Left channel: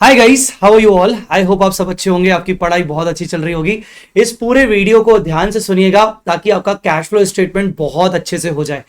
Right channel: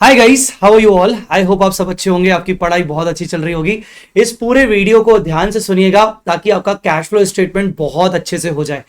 Hi guys, how are you all. I hope आप सब अच्छे होंगे, आपकी पढ़ाई बहुत अच्छी चल रही होगी। इस पूरे वीडियो को ध्यान से सुनिएगा ताकि आपका कैश फ्लो स्टेटमेंट बहुत अच्छे से हो जाए।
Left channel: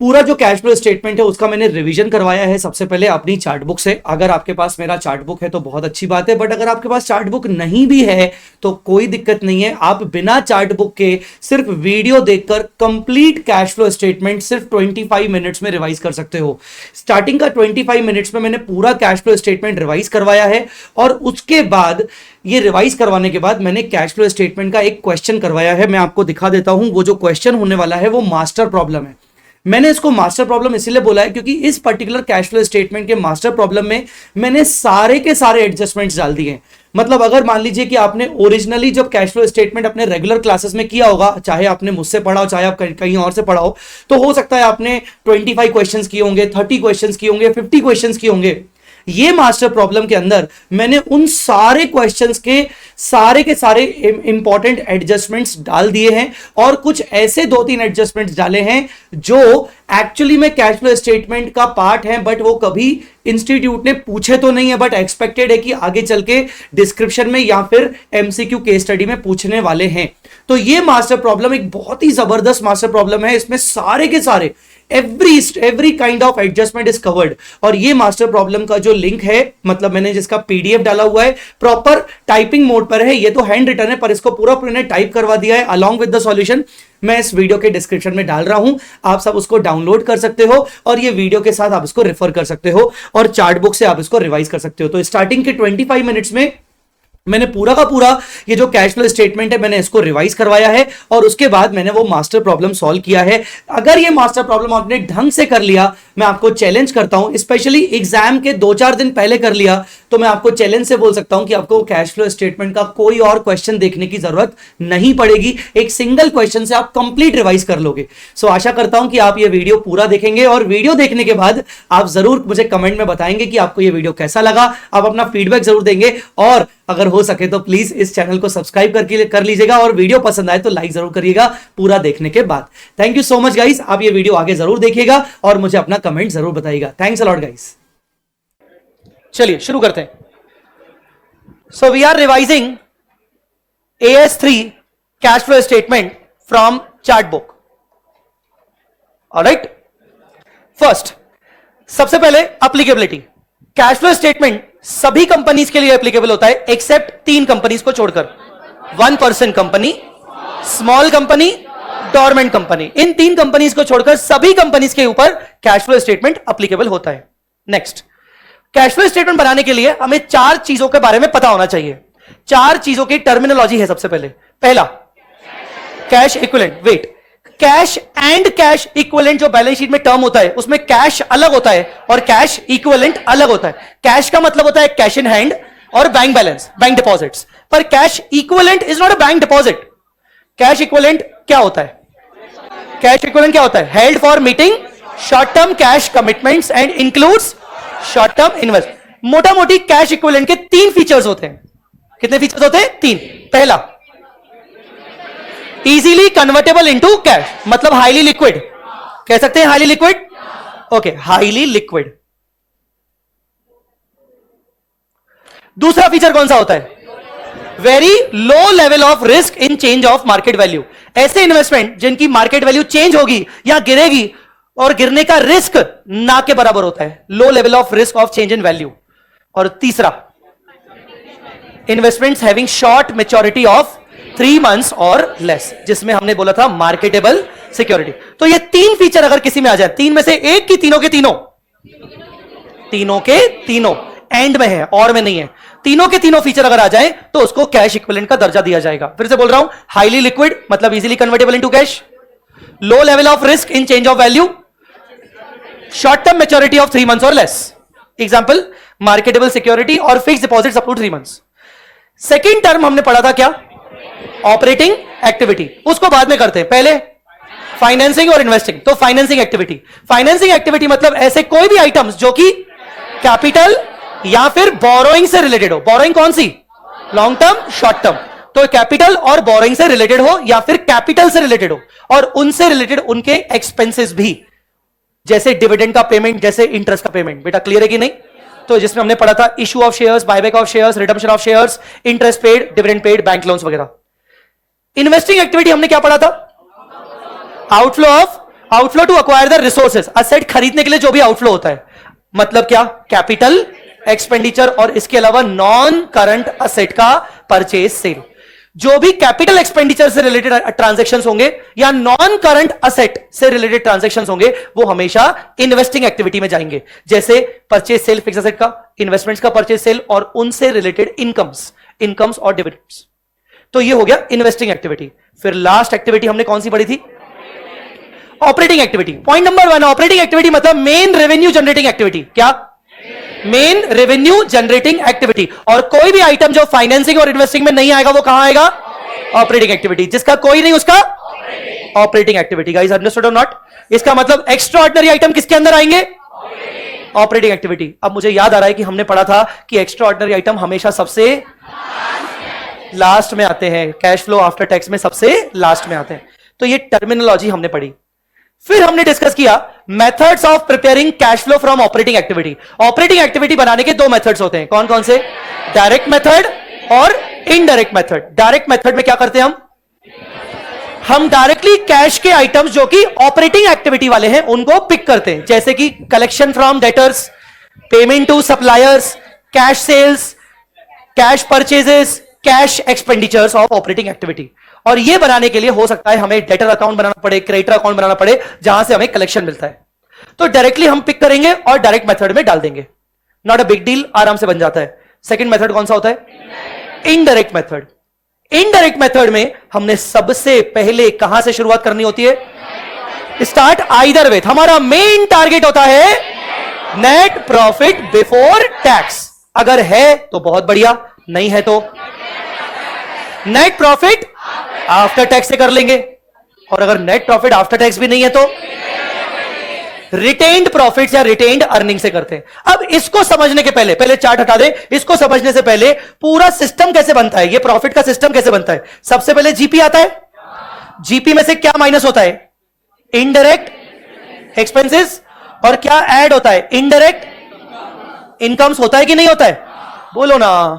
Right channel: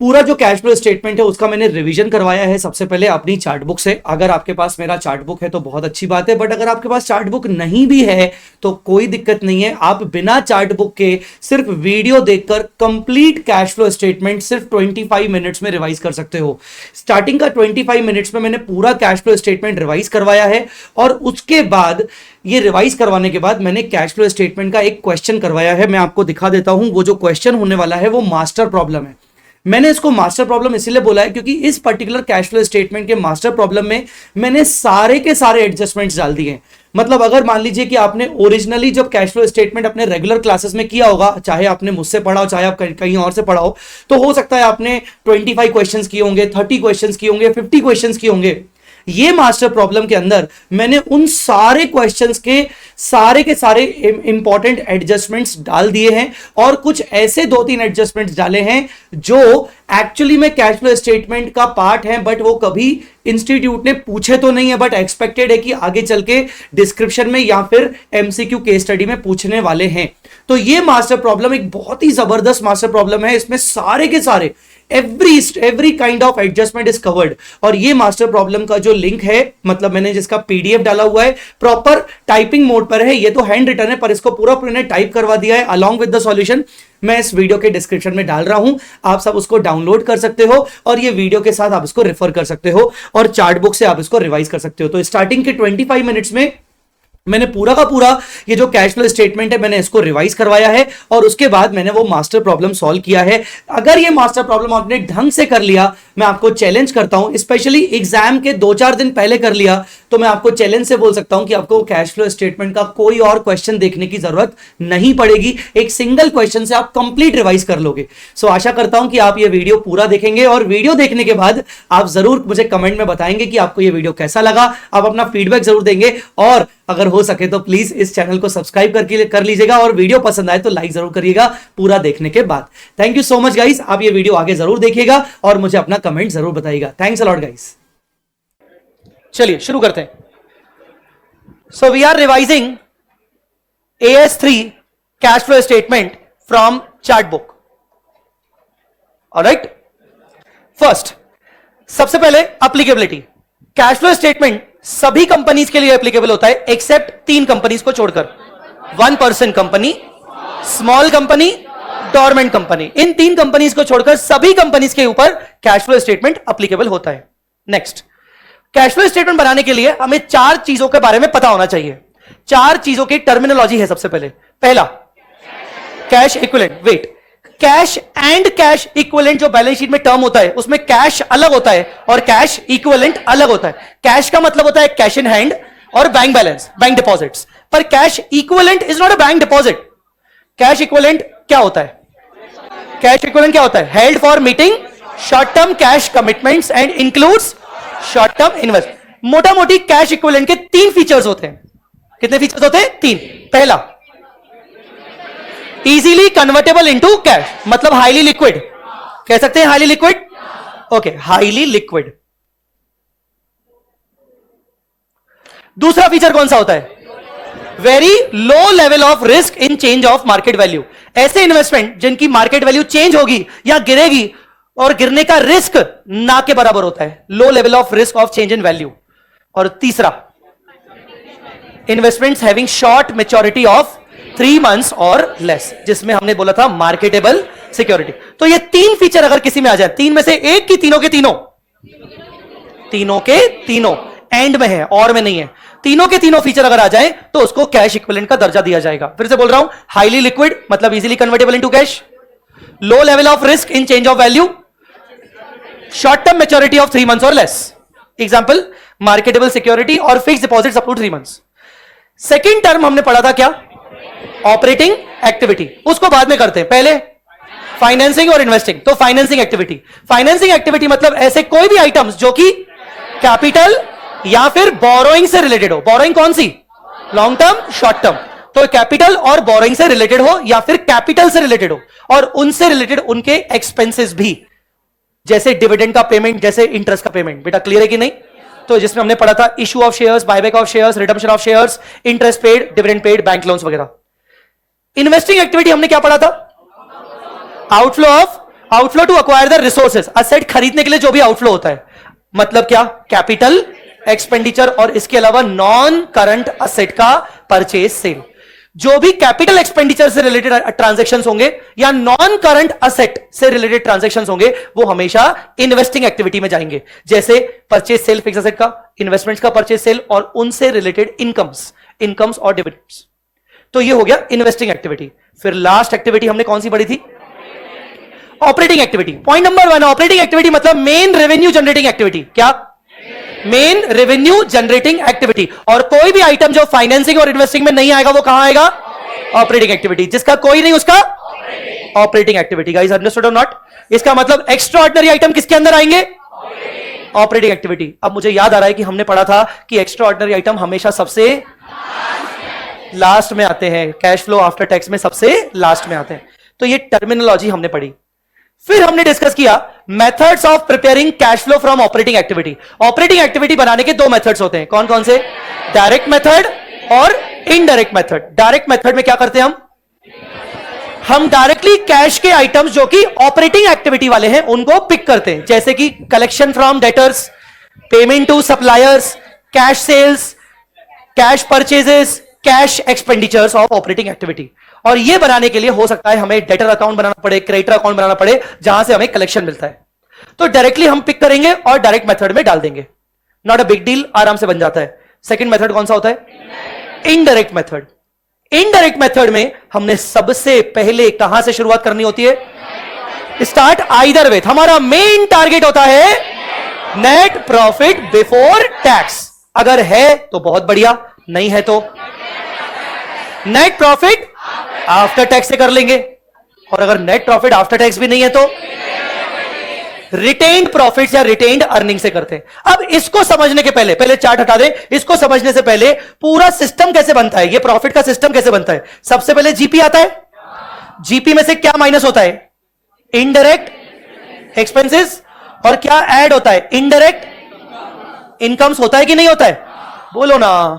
पूरा जो कैश फ्लो स्टेटमेंट है उसका मैंने रिवीजन करवाया है सबसे पहले अपनी चार्ट बुक से। अगर आपके पास मेरा चार्ट बुक है तो बहुत अच्छी बात है, बट अगर आपके पास चार्ट बुक नहीं भी है तो कोई दिक्कत नहीं है। आप बिना चार्ट बुक के सिर्फ वीडियो देखकर कंप्लीट कैश फ्लो स्टेटमेंट सिर्फ 25 मिनट्स में रिवाइज कर सकते हो। स्टार्टिंग का 25 मिनट्स में मैंने पूरा कैश फ्लो स्टेटमेंट रिवाइज करवाया है और उसके बाद ये रिवाइज करवाने के बाद मैंने कैश फ्लो स्टेटमेंट का एक क्वेश्चन करवाया है। मैं आपको दिखा देता हूं। वो जो क्वेश्चन होने वाला है वो मास्टर प्रॉब्लम है। मैंने इसको मास्टर प्रॉब्लम इसीलिए बोला है क्योंकि इस पर्टिकुलर कैश फ्लो स्टेटमेंट के मास्टर प्रॉब्लम में मैंने सारे के सारे एडजस्टमेंट्स डाल दिए हैं। मतलब अगर मान लीजिए कि आपने ओरिजिनली जब कैश फ्लो स्टेटमेंट अपने रेगुलर क्लासेस में किया होगा, चाहे आपने मुझसे पढ़ा हो चाहे आप कहीं और से पढ़ा हो, तो हो सकता है आपने 25 क्वेश्चंस किए होंगे, 30 क्वेश्चंस किए होंगे, 50 क्वेश्चंस किए होंगे। ये मास्टर प्रॉब्लम के अंदर मैंने उन सारे क्वेश्चंस के सारे इंपॉर्टेंट एडजस्टमेंट्स डाल दिए हैं और कुछ ऐसे 2-3 एडजस्टमेंट्स डाले हैं जो एक्चुअली में कैश फ्लो स्टेटमेंट का पार्ट है, बट वो कभी इंस्टीट्यूट ने पूछे तो नहीं है, बट एक्सपेक्टेड है कि आगे चल के डिस्क्रिप्शन में या फिर एमसीक्यू केस स्टडी में पूछने वाले हैं। तो ये मास्टर प्रॉब्लम एक बहुत ही जबरदस्त मास्टर प्रॉब्लम है। इसमें सारे के सारे every kind of adjustment is covered. और ये मास्टर प्रॉब्लम का जो लिंक है, मतलब मैंने जिसका पीडीएफ डाला हुआ है, प्रॉपर टाइपिंग मोड पर है। ये तो हैंड रिटन है पर इसको पूरा टाइप करवा दिया है अलॉन्ग विद द सॉल्यूशन। मैं इस वीडियो के डिस्क्रिप्शन में डाल रहा हूं, आप सब उसको डाउनलोड कर सकते हो और ये वीडियो के साथ आप इसको रेफर कर सकते हो और चार्ट बुक से आप इसको रिवाइज कर सकते हो। तो स्टार्टिंग के 25 मिनट्स में मैंने पूरा का पूरा ये जो कैश फ्लो स्टेटमेंट है मैंने इसको रिवाइज करवाया है और उसके बाद मैंने वो मास्टर प्रॉब्लम सॉल्व किया है। अगर ये मास्टर प्रॉब्लम आपने ढंग से कर लिया, मैं आपको चैलेंज करता हूं, स्पेशली एग्जाम के 2-4 दिन पहले कर लिया, तो मैं आपको चैलेंज से बोल सकता हूं कि आपको कैश फ्लो स्टेटमेंट का कोई और क्वेश्चन देखने की जरूरत नहीं पड़ेगी। एक सिंगल क्वेश्चन से आप कंप्लीट रिवाइज कर लोगे। सो आशा करता हूं कि आप ये वीडियो पूरा देखेंगे और वीडियो देखने के बाद आप जरूर मुझे कमेंट में बताएंगे कि आपको ये वीडियो कैसा लगा। आप अपना फीडबैक जरूर देंगे और अगर हो सके तो प्लीज इस चैनल को सब्सक्राइब कर लीजिएगा और वीडियो पसंद आए तो लाइक जरूर करिएगा पूरा देखने के बाद। Thank you so much guys. आप ये वीडियो आगे जरूर देखिएगा और मुझे अपना कमेंट जरूर बताइएगा। Thanks a lot guys. चलिए शुरू करते हैं। So we are revising AS3 cash flow statement from chart book. Alright, first सबसे पहले एप्लीकेबिलिटी। कैश फ्लो स्टेटमेंट सभी कंपनीज के लिए एप्लीकेबल होता है एक्सेप्ट 3 कंपनीज को छोड़कर। 1% company, small company, dormant company. इन 3 कंपनीज को छोड़कर सभी कंपनीज के ऊपर कैश फ्लो स्टेटमेंट एप्लीकेबल होता है। नेक्स्ट, कैश फ्लो स्टेटमेंट बनाने के लिए हमें 4 चीजों के बारे में पता होना चाहिए। 4 चीजों की टर्मिनोलॉजी है। सबसे पहले पहला cash equivalent. Wait, cash and cash equivalent जो बैलेंस शीट में टर्म होता है उसमें कैश अलग होता है और कैश इक्विवेलेंट अलग होता है। कैश का मतलब होता है कैश इन हैंड और बैंक बैलेंस, बैंक डिपॉजिट्स, पर cash equivalent is not a bank deposit. Cash equivalent क्या होता है? कैश इक्विवेलेंट क्या होता है? Held for meeting short term cash commitments and includes short term investment. मोटा मोटी कैश इक्विवेलेंट के 3 फीचर्स होते हैं। कितने फीचर्स होते हैं? 3। पहला, इजीली कन्वर्टेबल इनटू कैश, मतलब हाईली लिक्विड। कह सकते हैं highly liquid. Okay, highly liquid. दूसरा फीचर कौन सा होता है? Very low level of risk in change of market value. ऐसे इन्वेस्टमेंट जिनकी मार्केट वैल्यू चेंज होगी या गिरेगी और गिरने का रिस्क ना के बराबर होता है। लो level of risk of change in value. और तीसरा, investments having short maturity of 3 months और लेस, जिसमें हमने बोला था मार्केटेबल सिक्योरिटी। तो ये 3 फीचर अगर किसी में आ जाए, 3 में से एक की तीनों के तीनों एंड में है और में नहीं है, तीनों के तीनों फीचर अगर आ जाए तो उसको कैश इक्विवेलेंट का दर्जा दिया जाएगा। फिर से बोल रहा हूं, हाईली लिक्विड मतलब easily convertible into cash, low level of risk in change of value, short term maturity of 3 months और लेस। एग्जांपल, मार्केटेबल सिक्योरिटी और fixed deposits up to 3 months। Second term हमने पढ़ा था क्या? Operating activity. उसको बाद में करते हैं, पहले फाइनेंसिंग और इन्वेस्टिंग। तो फाइनेंसिंग एक्टिविटी मतलब ऐसे कोई भी आइटम्स जो कि कैपिटल या फिर बोरोइंग से रिलेटेड हो। बोरोइंग कौन सी? Long term, short term. तो कैपिटल और बोरोइंग से रिलेटेड हो या फिर कैपिटल से रिलेटेड हो और उनसे रिलेटेड उनके एक्सपेंसेस भी, जैसे डिविडेंड का पेमेंट, जैसे इंटरेस्ट का पेमेंट। बेटा क्लियर है कि नहीं? तो जिसमें हमने पढ़ा था issue of shares, buyback of shares, redemption of shares, interest paid, dividend paid, bank loans वगैरह। इन्वेस्टिंग एक्टिविटी हमने क्या पढ़ा था? Outflow to acquire the resources, asset खरीदने के लिए जो भी आउटफ्लो होता है, मतलब क्या? कैपिटल एक्सपेंडिचर और इसके अलावा नॉन करंट असेट का परचेज सेल। जो भी कैपिटल एक्सपेंडिचर से रिलेटेड ट्रांजैक्शंस होंगे या नॉन करंट असेट से रिलेटेड ट्रांजैक्शंस होंगे वो हमेशा इन्वेस्टिंग एक्टिविटी में जाएंगे, जैसे परचेज सेल फिक्स असेट का, इन्वेस्टमेंट्स का परचेज सेल और उनसे रिलेटेड इनकम्स और डिविडेंड्स। तो ये हो गया इन्वेस्टिंग एक्टिविटी। फिर लास्ट एक्टिविटी हमने कौन सी पढ़ी थी? Operating activity. Point number 1, operating activity मतलब मेन रेवेन्यू जनरेटिंग एक्टिविटी। क्या? Main revenue generating activity. और कोई भी आइटम जो फाइनेंसिंग और इन्वेस्टिंग में नहीं आएगा वो कहां आएगा? Operating activity. जिसका कोई नहीं उसका ऑपरेटिंग एक्टिविटी। गाइस अंडरस्टूड और नॉट? इसका मतलब एक्स्ट्रा ऑर्डिनरी आइटम किसके अंदर आएंगे? Operating activity. अब मुझे याद आ रहा है कि हमने पढ़ा था कि एक्स्ट्रा ऑर्डिनरी आइटम हमेशा सबसे लास्ट में आते हैं, कैश फ्लो आफ्टर टैक्स में सबसे लास्ट में आते हैं। तो ये टर्मिनोलॉजी हमने पढ़ी। फिर हमने डिस्कस किया methods of preparing cash flow from operating activity. Operating activity बनाने के दो मेथड्स होते हैं, कौन कौन से? डायरेक्ट मेथड और इनडायरेक्ट मेथड। डायरेक्ट मेथड में क्या करते हैं हम डायरेक्टली कैश के आइटम्स जो कि ऑपरेटिंग एक्टिविटी वाले हैं उनको पिक करते हैं, जैसे कि collection from debtors, payment to suppliers, cash sales, cash purchases, cash expenditures of operating activity. और ये बनाने के लिए हो सकता है हमें डेटर अकाउंट बनाना पड़े, क्रेडिटर अकाउंट बनाना पड़े, जहां से हमें कलेक्शन मिलता है। तो डायरेक्टली हम पिक करेंगे और डायरेक्ट मेथड में डाल देंगे, नॉट अ बिग डील, आराम से बन जाता है। सेकंड मेथड कौन सा होता है? Indirect method. इनडायरेक्ट मेथड में हमने सबसे पहले कहां से शुरुआत करनी होती है? Start either with. हमारा मेन टारगेट होता है नेट प्रॉफिट बिफोर टैक्स। अगर है तो बहुत बढ़िया, नहीं है तो नेट प्रॉफिट आफ्टर टैक्स से कर लेंगे। और अगर नेट प्रॉफिट आफ्टर टैक्स भी नहीं है तो रिटेन्ड प्रॉफिट या रिटेन्ड अर्निंग से करते हैं। अब इसको समझने के पहले चार्ट हटा दें। इसको समझने से पहले पूरा सिस्टम कैसे बनता है, ये प्रॉफिट का सिस्टम कैसे बनता है। सबसे पहले जीपी आता है। जीपी में से क्या माइनस होता है? Indirect expenses. और क्या ऐड होता है? Indirect incomes. होता है कि नहीं होता है? बोलो ना।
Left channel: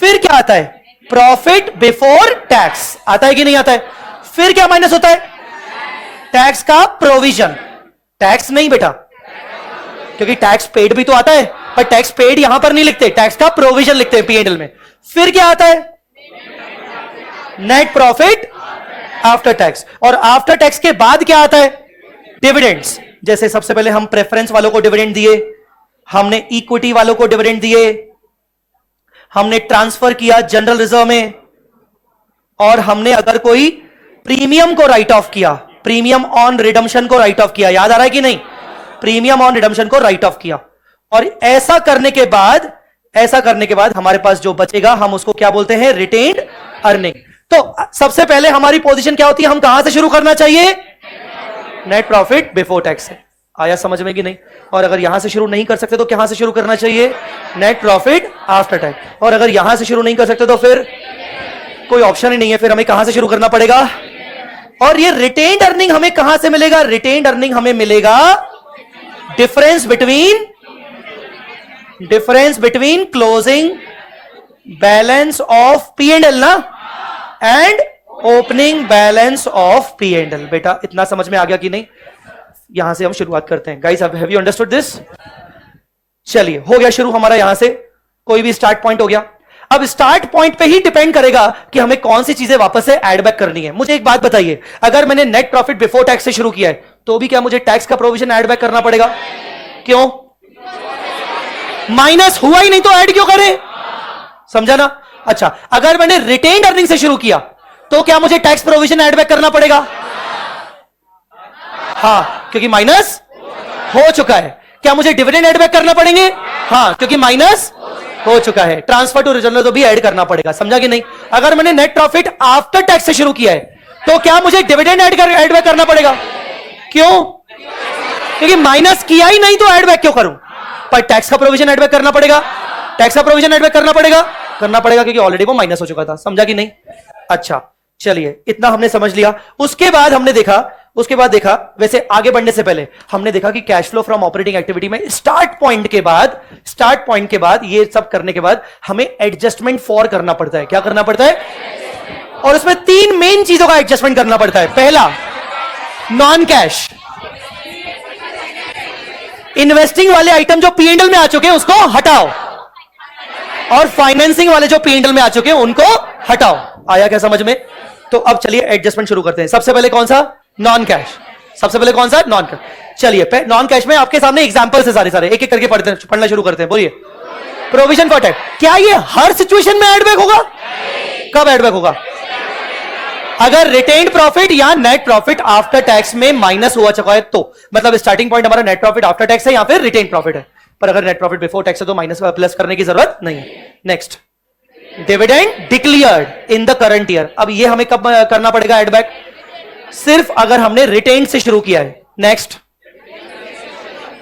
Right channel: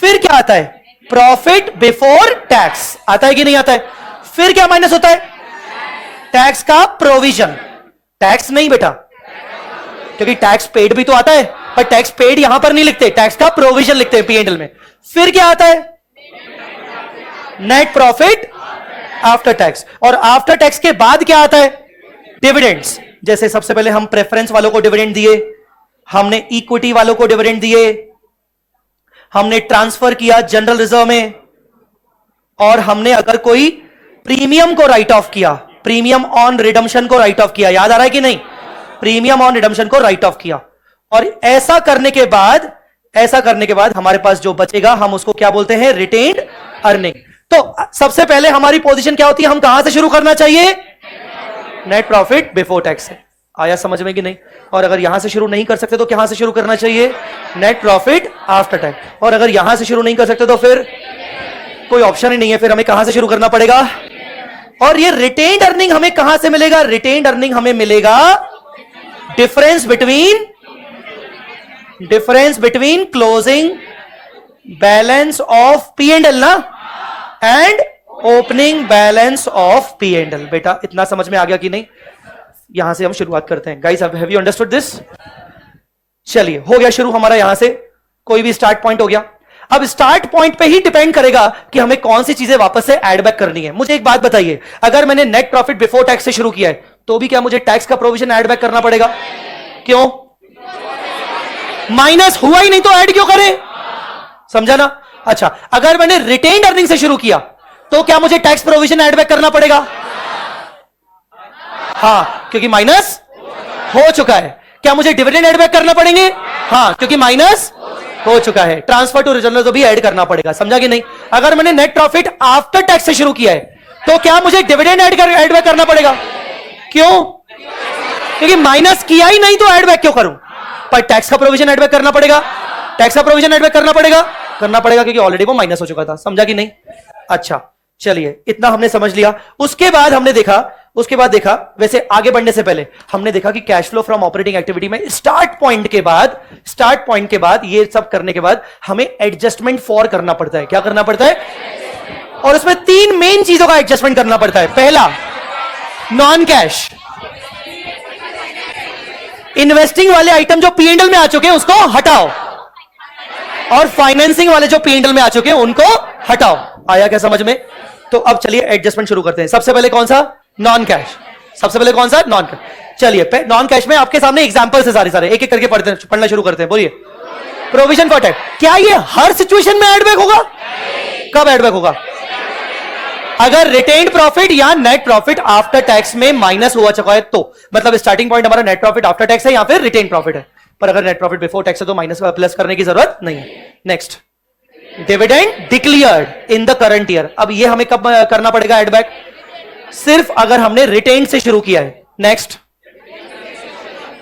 फिर क्या आता है? Profit before tax. आता है कि नहीं आता है? फिर क्या माइनस होता है? टैक्स का प्रोविजन। टैक्स नहीं बेटा, क्योंकि टैक्स पेड भी तो आता है, और टैक्स पेड यहां पर नहीं लिखते, टैक्स का प्रोविजन लिखते हैं P&L में। फिर क्या आता है? Net profit after tax. और आफ्टर टैक्स के बाद क्या आता है? डिविडेंड्स। जैसे सबसे पहले हम प्रेफरेंस वालों को डिविडेंड दिए, हमने इक्विटी वालों को डिविडेंड दिए, हमने ट्रांसफर किया जनरल रिजर्व में, और हमने अगर कोई प्रीमियम को राइट ऑफ किया, प्रीमियम ऑन रिडम्पशन को राइट ऑफ किया। याद आ रहा है कि नहीं? प्रीमियम ऑन रिडम्पशन को राइट ऑफ किया। और ऐसा करने के बाद हमारे पास जो बचेगा हम उसको क्या बोलते हैं? Retained earning. तो सबसे पहले हमारी पोजीशन क्या होती है? हम कहां से शुरू करना चाहिए? नेट प्रॉफिट बिफोर टैक्स से। आया समझ में कि नहीं? और अगर यहां से शुरू नहीं कर सकते तो कहां से शुरू करना चाहिए? Net profit after tax. और अगर यहां से शुरू नहीं कर सकते तो फिर कोई ऑप्शन ही नहीं है, फिर हमें कहां से शुरू करना पड़ेगा? और ये रिटेन्ड अर्निंग हमें कहां से मिलेगा? रिटेन्ड अर्निंग हमें मिलेगा difference between closing balance of P&L ना, and opening balance of P&L। बेटा इतना समझ में आ गया कि नहीं? यहां से हम शुरुआत करते हैं। Guys have you understood this? चलिए हो गया शुरू हमारा, यहां से कोई भी स्टार्ट पॉइंट हो गया। अब स्टार्ट पॉइंट पे ही डिपेंड करेगा कि हमें कौन सी चीजें वापस से ऐड बैक करनी है। मुझे एक बात बताइए, अगर मैंने नेट प्रॉफिट बिफोर टैक्स से शुरू किया है तो भी क्या मुझे टैक्स का प्रोविजन ऐड बैक करना पड़ेगा? क्यों? माइनस हुआ ही नहीं तो ऐड क्यों करें? समझा ना? अच्छा, अगर मैंने रिटेन्ड अर्निंग से शुरू किया तो क्या मुझे टैक्स प्रोविजन ऐड बैक करना पड़ेगा? हाँ, क्योंकि माइनस हो चुका है। क्या मुझे डिविडेंड ऐड बैक करना पड़ेंगे? हाँ, क्योंकि माइनस हो चुका है। ट्रांसफर टू रिजर्व में तो भी ऐड करना पड़ेगा। समझा कि नहीं? अगर मैंने नेट प्रॉफिट आफ्टर टैक्स से शुरू किया है तो क्या मुझे डिविडेंड ऐड बैक करना पड़ेगा? क्यों? क्योंकि माइनस किया ही नहीं तो ऐड बैक क्यों करूं? पर टैक्स का प्रोविजन ऐड बैक करना पड़ेगा। टैक्स का प्रोविजन ऐड बैक करना पड़ेगा क्योंकि ऑलरेडी वो माइनस हो चुका था। समझा कि नहीं? अच्छा चलिए, इतना हमने समझ लिया। उसके बाद हमने देखा उसके बाद देखा, वैसे आगे बढ़ने से पहले हमने देखा कि cash flow from operating activity में स्टार्ट पॉइंट के बाद ये सब करने के बाद हमें एडजस्टमेंट फॉर करना पड़ता है। क्या करना पड़ता है? और उसमें 3 मेन चीजों का एडजस्टमेंट करना पड़ता है। पहला, नॉन कैश इन्वेस्टिंग वाले आइटम जो P&L में आ चुके हैं उसको हटाओ, और फाइनेंसिंग वाले जो P&L में आ चुके हैं उनको हटाओ। आया क्या समझ में? तो अब चलिए एडजस्टमेंट शुरू करते हैं। सबसे पहले कौन सा? Non cash. सबसे पहले कौन सा? Non cash. चलिए नॉन कैश में आपके सामने एग्जांपल्स है सारे एक एक करके पढ़ना शुरू करते हैं। बोलिए। प्रोविजन फॉर टैक्स, क्या ये हर सिचुएशन में एड बैक होगा? कब एड बैक होगा? अगर रिटेन्ड प्रॉफिट या नेट प्रॉफिट आफ्टर टैक्स में माइनस हुआ चुका है तो, मतलब स्टार्टिंग पॉइंट हमारा नेट प्रॉफिट आफ्टर टैक्स है या फिर रिटेन्ड प्रॉफिट है, पर अगर नेट प्रॉफिट बिफोर टैक्स है तो माइनस प्लस करने की जरूरत नहीं है। Next, dividend declared in the current year. अब ये हमें कब करना पड़ेगा एड बैक? सिर्फ अगर हमने रिटेन से शुरू किया है। नेक्स्ट,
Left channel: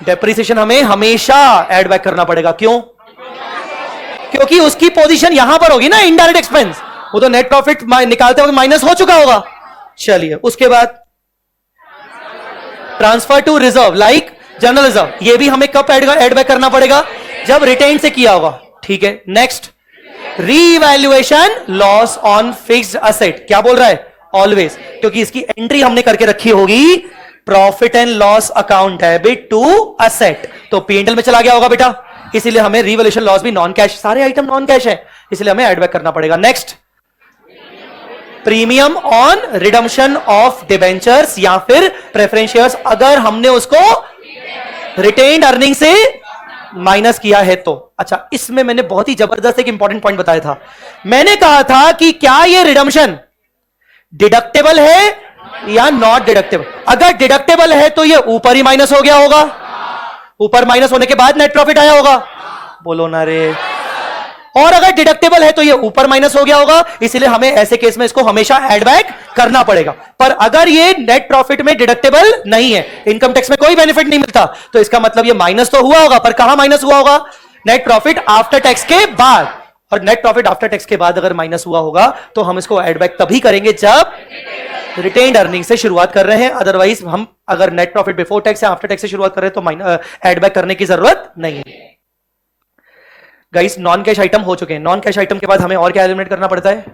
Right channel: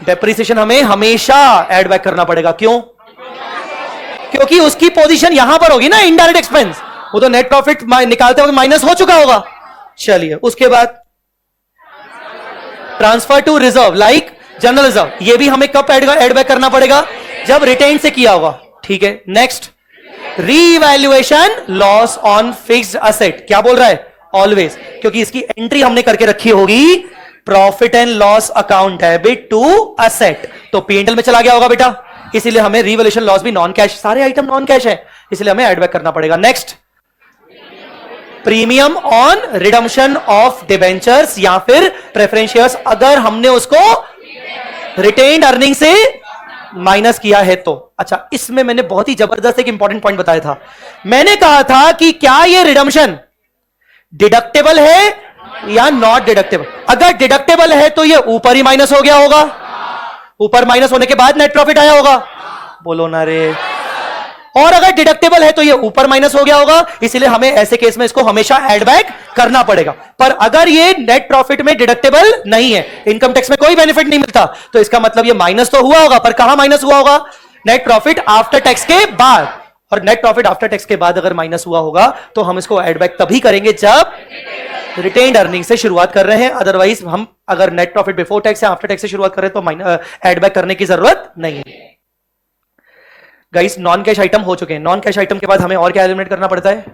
डेप्रिसिएशन हमें हमेशा एड बैक करना पड़ेगा। क्यों? क्योंकि उसकी पोजीशन यहां पर होगी ना, इनडायरेक्ट एक्सपेंस, वो तो नेट प्रॉफिट निकालते वक्त माइनस हो चुका होगा। चलिए, उसके बाद transfer to reserve like general reserve, ये भी हमें कब एड बैक करना पड़ेगा? जब रिटेन से किया होगा। ठीक है। Next, revaluation loss on fixed asset. क्या बोल रहा है? ऑलवेज, क्योंकि इसकी एंट्री हमने करके रखी होगी profit and loss account debit to asset, तो P&L में चला गया होगा बेटा, इसीलिए हमें रीवैल्यूएशन लॉस भी नॉन कैश, सारे आइटम नॉन कैश है, इसलिए हमें एड बैक करना पड़ेगा। Next, premium on redemption of debentures या फिर प्रेफरेंस शेयर्स, अगर हमने उसको रिटेन्ड अर्निंग से माइनस किया है तो। अच्छा, इसमें मैंने बहुत ही जबरदस्त एक इंपॉर्टेंट पॉइंट बताया था। मैंने कहा था कि क्या ये रिडम्पशन डिडक्टेबल है या नॉट डिडक्टेबल? अगर डिडक्टेबल है तो ये ऊपर ही माइनस हो गया होगा, ऊपर माइनस होने के बाद नेट प्रॉफिट आया होगा। बोलो ना रे। और अगर डिडक्टेबल है तो ये ऊपर माइनस हो गया होगा, इसलिए हमें ऐसे केस में इसको हमेशा एड बैक करना पड़ेगा। पर अगर ये नेट प्रॉफिट में डिडक्टेबल नहीं है, इनकम टैक्स में कोई बेनिफिट नहीं मिलता, तो इसका मतलब ये माइनस तो हुआ होगा, पर कहां माइनस हुआ होगा? नेट प्रॉफिट आफ्टर टैक्स के बाद। और नेट प्रॉफिट आफ्टर टैक्स के बाद अगर माइनस हुआ होगा तो हम इसको एड बैक तभी करेंगे जब रिटेन्ड अर्निंग से शुरुआत कर रहे हैं। अदरवाइज हम अगर नेट प्रॉफिट बिफोर टैक्स या आफ्टर टैक्स से शुरुआत कर रहे हैं तो एड बैक करने की जरूरत नहीं है। गाइस, नॉन कैश आइटम हो चुके हैं। नॉन कैश आइटम के बाद हमें और क्या एलिमिनेट करना पड़ता है?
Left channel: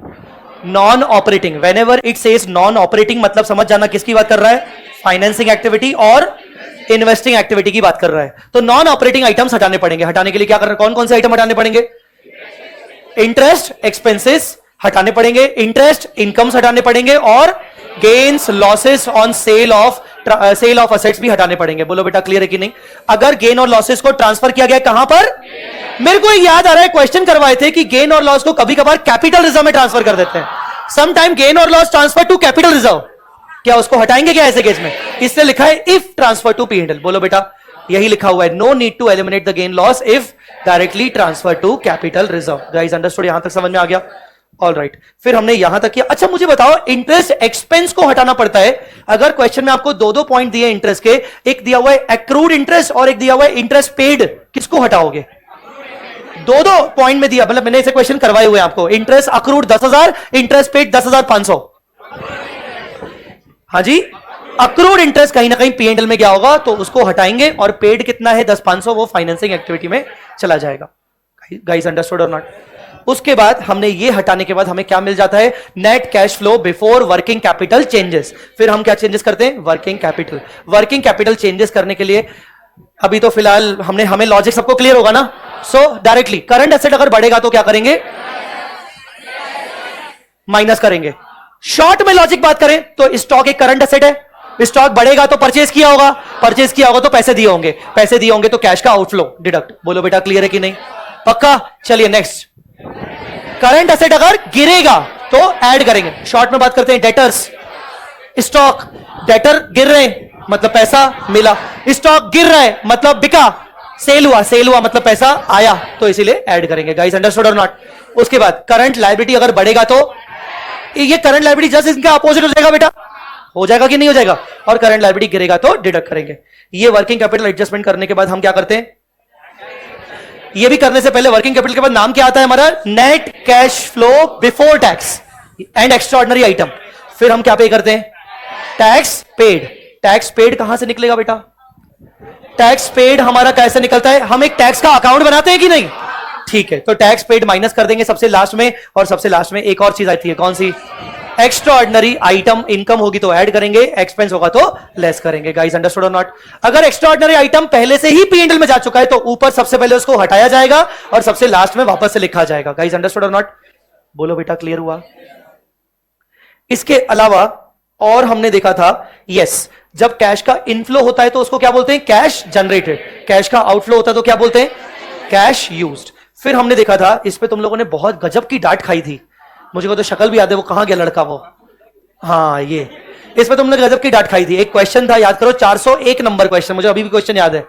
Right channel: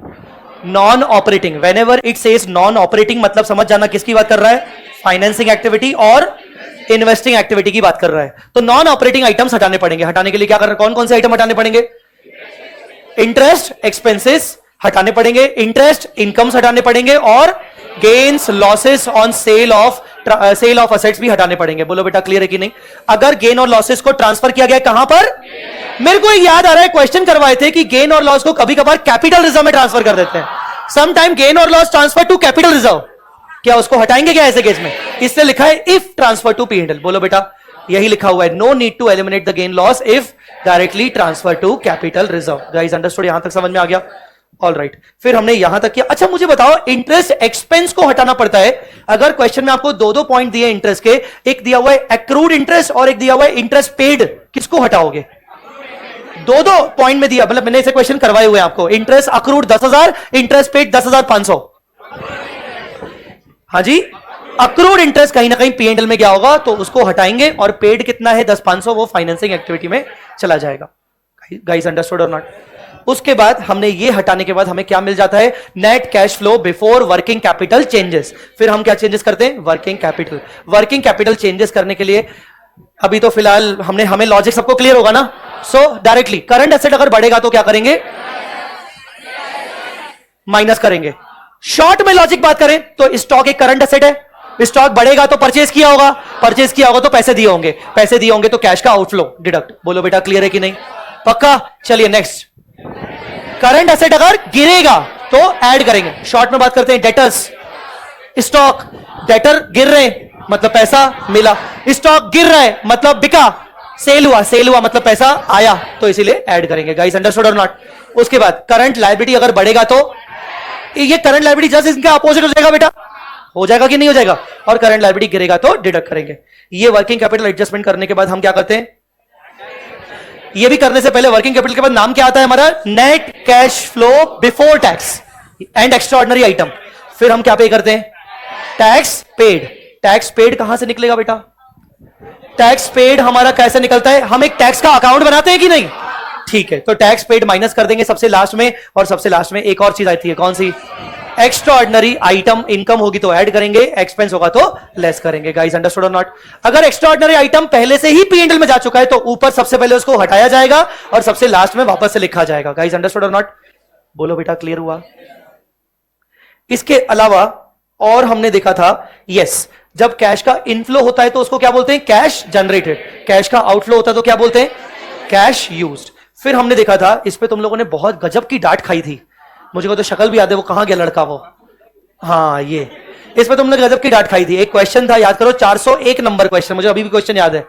Non operating. Whenever it says non operating, मतलब समझ जाना किसकी बात कर रहा है? फाइनेंसिंग एक्टिविटी और इन्वेस्टिंग एक्टिविटी की बात कर रहा है। तो नॉन ऑपरेटिंग आइटम्स हटाने पड़ेंगे। हटाने के लिए क्या कर रहा है? कौन कौन से आइटम हटाने पड़ेंगे? इंटरेस्ट एक्सपेंसेस हटाने पड़ेंगे, इंटरेस्ट इनकम्स हटाने पड़ेंगे, और gains losses on sale of assets भी हटाने पड़ेंगे। बोलो बेटा, क्लियर है कि नहीं? अगर गेन और लॉसेस को ट्रांसफर किया गया कहां पर? मेरे को याद आ रहा है, क्वेश्चन करवाए थे कि गेन और लॉस को कभी कभार कैपिटल रिजर्व में ट्रांसफर कर देते हैं। सम टाइम गेन और loss transfer to capital reserve, क्या उसको हटाएंगे क्या ऐसे केस में? इससे लिखा है इफ ट्रांसफर टू P&L। बोलो बेटा, यही लिखा हुआ है, no need to eliminate the gain loss if directly transfer to capital reserve. Guys, understood? यहां तक समझ में आ गया? ऑल राइट, फिर हमने यहां तक किया। अच्छा, मुझे बताओ, इंटरेस्ट एक्सपेंस को हटाना पड़ता है। अगर क्वेश्चन में आपको दो पॉइंट दिए इंटरेस्ट के, एक दिया हुआ है एक्रूड इंटरेस्ट और एक दिया हुआ है इंटरेस्ट पेड, किसको हटाओगे? दो पॉइंट में दिया, मतलब मैंने इसे क्वेश्चन करवाए हुए आपको। Interest accrued 10,000, interest paid 10,500। हाँ जी, अक्रूड इंटरेस्ट कहीं ना कहीं P&L में क्या होगा तो उसको हटाएंगे, और पेड कितना है 10,500, वो फाइनेंसिंग एक्टिविटी में चला जाएगा। गाइस, अंडरस्टूड और नॉट? उसके बाद हमने ये हटाने के बाद हमें क्या मिल जाता है? Net cash flow before working capital changes. फिर हम क्या चेंजेस करते हैं? Working capital. Working capital changes करने के लिए अभी तो फिलहाल हमें लॉजिक सबको क्लियर होगा ना? सो डायरेक्टली करंट एसेट अगर बढ़ेगा तो क्या करेंगे? माइनस करेंगे। शॉर्ट में लॉजिक बात करें तो स्टॉक एक करंट एसेट है, स्टॉक बढ़ेगा तो परचेज किया होगा, परचेज किया होगा तो पैसे दिए होंगे, पैसे दिए होंगे तो कैश का आउटफ्लो डिडक्ट। बोलो बेटा, क्लियर है कि नहीं? पक्का? चलिए नेक्स्ट, करंट एसेट अगर गिरेगा तो ऐड करेंगे। शॉर्ट में बात करते हैं डेटर्स। स्टॉक, डेटर गिर रहे मतलब पैसा मिला, स्टॉक गिर रहा है मतलब बिका, सेल हुआ मतलब पैसा आया, तो इसीलिए ऐड करेंगे। गाइस, अंडरस्टूड और नॉट? उसके बाद करंट लायबिलिटी अगर बढ़ेगा तो ये करंट लायबिलिटी जस्ट इसके अपोजिट हो जाएगा बेटा, हो जाएगा कि नहीं हो जाएगा? और करंट लायबिलिटी गिरेगा तो डिडक्ट करेंगे। ये वर्किंग कैपिटल एडजस्टमेंट करने के बाद हम क्या करते हैं? ये भी करने से पहले वर्किंग कैपिटल के बाद नाम क्या आता है हमारा? Net cash flow before tax and extraordinary item. फिर हम क्या पे करते हैं? टैक्स पेड कहां से निकलेगा बेटा? टैक्स पेड हमारा कैसे निकलता है? हम एक टैक्स का अकाउंट बनाते हैं कि नहीं? ठीक है, तो टैक्स पेड माइनस कर देंगे सबसे लास्ट में, और सबसे लास्ट में एक और चीज आती है, कौन सी? Extraordinary item. इनकम होगी तो ऐड करेंगे, एक्सपेंस होगा तो लेस करेंगे। गाइस अंडरस्टूड और नॉट? अगर एक्स्ट्रा ऑर्डिनरी आइटम पहले से ही पीएनएल में जा चुका है तो ऊपर सबसे पहले उसको हटाया जाएगा और सबसे लास्ट में वापस से लिखा जाएगा। गाइस अंडरस्टूड और नॉट? बोलो बेटा, क्लियर हुआ? इसके अलावा और हमने देखा था, यस, जब कैश का इनफ्लो होता है तो उसको क्या बोलते हैं? Cash generated. कैश का आउटफ्लो होता है तो क्या बोलते हैं? Cash used. फिर हमने देखा था, इस पे तुम लोगों ने बहुत गजब की डांट खाई थी, मुझे को तो शक्ल भी याद है, वो कहां गया लड़का वो? हाँ, ये इस पे तुमने गजब की डांट खाई थी। एक क्वेश्चन था, याद करो, 401 नंबर क्वेश्चन, मुझे अभी भी क्वेश्चन याद है,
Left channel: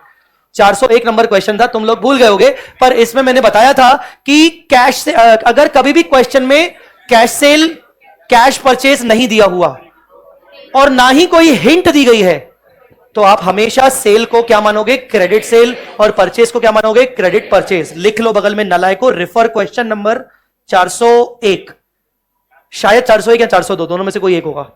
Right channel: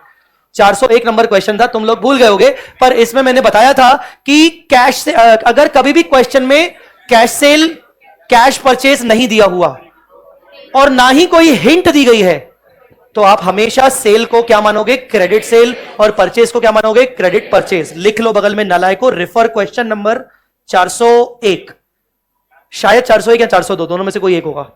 401 नंबर क्वेश्चन था, तुम लोग भूल गए होगे, पर इसमें मैंने बताया था कि कैश से अगर कभी भी क्वेश्चन में कैश सेल, कैश परचेज नहीं दिया हुआ और ना ही कोई हिंट दी गई है तो आप हमेशा सेल को क्या मानोगे? क्रेडिट सेल, और परचेज को क्या मानोगे? Credit purchase. लिख लो बगल में नालायक को, रेफर क्वेश्चन नंबर 401, शायद 401 या 402, दोनों में से कोई एक होगा।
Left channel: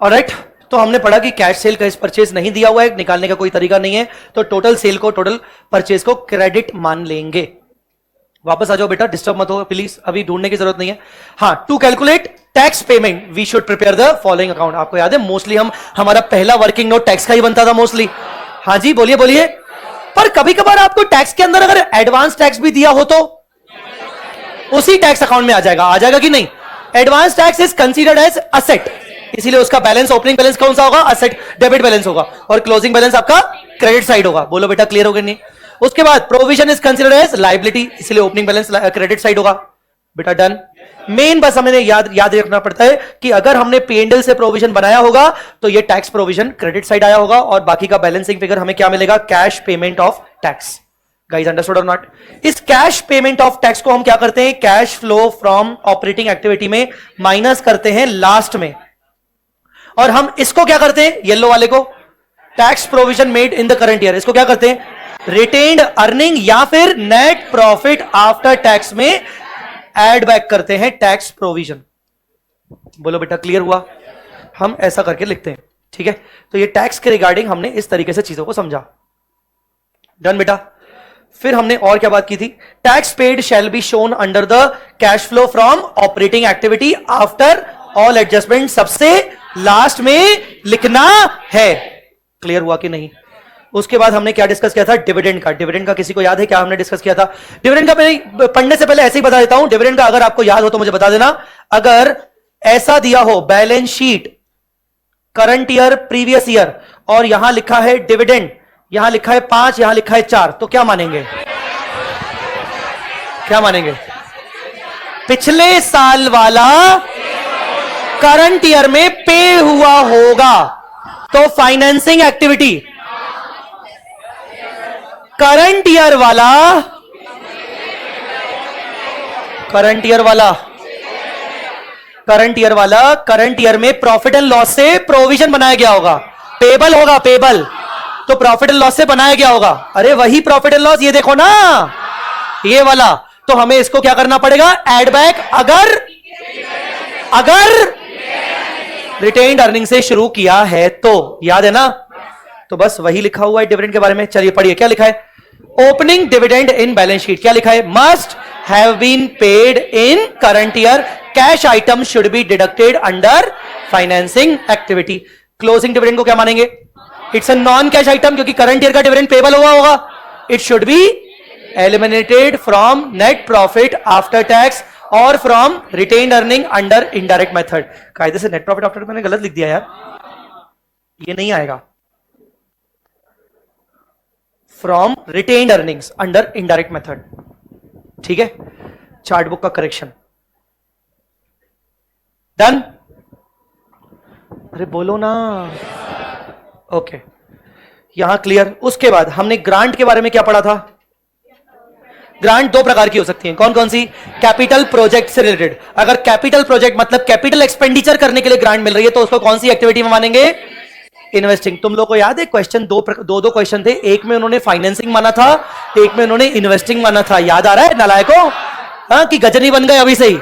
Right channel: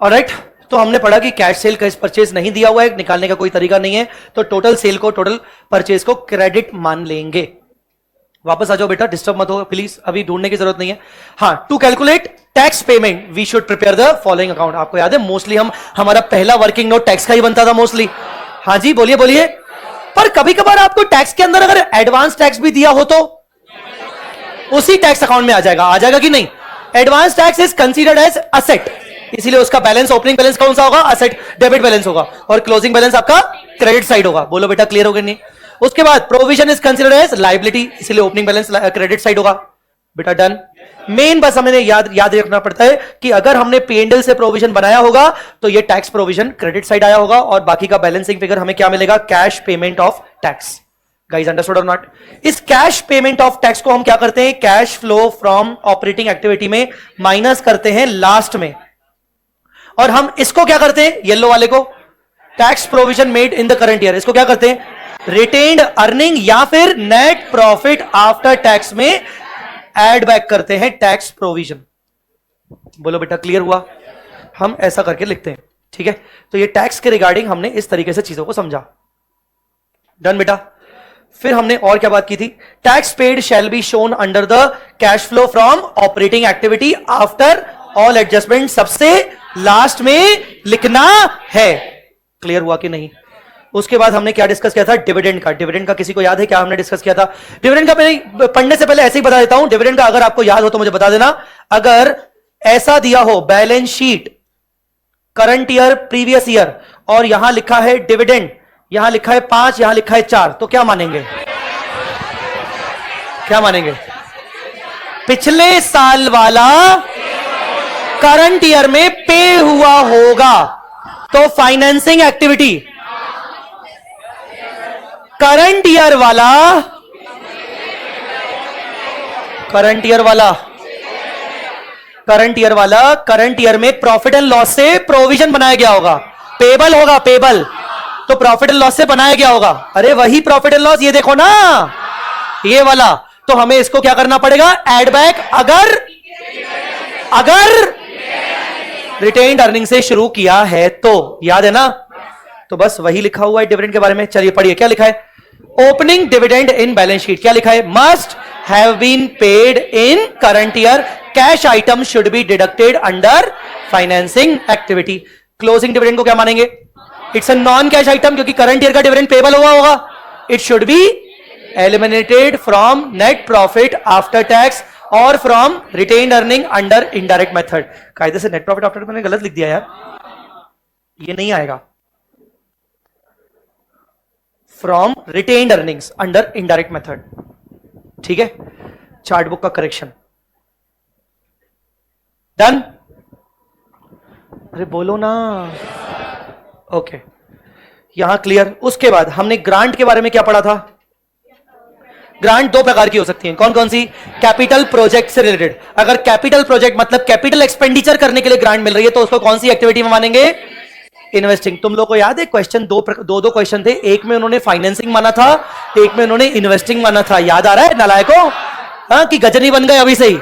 ऑलराइट, तो हमने पढ़ा कि कैश सेल, कैश परचेज नहीं दिया हुआ है, निकालने का कोई तरीका नहीं है, तो टोटल सेल को, टोटल परचेज को क्रेडिट मान लेंगे। वापस आ जाओ बेटा, डिस्टर्ब मत हो प्लीज, अभी ढूंढने की जरूरत नहीं है। हाँ, to calculate tax payment we should prepare the following account. आपको याद है, मोस्टली हमारा पहला वर्किंग नोट टैक्स का ही बनता था मोस्टली। हाँ जी, बोलिए बोलिए। पर कभी कभार आपको टैक्स के अंदर अगर एडवांस टैक्स भी दिया हो तो उसी टैक्स अकाउंट में आ जाएगा कि नहीं? Advance tax is considered as asset, इसीलिए उसका बैलेंस, ओपनिंग बैलेंस कौन सा होगा? असेट, डेबिट बैलेंस होगा, और क्लोजिंग बैलेंस आपका क्रेडिट साइड होगा। बोलो बेटा, क्लियर हो गया नहीं? उसके बाद provision is considered as liability, इसलिए ओपनिंग बैलेंस क्रेडिट साइड होगा। बेटा डन। मेन बस हमें याद रखना पड़ता है कि अगर हमने पीएनएल से प्रोविजन बनाया होगा तो ये टैक्स प्रोविजन क्रेडिट साइड आया होगा, और बाकी का बैलेंसिंग फिगर हमें क्या मिलेगा? Cash payment of tax. Guys understood और नॉट? इस कैश पेमेंट ऑफ टैक्स को हम क्या करते हैं? Cash flow from operating activity में माइनस करते हैं लास्ट में, और हम इसको क्या करते हैं? येलो वाले को, tax provision made in the current year, इसको क्या करते हैं? रिटेन्ड अर्निंग या फिर नेट प्रॉफिट आफ्टर टैक्स में ऐड बैक करते हैं टैक्स प्रोविजन। बोलो बेटा, क्लियर हुआ? हम ऐसा करके लिखते हैं, ठीक है? तो ये टैक्स के रिगार्डिंग हमने इस तरीके से चीजों को समझा। डन बेटा। फिर हमने और क्या बात की थी? Tax paid shall be shown under the cash flow from operating activity after all adjustment, सबसे लास्ट में लिखना है। क्लियर हुआ कि नहीं? उसके बाद हमने क्या डिस्कस किया था? डिविडेंड का। डिविडेंड का किसी को याद है क्या हमने डिस्कस किया था? डिविडेंड का मैं पढ़ने से पहले ऐसे ही बता देता हूं। डिविडेंड का अगर आपको याद हो तो मुझे बता देना। अगर ऐसा दिया हो balance sheet current year, previous year, और यहां लिखा है डिविडेंड, यहां लिखा है 5, यहां लिखा है 4, तो क्या मानेंगे? क्या मानेंगे? पिछले साल वाला करंट ईयर में पे हुआ होगा, तो फाइनेंसिंग एक्टिविटी करंट ईयर वाला, करंट ईयर वाला करंट ईयर में प्रॉफिट एंड लॉस से प्रोविजन बनाया गया होगा, पेबल होगा, पेबल, तो प्रॉफिट एंड लॉस से बनाया गया होगा। अरे वही प्रॉफिट एंड लॉस, ये देखो ना, ये वाला, तो हमें इसको क्या करना पड़ेगा? एड बैक, अगर रिटेन्ड अर्निंग से शुरू किया है तो, याद है ना? तो बस वही लिखा हुआ है डिविडेंड के बारे में। चलिए पढ़िए, क्या लिखा है? Opening dividend in balance sheet, क्या लिखा है? Must have been paid in current year, cash item should be deducted under financing activity. Closing dividend को क्या मानेंगे? It's a non cash item, क्योंकि करंट ईयर का डिविडेंड पेबल हुआ होगा। It should be eliminated from net profit after tax और from retained earning under indirect method. कायदे से नेट प्रॉफिट आफ्टर टैक्स मैंने गलत लिख दिया यार, ये नहीं आएगा। From retained earnings under indirect method, ठीक है? चार्ट बुक का करेक्शन डन? अरे बोलो ना। ओके, यहां क्लियर। उसके बाद हमने ग्रांट के बारे में क्या पढ़ा था? ग्रांट दो प्रकार की हो सकती है, कौन कौन सी? कैपिटल प्रोजेक्ट से रिलेटेड। अगर कैपिटल प्रोजेक्ट मतलब कैपिटल एक्सपेंडिचर करने के लिए ग्रांट मिल रही है तो उसको कौन सी एक्टिविटी में मानेंगे? इन्वेस्टिंग। तुम लोग को याद है क्वेश्चन दो क्वेश्चन थे, एक में उन्होंने फाइनेंसिंग माना था, एक में उन्होंने इन्वेस्टिंग माना था। याद आ रहा है नालायकों? हाँ, कि गजनी बन गए अभी से ही?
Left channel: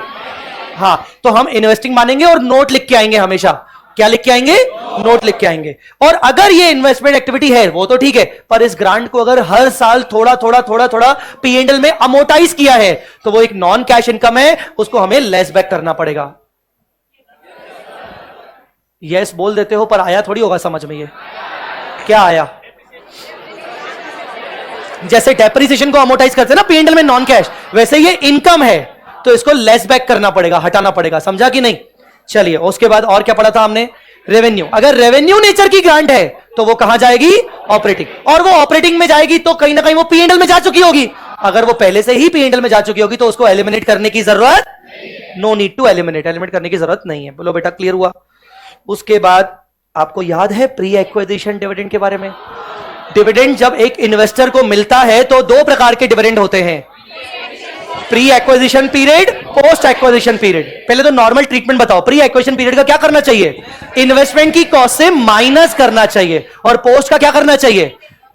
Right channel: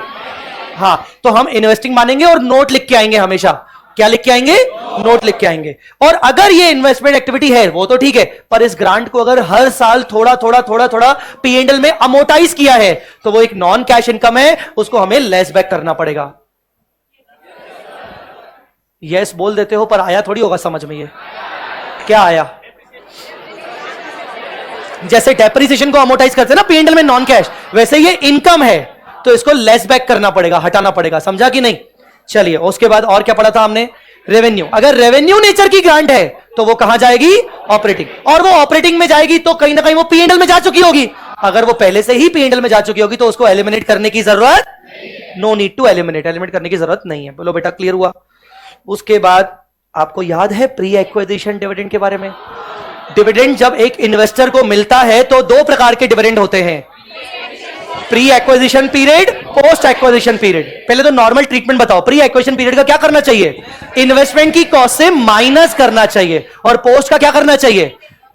हाँ, तो हम इन्वेस्टिंग मानेंगे और नोट लिख के आएंगे हमेशा। क्या लिख के आएंगे? नोट लिख के आएंगे। और अगर ये इन्वेस्टमेंट एक्टिविटी है वो तो ठीक है, पर इस ग्रांट को अगर हर साल थोड़ा थोड़ा थोड़ा थोड़ा पीएनएल में अमोर्टाइज किया है तो वो एक नॉन कैश इनकम है, उसको हमें लेस बैक करना पड़ेगा। यस बोल देते हो पर आया थोड़ी होगा समझ में। ये क्या आया? जैसे डेप्रिसिएशन को अमोर्टाइज करते हैं ना पीएनएल में नॉन कैश, वैसे ये इनकम है तो इसको लेस बैक करना पड़ेगा, हटाना पड़ेगा। समझा कि नहीं? चलिए, उसके बाद और क्या पढ़ा था हमने? रेवेन्यू। अगर रेवेन्यू नेचर की ग्रांट है तो वो कहां जाएगी? ऑपरेटिंग। और वो ऑपरेटिंग में जाएगी तो कहीं ना कहीं वो पीएनएल में जा चुकी होगी। अगर वो पहले से ही पीएनएल में जा चुकी होगी तो उसको एलिमिनेट करने की जरूरत, no need to eliminate, eliminate करने की जरूरत नहीं है। बोलो बेटा, क्लियर हुआ? उसके बाद आपको याद है प्री एक्विजिशन डिविडेंड के बारे में? डिविडेंड जब एक इन्वेस्टर को मिलता है तो दो प्रकार के डिविडेंड होते हैं, pre acquisition period, post acquisition period. पहले तो नॉर्मल ट्रीटमेंट बताओ, प्री एक्विजिशन पीरियड का क्या करना चाहिए? इन्वेस्टमेंट की कॉस्ट से माइनस करना चाहिए। और पोस्ट का क्या करना चाहिए?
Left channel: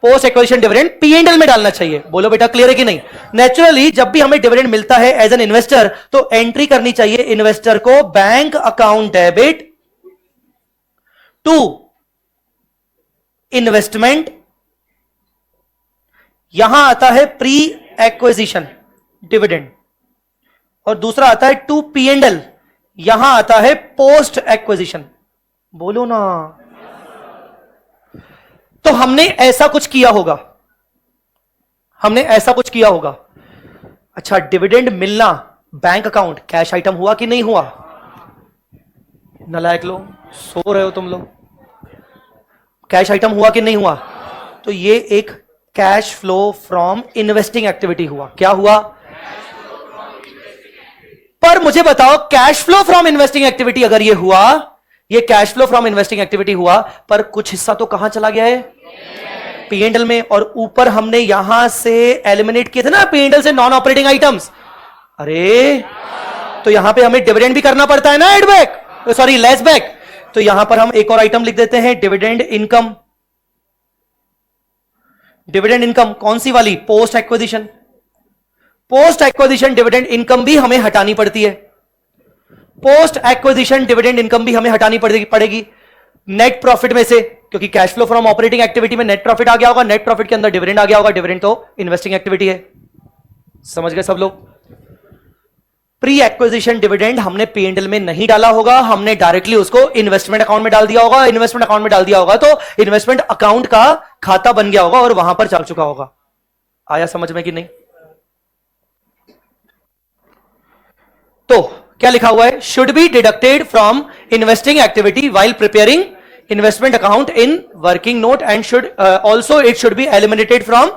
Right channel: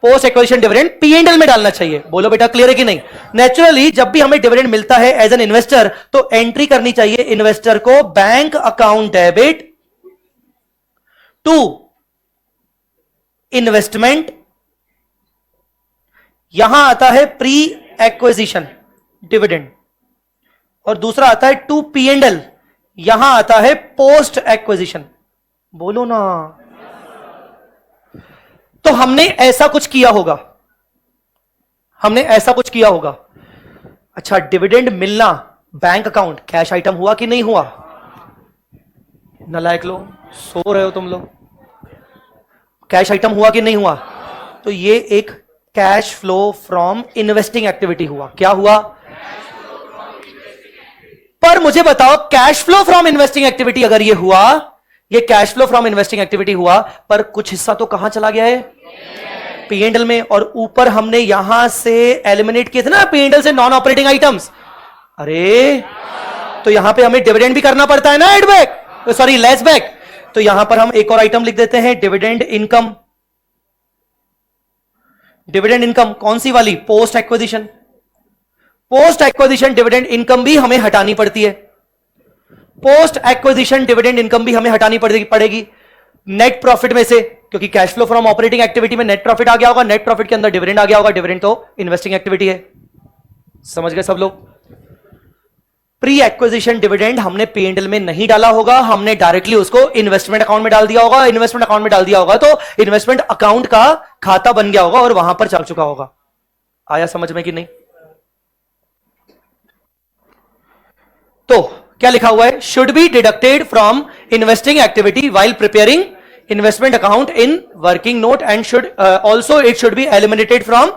पोस्ट एक्विजिशन डिविडेंड पीएनएल में डालना चाहिए। बोलो बेटा, क्लियर है कि नहीं? नेचुरली जब भी हमें डिविडेंड मिलता है एज एन इन्वेस्टर तो एंट्री करनी चाहिए इन्वेस्टर को bank account debit to investment. यहां आता है प्री एक्विजिशन डिविडेंड और दूसरा आता है टू पीएनएल, यहां आता है पोस्ट एक्विजिशन। बोलो ना। तो हमने ऐसा कुछ किया होगा, हमने ऐसा कुछ किया होगा। अच्छा, डिविडेंड मिलना बैंक अकाउंट कैश आइटम हुआ कि नहीं हुआ? नालायक लोग, सो रहे हो तुम लोग। कैश आइटम हुआ कि नहीं हुआ? तो ये एक cash flow from investing activity हुआ। क्या हुआ? पर मुझे बताओ, cash flow from investing activity अगर ये हुआ, ये cash flow from investing activity हुआ, पर कुछ हिस्सा तो कहां चला गया है? पीएनएल में। और ऊपर हमने यहां से एलिमिनेट किए थे ना पीएनएल से नॉन ऑपरेटिंग आइटम्स। अरे, तो यहां पे हमें डिविडेंड भी करना पड़ता है ना, add back, sorry less back. तो यहां पर हम एक और आइटम लिख देते हैं, डिविडेंड इनकम। डिविडेंड इनकम कौन सी वाली? Post acquisition. Post acquisition dividend income भी हमें हटानी पड़ती है। पोस्ट एक्विजिशन डिविडेंड इनकम भी हमें हटानी पड़ेगी नेट प्रॉफिट में से, क्योंकि cash flow from operating activity में नेट प्रॉफिट आ गया होगा, नेट प्रॉफिट के अंदर डिविडेंड आ गया होगा। डिविडेंड तो इन्वेस्टिंग एक्टिविटी है। समझ गए सब लोग? प्री एक्विजिशन डिविडेंड हमने पीएनएल में नहीं डाला होगा, हमने डायरेक्टली उसको इन्वेस्टमेंट अकाउंट में डाल दिया होगा। इन्वेस्टमेंट अकाउंट में डाल दिया होगा तो इन्वेस्टमेंट अकाउंट का खाता बन गया होगा और वहां पर चल चुका होगा। आया समझ में कि नहीं? तो क्या लिखा हुआ है? Should be deducted from investing activity while preparing investment account in working note and should also it should be eliminated from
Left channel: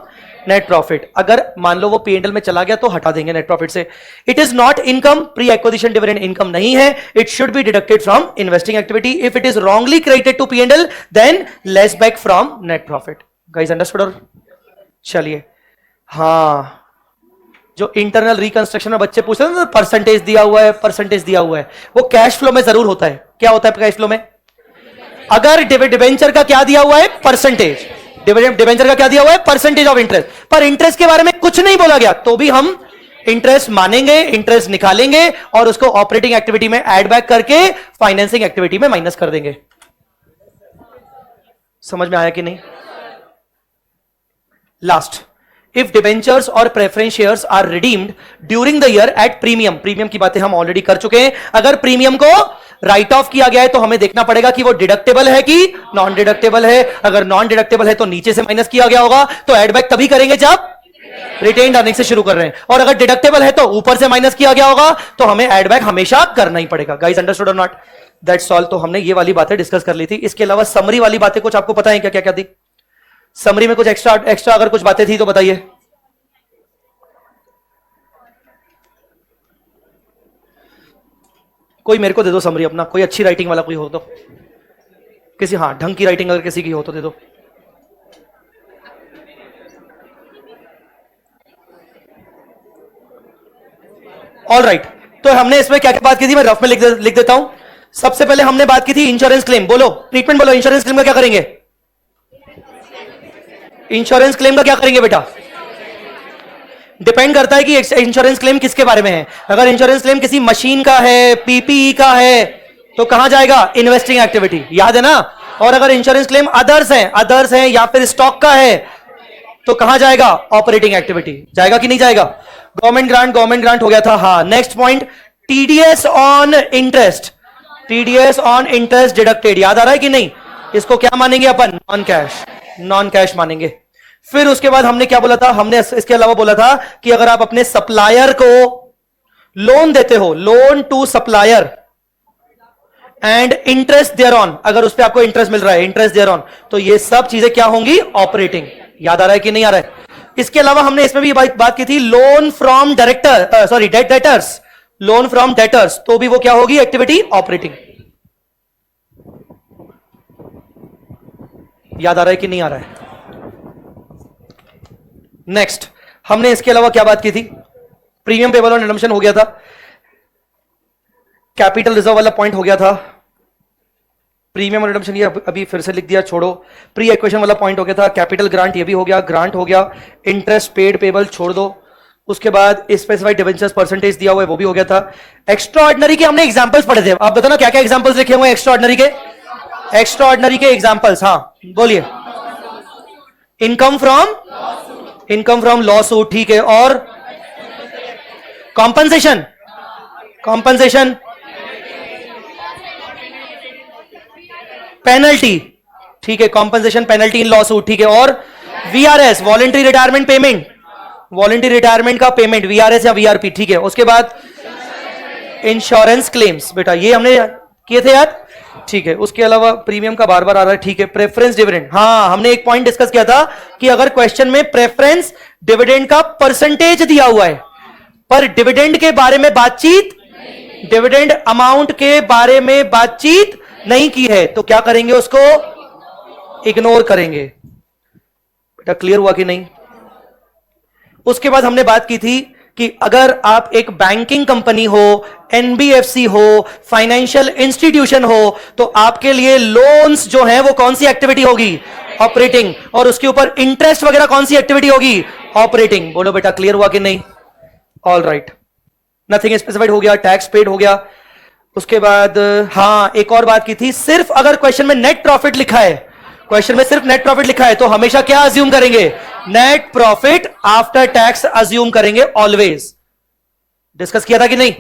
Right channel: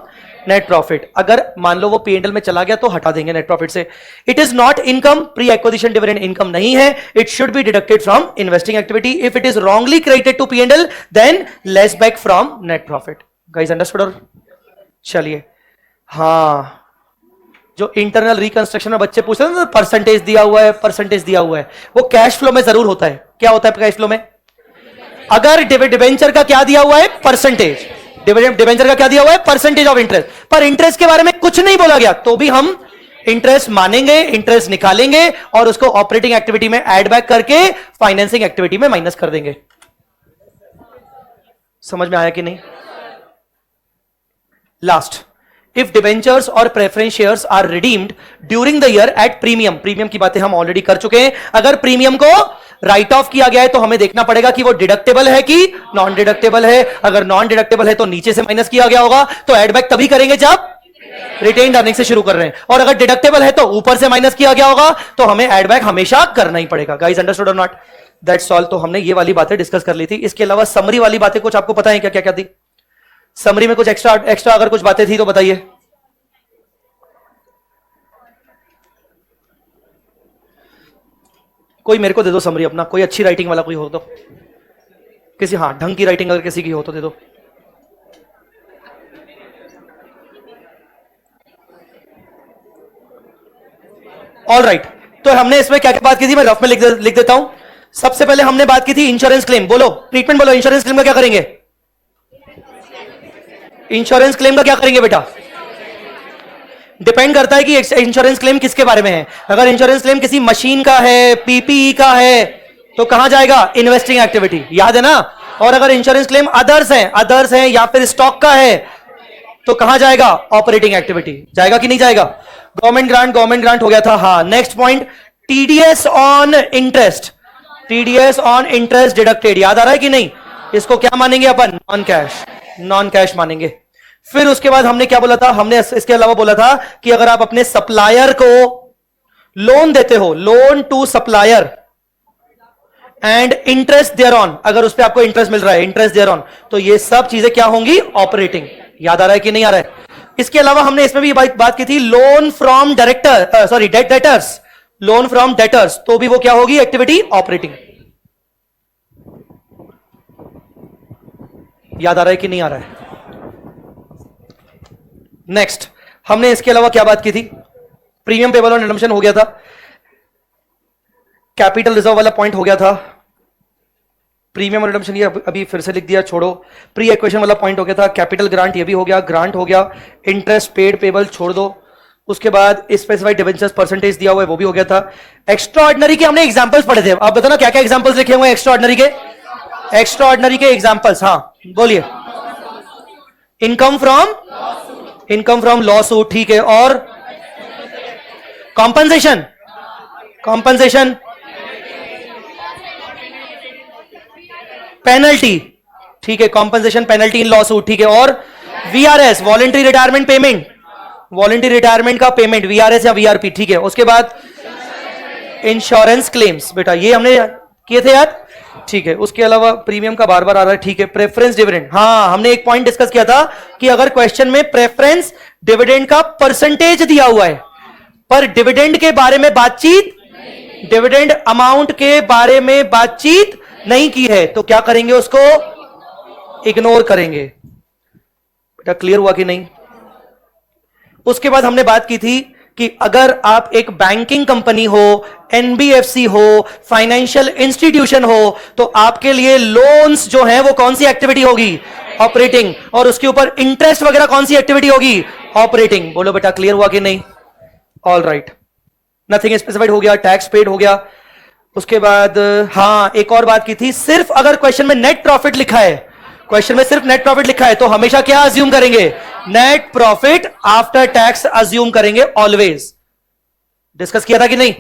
net profit. अगर मान लो वो पीएनएल में चला गया तो हटा देंगे नेट प्रॉफिट से। It is not income, pre acquisition dividend income नहीं है। It should be deducted from investing activity. If it is wrongly credited to PNL then less back from net profit. Guys understood? चलिए, हाँ, जो internal reconstruction में बच्चे पूछ रहे हैं ना, परसेंटेज दिया हुआ है, परसेंटेज दिया हुआ है, वो कैश फ्लो में जरूर होता है। क्या होता है कैश फ्लो में? अगर डिबेंचर का क्या दिया हुआ है? परसेंटेज। डिबेंचर का क्या दिया हुआ है? Percentage of interest. पर इंटरेस्ट के बारे में कुछ नहीं बोला गया तो भी हम इंटरेस्ट मानेंगे, इंटरेस्ट निकालेंगे और उसको ऑपरेटिंग एक्टिविटी में एड बैक करके फाइनेंसिंग एक्टिविटी में माइनस कर देंगे। समझ में आया कि नहीं? लास्ट, इफ डिबेंचर्स और preference shares are redeemed during the year at premium. Premium की बातें हम ऑलरेडी कर चुके हैं। अगर प्रीमियम को राइट ऑफ किया गया है तो हमें देखना पड़ेगा कि वो डिडक्टेबल है कि नॉन डिडक्टेबल है। अगर नॉन डिडक्टेबल है तो नीचे से माइनस किया गया होगा, तो एड बैक तभी करेंगे जब रिटेन्ड अर्निंग से शुरू कर रहे हैं। और अगर डिडक्टेबल है तो ऊपर से माइनस किया गया होगा, तो हमें एड बैक हमेशा करना ही पड़ेगा। गाइस अंडरस्टूड और नॉट? That's all. तो हमने ये वाली बातें डिस्कस कर ली थी। इसके अलावा समरी वाली बातें कुछ आपको पता है क्या? क्या क्या थी समरी में? कुछ एक्स्ट्रा अगर कुछ बातें थी तो बताइए। कोई मेरे को दे दो समरी अपना, कोई अच्छी राइटिंग वाला कोई हो तो, किसी, हाँ, ढंग की राइटिंग अगर किसी की हो तो दे दो। ऑल राइट, तो हमने इसमें क्या क्या बात की थी, मैं रफ में लिख देता हूं। सबसे पहले हमने बात की थी इंश्योरेंस क्लेम, बोलो ट्रीटमेंट बोलो, इंश्योरेंस क्लेम का क्या करेंगे, इंश्योरेंस क्लेम का क्या करेंगे बेटा, डिपेंड करता है कि इंश्योरेंस क्लेम किसके बारे में है। अगर इंश्योरेंस क्लेम किसी मशीन का है, पीपीई का है, तो कहां जाएगा, इन्वेस्टिंग एक्टिविटी, याद है ना। और अगर इंश्योरेंस क्लेम अदर्स है या फिर स्टॉक का है, तो कहां जाएगा, ऑपरेटिंग एक्टिविटी, जाएगा कि नहीं जाएगा। गवर्नमेंट ग्रांट हो गया था, हाँ। Next point, TDS on interest, TDS on interest deducted, याद आ रहा है कि नहीं। इसको क्या मानेंगे अपन, नॉन कैश मानेंगे। फिर उसके बाद हमने क्या बोला था, हमने इसके अलावा बोला था कि अगर आप अपने सप्लायर को लोन देते हो, loan to supplier and interest thereon, अगर उस पर आपको इंटरेस्ट मिल रहा है, इंटरेस्ट देयर ऑन, तो ये सब चीजें क्या होंगी, ऑपरेटिंग। याद आ रहा है कि नहीं आ रहा है। इसके अलावा हमने इसमें भी बात की थी, loan from director, sorry debt debtors, loan from debtors, तो भी वो क्या होगी, एक्टिविटी ऑपरेटिंग। याद आ रहा है कि नहीं आ रहा है। नेक्स्ट हमने इसके अलावा क्या बात की थी, प्रीमियम पेबल ऑन रिडम्पशन हो गया था, कैपिटल रिजर्व वाला पॉइंट हो गया था, प्रीमियम और रिडम्पशन ये अभी फिर से लिख दिया, छोड़ो। प्री एक्वेशन वाला पॉइंट हो गया था, कैपिटल ग्रांट ये भी हो गया, ग्रांट हो गया, इंटरेस्ट पेड पेबल छोड़ दो। उसके बाद स्पेसिफाइड डिवेंचर्स परसेंटेज दिया हुआ है, वो भी हो गया था। एक्स्ट्रा ऑर्डिनरी के हमने एग्जांपल्स पढ़े थे, आप बताना क्या क्या एग्जांपल्स लिखे हुए हैं एक्स्ट्रा ऑर्डिनरी के, एक्स्ट्रा ऑर्डिनरी के एग्जांपल्स, हाँ बोलिए। इनकम फ्रॉम लॉस हो, ठीक है, और कॉम्पनसेशन पेनल्टी, ठीक है, कॉम्पनसेशन पेनल्टी इन लॉस सूट, ठीक है, और VRS voluntary retirement payment, voluntary retirement का पेमेंट, वीआरएस या वीआरपी, ठीक है। उसके बाद इंश्योरेंस क्लेम्स, बेटा ये हमने किए थे यार, ठीक है। उसके अलावा प्रीमियम का बार बार आ रहा है, ठीक है। प्रेफरेंस डिविडेंड, हाँ हमने एक पॉइंट डिस्कस किया था कि अगर क्वेश्चन में प्रेफरेंस डिविडेंड का परसेंटेज दिया हुआ है पर डिविडेंड के बारे में बातचीत, डिविडेंड अमाउंट के बारे में बातचीत नहीं की है, तो क्या करेंगे, उसको इग्नोर करेंगे। बेटा क्लियर हुआ कि नहीं। उसके बाद हमने बात की थी कि अगर आप एक बैंकिंग कंपनी हो, एनबीएफसी हो, फाइनेंशियल इंस्टीट्यूशन हो, तो आपके लिए लोन्स जो है वो कौन सी एक्टिविटी होगी, ऑपरेटिंग, और उसके ऊपर इंटरेस्ट वगैरह कौन सी एक्टिविटी होगी, ऑपरेटिंग। बोलो बेटा क्लियर हुआ कि नहीं। ऑल राइट, नथिंग स्पेसिफाइड हो गया, टैक्स पेड हो गया। उसके बाद हाँ एक और बात की थी, सिर्फ अगर क्वेश्चन में नेट प्रॉफिट लिखा है, क्वेश्चन में सिर्फ नेट प्रॉफिट लिखा है, तो हमेशा क्या अज्यूम करेंगे, net profit after tax assume करेंगे ऑलवेज। डिस्कस किया था कि नहीं।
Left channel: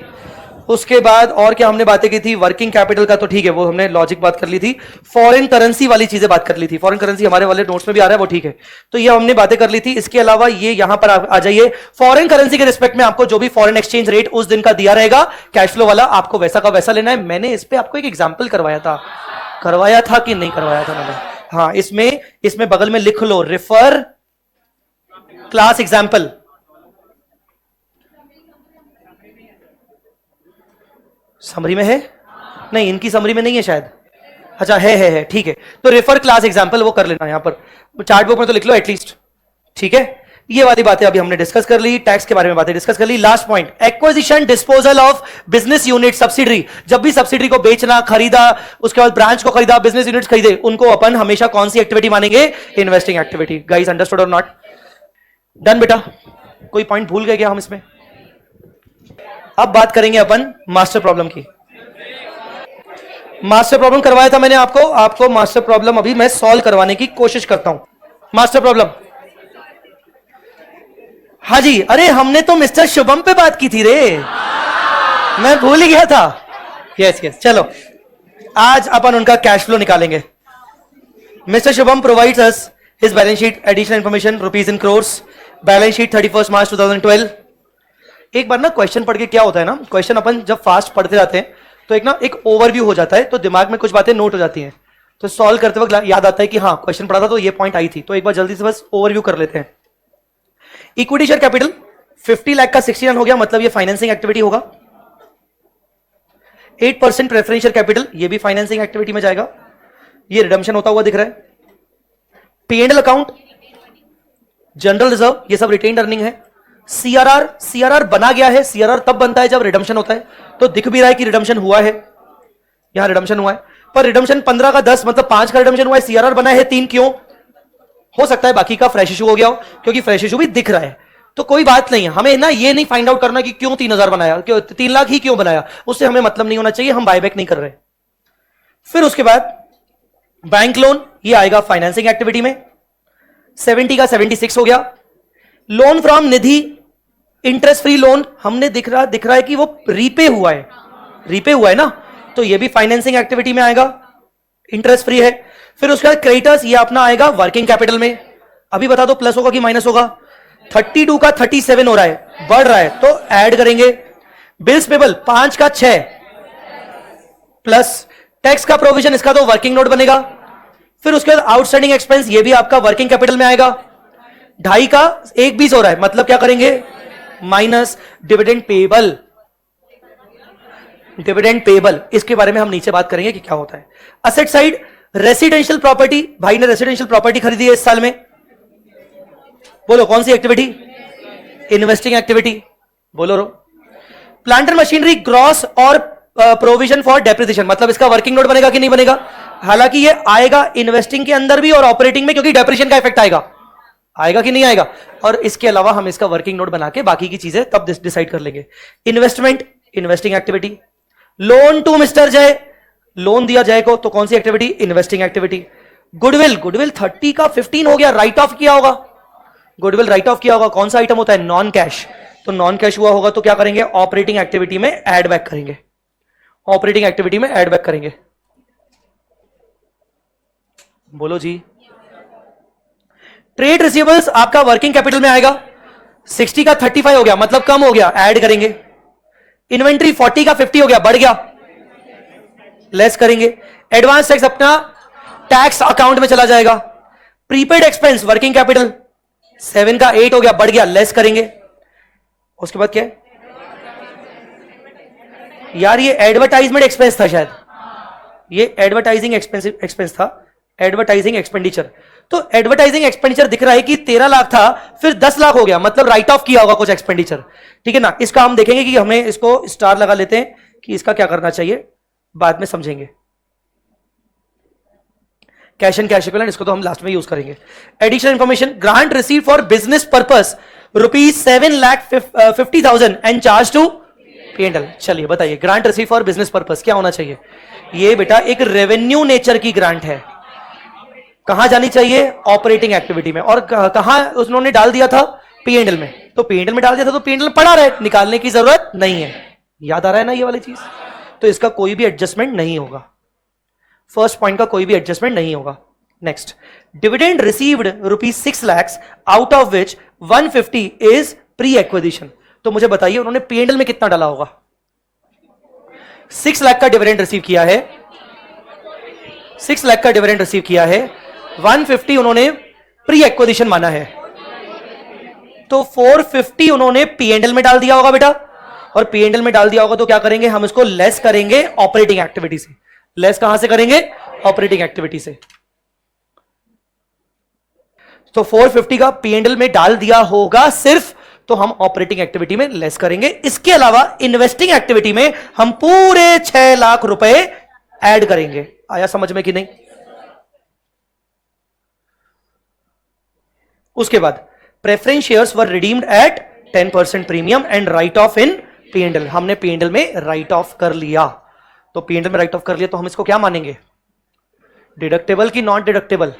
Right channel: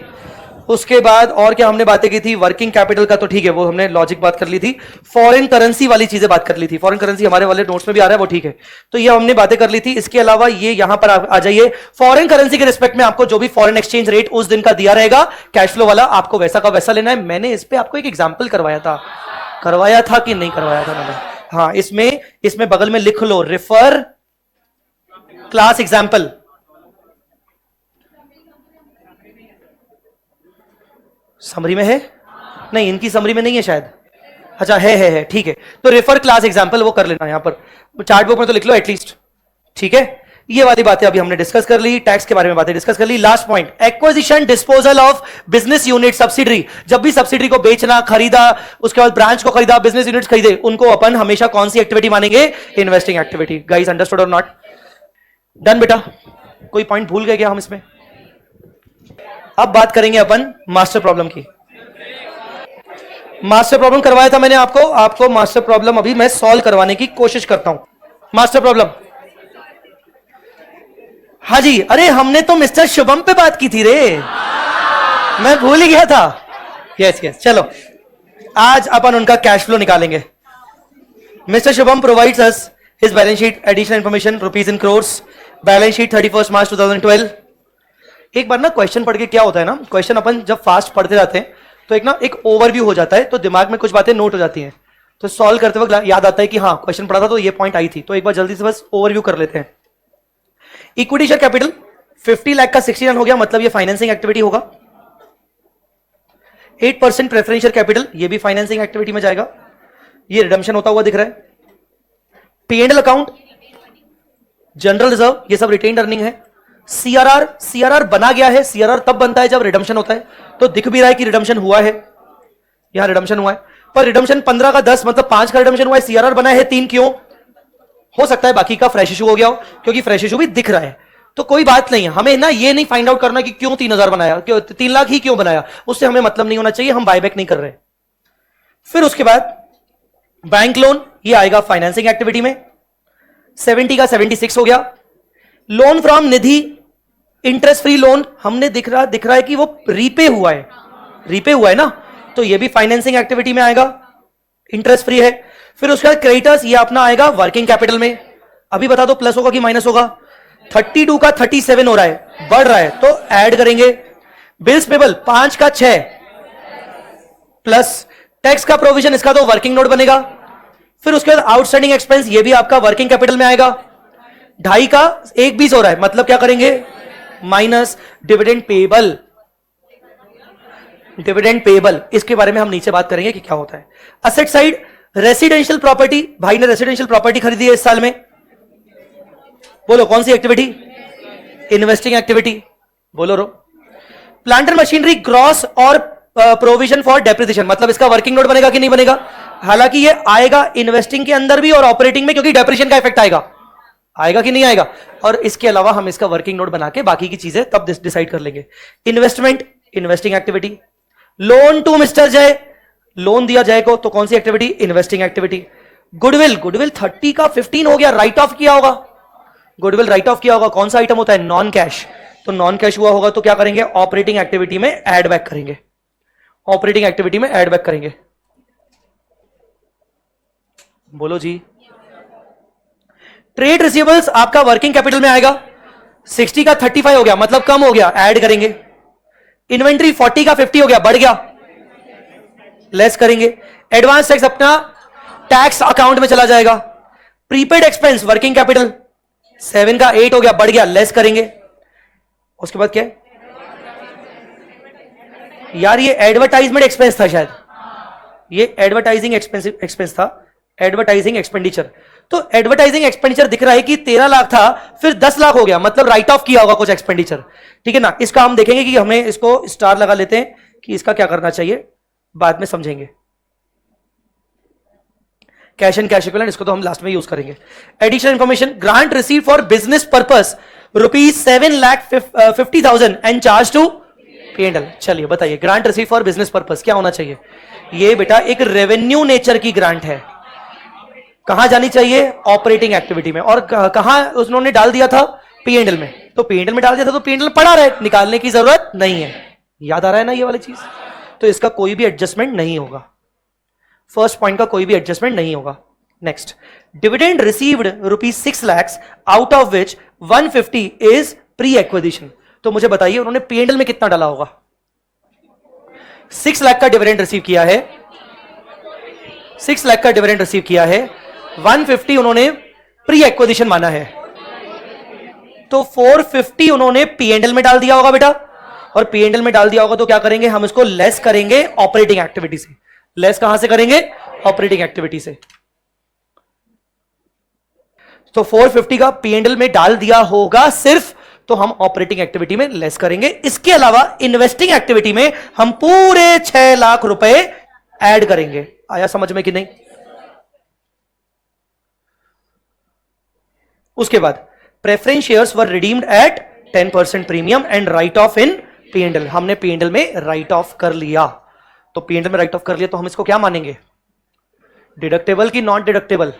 उसके बाद और क्या हमने बातें की थी, वर्किंग कैपिटल का तो ठीक है, वो हमने लॉजिक बात कर ली थी। फॉरेन करेंसी वाली चीजें बात कर ली थी, फॉरेन करेंसी हमारे वाले नोट्स में भी आ रहा है, वो ठीक है, तो ये हमने बातें कर ली थी। इसके अलावा ये यहां पर आ जाइए, फॉरेन करेंसी के रिस्पेक्ट में आपको जो भी फॉरेन एक्सचेंज रेट उस दिन का दिया रहेगा कैश फ्लो वाला, आपको वैसा का वैसा लेना है। मैंने इस पे आपको एक एग्जाम्पल करवाया था कि नहीं करवाया था मैंने, हाँ इसमें बगल में लिख लो, रेफर क्लास एग्जाम्पल। समरी में है, नहीं इनकी समरी में नहीं है शायद, अच्छा है ठीक है। तो रेफर क्लास एग्जांपल वो कर लेना, यहां पर चार्ट बुक में तो लिख लो एटलीस्ट, ठीक है। ये वाली बातें अभी हमने डिस्कस कर ली, टैक्स के बारे में बातें डिस्कस कर ली। Last point, acquisition disposal of business unit subsidiary. जब भी सब्सिडरी को बेचना, खरीदा, उसके बाद ब्रांच को खरीदा, बिजनेस यूनिट्स खरीदे, उनको अपन हमेशा कौन सी एक्टिविटी मानेंगे, इन्वेस्टिंग एक्टिविटी। गाइस अंडरस्टूड और नॉट, डन बेटा। कोई पॉइंट भूल गए क्या हम इसमें। अब बात करेंगे अपन मास्टर प्रॉब्लम की। मास्टर प्रॉब्लम करवाया था मैंने आपको मास्टर प्रॉब्लम अभी मैं सॉल्व करवाने की कोशिश करता हूं। मास्टर प्रॉब्लम, हाँ जी, अरे हमने तो मिस्टर शुभम पे बात की थी रे, मैं भूल ही गया था। यस चलो आज अपन उनका कैश फ्लो निकालेंगे। Mister Shubham provides us his balance sheet, additional information rupees in crores, balance sheet 31 मार्च 2012। एक बार ना क्वेश्चन पढ़ के क्या होता है ना, क्वेश्चन अपन जब फास्ट पढ़ते जाते हैं तो एक ओवरव्यू हो जाता है, तो दिमाग में कुछ बातें नोट हो जाती हैं, तो सॉल्व करते वक्त याद आता है कि हाँ क्वेश्चन पढ़ा था तो ये पॉइंट आई थी। तो एक बार जल्दी से बस ओवरव्यू कर लेते हैं। इक्विटी शेयर कैपिटल 50 लाख का 69 हो गया, मतलब ये फाइनेंसिंग एक्टिविटी होगा। 8% प्रेफरेंशियल कैपिटल, ये भी फाइनेंसिंग एक्टिविटी में जाएगा। ये रिडम्पशन होता हुआ दिख रहा है। P&L अकाउंट, जनरल रिजर्व, ये सब रिटेन्ड अर्निंग है। सीआरआर बना गया है। सीआरआर तब बनता है जब रिडम्पशन होता है, तो दिख भी रहा है कि रिडम्पशन हुआ है, यहां रिडम्पशन हुआ है, पर रिडम्पशन 15 का 10 मतलब 5 का रिडम्पशन हुआ है, सीआरआर बना है 3, क्यों? हो सकता है बाकी का फ्रेश इशू हो गया हो, क्योंकि फ्रेश इशू भी दिख रहा है, तो कोई बात नहीं है। हमें ना ये नहीं फाइंड आउट करना कि क्यों 3000 बनाया, क्यों 3 लाख ही क्यों बनाया, उससे हमें मतलब नहीं होना चाहिए, हम बायबैक नहीं कर रहे। फिर उसके बाद बैंक लोन, ये आएगा फाइनेंसिंग एक्टिविटी में, 70 का 76 हो गया। Loan from Nidhi, interest free loan, हमने दिख रहा है कि वो रीपे हुआ है ना, तो ये भी फाइनेंसिंग एक्टिविटी में आएगा, इंटरेस्ट फ्री है। फिर उसके बाद क्रेडिटर्स, ये अपना आएगा वर्किंग कैपिटल में। अभी बता दो प्लस होगा कि माइनस होगा? 32 का 37 हो रहा है, बढ़ रहा है, तो ऐड करेंगे। बिल्स पेबल 5 का 6 प्लस टैक्स का प्रोविजन, इसका तो वर्किंग नोट बनेगा। फिर उसके बाद आउटस्टैंडिंग एक्सपेंस, ये भी आपका वर्किंग कैपिटल में आएगा। 2.5 का 1.20 हो रहा है, मतलब क्या करेंगे? माइनस डिविडेंड पेबल, इसके बारे में हम नीचे बात करेंगे कि क्या होता है। असेट साइड, रेसिडेंशियल प्रॉपर्टी, भाई ने रेसिडेंशियल प्रॉपर्टी खरीदी है इस साल में, बोलो कौन सी एक्टिविटी? इन्वेस्टिंग एक्टिविटी, बोलो रो। प्लांट एंड मशीनरी क्रॉस और प्रोविजन फॉर डेप्रिसिएशन, मतलब इसका वर्किंग नोट बनेगा कि नहीं बनेगा? हालांकि ये आएगा इन्वेस्टिंग के अंदर भी और ऑपरेटिंग में, क्योंकि डेप्रिसिएशन का इफेक्ट आएगा कि नहीं आएगा? और इसके अलावा हम इसका वर्किंग नोट बना के बाकी की चीजें तब डिसाइड कर लेंगे। Investment, investing activity. Loan to mister Jay, लोन दिया जाए को, तो कौन सी एक्टिविटी? Investing activity. गुडविल 30 का 15 हो गया, राइट ऑफ किया होगा, गुडविल राइट ऑफ किया होगा, कौन सा आइटम होता है? नॉन कैश, तो नॉन कैश हुआ होगा तो क्या करेंगे? ऑपरेटिंग एक्टिविटी में एड बैक करेंगे, ऑपरेटिंग एक्टिविटी में एड बैक करेंगे। बोलो जी। ट्रेड रिसीवेबल्स आपका वर्किंग कैपिटल में आएगा, 60 का 35 हो गया, मतलब कम हो गया, ऐड करेंगे। इन्वेंट्री 40 का 50 हो गया, बढ़ गया, लेस करेंगे। एडवांस टैक्स अपना टैक्स अकाउंट में चला जाएगा। प्रीपेड एक्सपेंस वर्किंग कैपिटल 7 का 8 हो गया, बढ़ गया, लेस करेंगे। उसके बाद क्या है यार? ये एडवर्टाइजमेंट एक्सपेंस था शायद, ये एडवर्टाइजिंग एक्सपेंस था, एडवर्टाइजिंग एक्सपेंडिचर। तो एडवर्टाइजिंग एक्सपेंडिचर दिख रहा है कि 13 लाख था, फिर 10 लाख हो गया, मतलब राइट ऑफ किया होगा कुछ एक्सपेंडिचर, ठीक है ना? इसका हम देखेंगे कि हमें इसको स्टार लगा लेते हैं कि इसका क्या करना चाहिए, बाद में समझेंगे। कैश एंड कैश इक्विवेलेंट, इसको तो हम लास्ट में यूज करेंगे। Additional information, grant receive for business purpose ₹7,50,000 and charge to P&L। चलिए बताइए, grant receive for business purpose क्या होना चाहिए? ये बेटा एक रेवेन्यू नेचर की ग्रांट है, कहां जानी चाहिए? ऑपरेटिंग एक्टिविटी में। और कहां उन्होंने डाल दिया था? P&L में। तो P&L में डाल दिया था, तो P&L पड़ा रहा है, निकालने की जरूरत नहीं है। याद आ रहा है ना ये वाली चीज? तो इसका कोई भी एडजस्टमेंट नहीं होगा, फर्स्ट पॉइंट का कोई भी एडजस्टमेंट नहीं होगा। Next, dividend received ₹6 lakhs, out of which 150 is pre acquisition. तो मुझे बताइए उन्होंने P&L में कितना डाला होगा? 6 लाख का डिविडेंड रिसीव किया है, 6 लाख का डिविडेंड रिसीव किया है, 150 उन्होंने प्री एक्विजिशन माना है, तो 450 उन्होंने P&L में डाल दिया होगा बेटा। और P&L में डाल दिया होगा तो क्या करेंगे? हम इसको लेस करेंगे ऑपरेटिंग एक्टिविटी से। लेस कहां से करेंगे? ऑपरेटिंग एक्टिविटी से। तो 450 का P&L में डाल दिया होगा सिर्फ, तो हम ऑपरेटिंग एक्टिविटी में लेस करेंगे। इसके अलावा इन्वेस्टिंग एक्टिविटी में हम पूरे 6 लाख रुपए ऐड करेंगे। आया समझ में कि नहीं? उसके बाद preference shares were redeemed eight 10% premium and right of in P&L। हमने P&L में राइट ऑफ कर लिया, तो P&L में राइट ऑफ कर लिया, तो हम इसको क्या मानेंगे? डिडक्टेबल की नॉन डिडक्टेबल?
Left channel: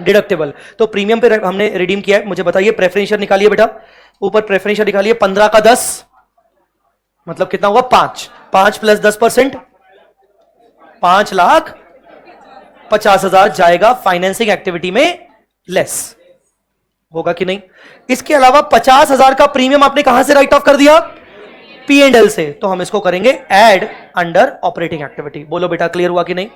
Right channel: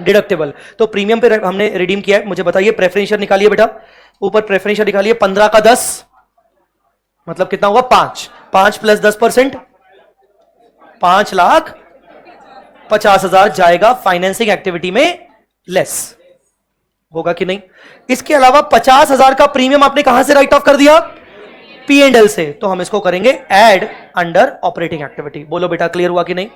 डिडक्टेबल। तो प्रीमियम पे हमने रिडीम किया है। मुझे बताइए प्रेफरेंस शेयर निकालिए बेटा, ऊपर प्रेफरेंस शेयर निकालिए। 15 का 10 मतलब कितना हुआ? 5 प्लस 10%, 5,50,000 जाएगा फाइनेंसिंग एक्टिविटी में लेस। होगा कि नहीं? इसके अलावा 50,000 का प्रीमियम आपने कहां से राइट ऑफ कर दिया? P&L से। तो हम इसको करेंगे ऐड अंडर ऑपरेटिंग एक्टिविटी। बोलो बेटा क्लियर हुआ कि नहीं?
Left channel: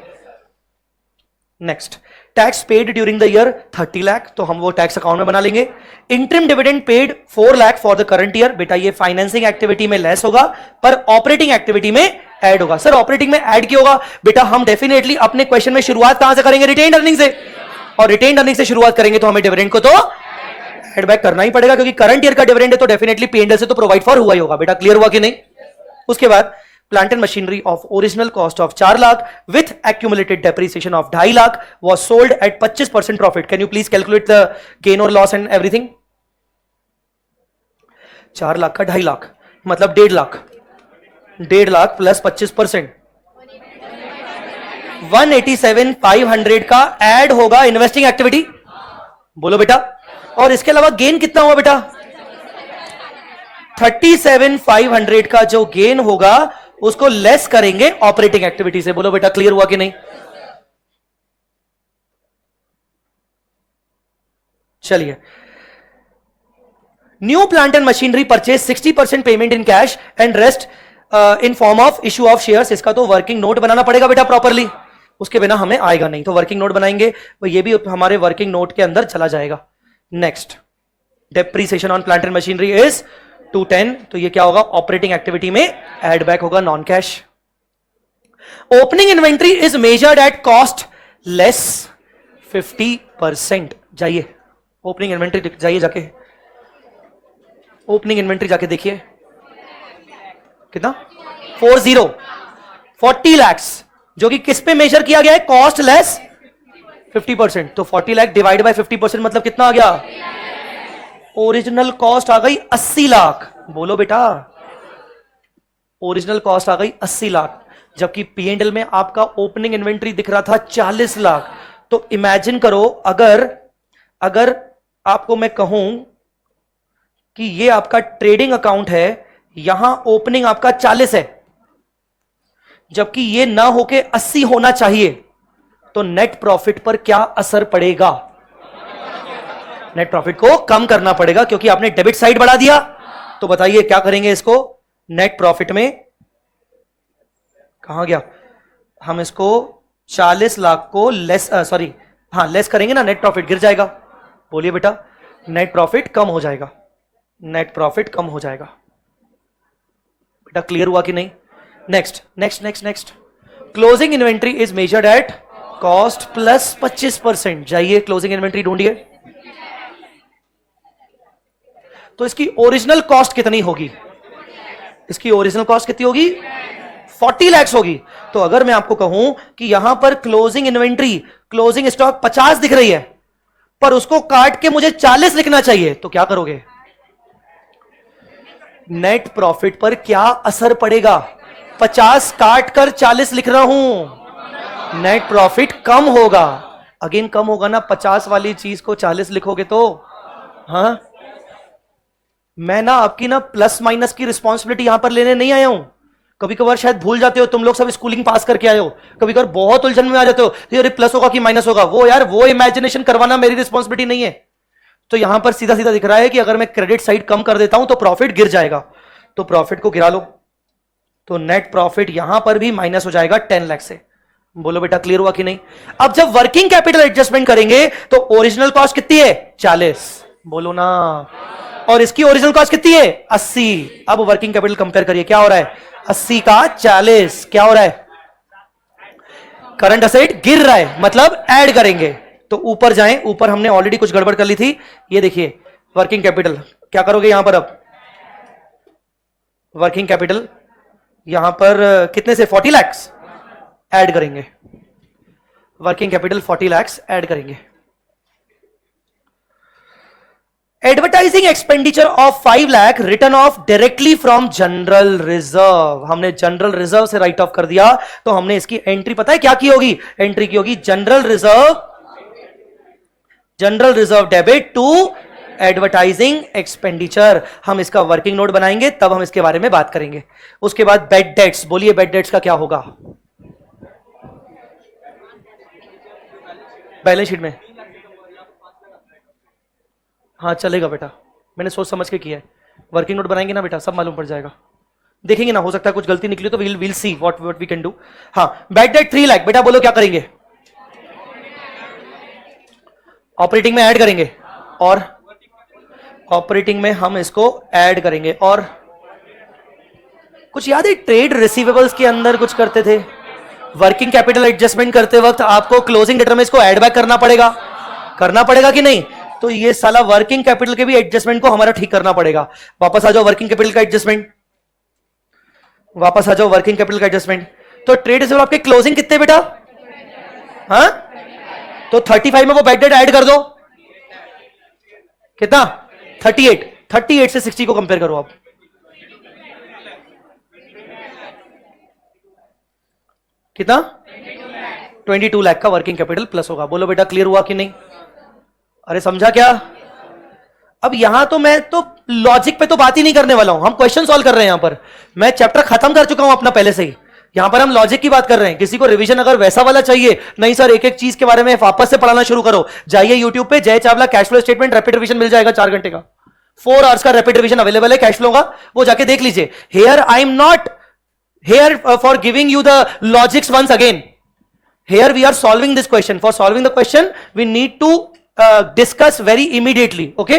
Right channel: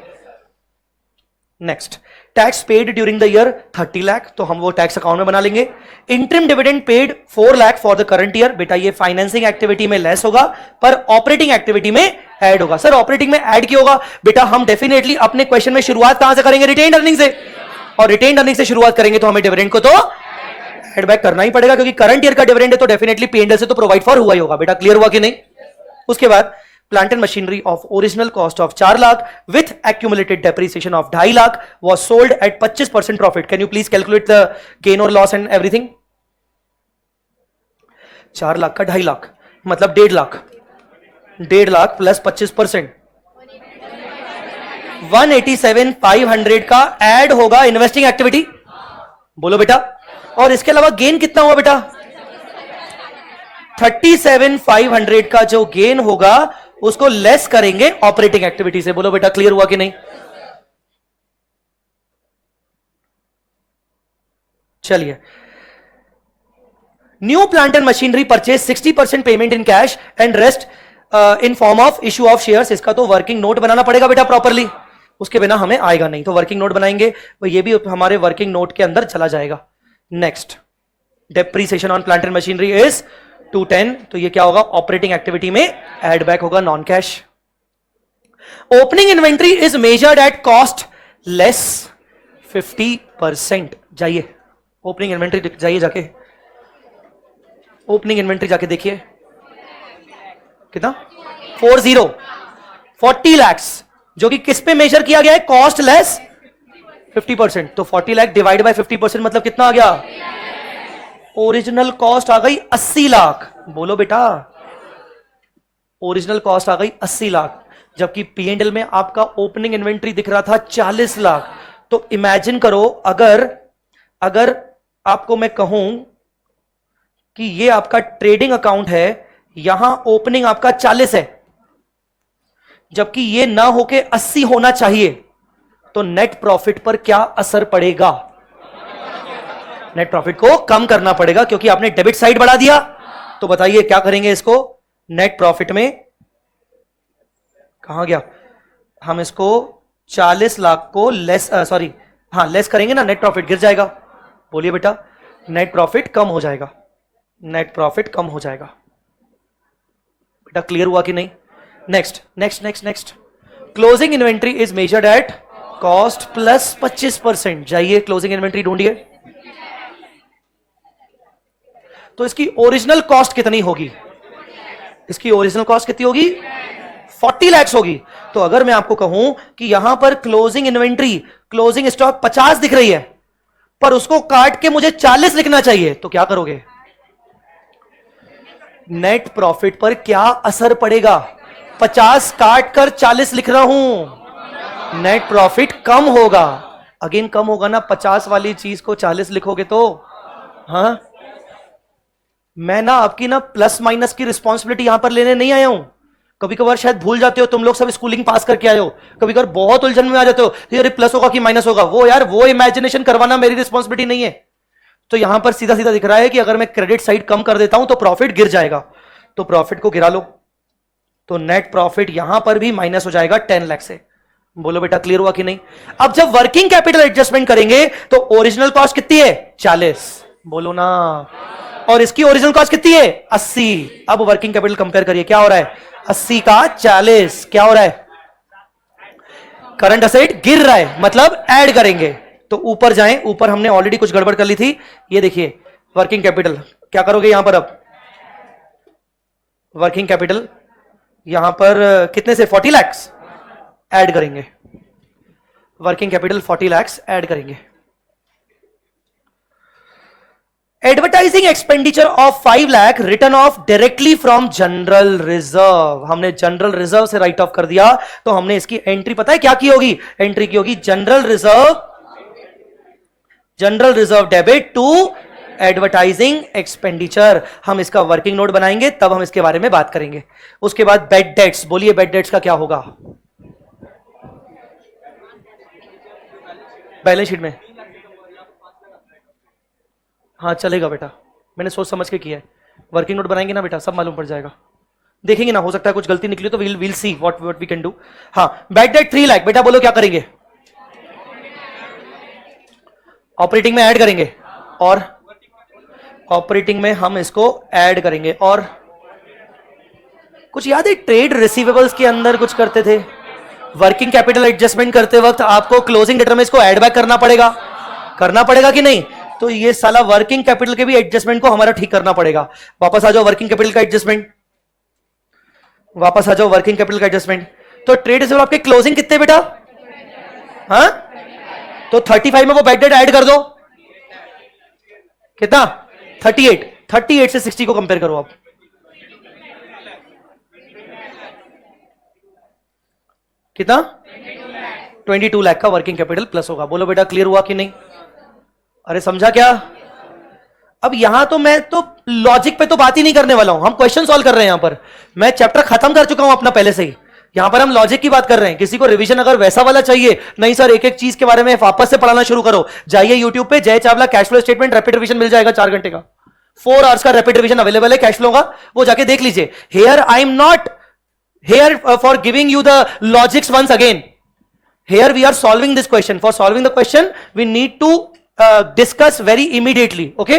Next, tax paid during the year 30 lakh, तो हम वो टैक्स अकाउंट में बना लेंगे। Interim dividend paid 4 lakh for the current year. बेटा ये फाइनेंसिंग एक्टिविटी में लेस होगा, पर ऑपरेटिंग एक्टिविटी में ऐड होगा। सर ऑपरेटिंग में ऐड क्यों होगा? बेटा हम डेफिनेटली अपने क्वेश्चन में शुरुआत कहां से करेंगे? रिटेन्ड अर्निंग से। और रिटेन्ड अर्निंग से शुरुआत करेंगे तो हमें डिविडेंड को तो एड बैक करना ही पड़ेगा क्योंकि करंट ईयर का डिविडेंड है तो डेफिनेटली P&L से तो प्रोवाइड फॉर हुआ ही होगा बेटा, क्लियर हुआ कि नहीं। उसके बाद plant and machinery of original cost of 4 lakh with accumulated depreciation of 2.5 lakh was sold at 25% profit. Can you please calculate the gain और लॉस एंड एवरीथिंग। 4 लाख का 2.5 लाख मतलब 1.5 लाख, 1.5 लाख प्लस 25%, 187,500 का ऐड होगा इन्वेस्टिंग एक्टिविटी। बोलो बेटा। और इसके अलावा गेन कितना हुआ बेटा? 37,500 का जो गेन होगा उसको लेस करेंगे ऑपरेटिंग एक्टिविटी से। बोलो बेटा, क्लियर हुआ कि नहीं। चलिए, new plant and machinery purchase 60% payment in cash and rest in form of issue of shares. इसका तो वर्किंग नोट बनाना पड़ेगा बेटा प्रॉपरली, उसके बिना हमें आएगा नहीं, तो वर्किंग नोट बनाएंगे, तो ये भी हमारे वर्किंग नोट के अंदर चला जाएगा। Next, depreciation on plant and machinery is 210, तो ये क्या होगा? ऑपरेटिंग एक्टिविटी में एड बैक होगा, non cash. Opening inventory is measured at cost less 50%। जाइए ओपनिंग इन्वेंट्री, जाइए जाके ओपनिंग इन्वेंट्री जाके देखिए कितना, 40 लैक्स, जो कि किस पे मेजर किया गया है? Cost less 50%। तो 40 लाख डिवाइड बाय 50% मतलब कितना आ गया? ओरिजिनल कॉस्ट आ गई 80 लाख। बोलो बेटा, ओरिजिनल कॉस्ट आ गई 80 लाख, जबकि P&L में आपका ओपनिंग इन्वेंट्री दिख रहा था 40 लाख। तो इमेजिन करो, अगर आपको मैं कहूं कि ये आपका ट्रेडिंग अकाउंट है, यहां ओपनिंग आपका 40 है, जबकि ये ना होके 80 होना चाहिए, तो नेट प्रॉफिट पर क्या असर पड़ेगा? नेट प्रॉफिट को कम करना पड़ेगा क्योंकि आपने डेबिट साइड बढ़ा दिया। तो बताइए क्या करेंगे इसको? नेट प्रॉफिट में कहां गया? हम इसको 40 लाख को लेस लेस करेंगे ना, नेट प्रॉफिट गिर जाएगा। बोलिए बेटा, नेट प्रॉफिट कम हो जाएगा, नेट प्रॉफिट कम हो जाएगा। बेटा क्लियर हुआ कि नहीं। Next, closing inventory is measured at cost plus 25%। जाइए क्लोजिंग इन्वेंट्री ढूंढिए। तो इसकी ओरिजिनल कॉस्ट कितनी होगी? इसकी ओरिजिनल कॉस्ट कितनी होगी? 40 लाख होगी। तो अगर मैं आपको कहूं कि यहां पर क्लोजिंग इन्वेंट्री, क्लोजिंग स्टॉक 50 दिख रही है, पर उसको काट के मुझे 40 लिखना चाहिए, तो क्या करोगे? नेट प्रॉफिट पर क्या असर पड़ेगा? 50 काट कर 40 लिख रहा हूं, नेट प्रॉफिट कम होगा। अगेन कम होगा ना, 50 वाली चीज को 40 लिखोगे तो। हाँ, मैं ना आपकी ना प्लस माइनस की रिस्पॉन्सिबिलिटी यहां पर लेने नहीं आया हूं। कभी कभार शायद भूल जाते हो, तुम लोग सब स्कूलिंग पास करके आए हो, कभी कभार बहुत उलझन में आ जाते हो, यार प्लस होगा कि माइनस होगा, वो इमेजिनेशन करवाना मेरी रिस्पॉन्सिबिलिटी नहीं है। तो यहां पर सीधा सीधा दिख रहा है कि अगर मैं क्रेडिट साइड कम कर देता हूं तो प्रॉफिट गिर जाएगा, तो प्रॉफिट को गिरा लो, तो नेट प्रॉफिट यहां पर भी माइनस हो जाएगा 10 लाख से। बोलो बेटा क्लियर हुआ कि नहीं। अब जब वर्किंग कैपिटल एडजस्टमेंट करेंगे तो ओरिजिनल कॉस्ट कितनी है? 40। बोलो ना। और इसकी ओरिजिनल कॉस्ट कितनी है? 80। अब वर्किंग कैपिटल कंपेयर करिए, क्या हो रहा है? 80 का 40, क्या हो रहा है? करंट असेट गिर रहा है, मतलब ऐड करेंगे। तो ऊपर जाएं, ऊपर हमने ऑलरेडी कुछ गड़बड़ कर ली थी। ये देखिए वर्किंग कैपिटल, क्या करोगे यहां पर? अब वर्किंग कैपिटल यहां पर कितने से? 40 लाख ऐड करेंगे, वर्किंग कैपिटल 40 लाख ऐड करेंगे। Advertising expenditure of 5 lakh return of directly from general reserve. हमने जनरल रिजर्व से राइट ऑफ कर दिया, तो हमने इसकी एंट्री पता है क्या की होगी? एंट्री की होगी general reserve debit to advertising expenditure. हम इसका वर्किंग नोट बनाएंगे, तब हम इसके बारे में बात करेंगे। उसके बाद बेड डेट्स, बोलिए बेड डेट्स का क्या होगा? बैलेंस शीट में हाँ चलेगा बेटा, मैंने सोच समझ के किया है। वर्किंग नोट बनाएंगे ना बेटा, सब मालूम पड़ जाएगा। देखेंगे ना, हो सकता है कुछ गलती निकली तो will see what we can do. हाँ, बैड डेट 3 लाख, बेटा बोलो क्या करेंगे? ऑपरेटिंग में ऐड करेंगे, और ऑपरेटिंग में हम इसको ऐड करेंगे। और कुछ याद है ट्रेड रिसीवेबल्स के अंदर कुछ करते थे, वर्किंग कैपिटल एडजस्टमेंट करते वक्त आपको क्लोजिंग डेटर में इसको ऐड बैक करना पड़ेगा कि नहीं? तो ये साला वर्किंग कैपिटल के भी एडजस्टमेंट को हमारा ठीक करना पड़ेगा। वापस आ जाओ वर्किंग कैपिटल का एडजस्टमेंट, वापस आ जाओ वर्किंग कैपिटल का एडजस्टमेंट। तो ट्रेड रिसीवेबल आपके क्लोजिंग कितने बेटा? हाँ, तो 35 में वो बैड डेट ऐड कर दो, कितना? 38। 38 से 60 को कंपेयर करो आप। कितना? 22 लाख का वर्किंग कैपिटल प्लस होगा। बोलो बेटा क्लियर हुआ कि नहीं? अरे समझा क्या? अब यहां तो मैं तो लॉजिक पे तो बात ही नहीं करने वाला हूं, हम क्वेश्चन सॉल्व कर रहे हैं। यहां पर मैं चैप्टर खत्म कर चुका हूं अपना पहले से ही, यहां पर हम लॉजिक की बात कर रहे हैं। किसी को रिवीजन अगर वैसा वाला चाहिए, नहीं सर एक एक चीज के बारे में वापस से पढ़ाना शुरू करो, जाइए यूट्यूब पे Jai Chawla cash flow statement rapid revision मिल जाएगा, 4 घंटे का 4 आवर्स का रैपिड रिवीजन अवेलेबल है कैश फ्लो का, वो जाके देख लीजिए। Here I am not here for giving you the logics once again, here we are solving this question. For solving the question we need to discuss very immediately. Okay,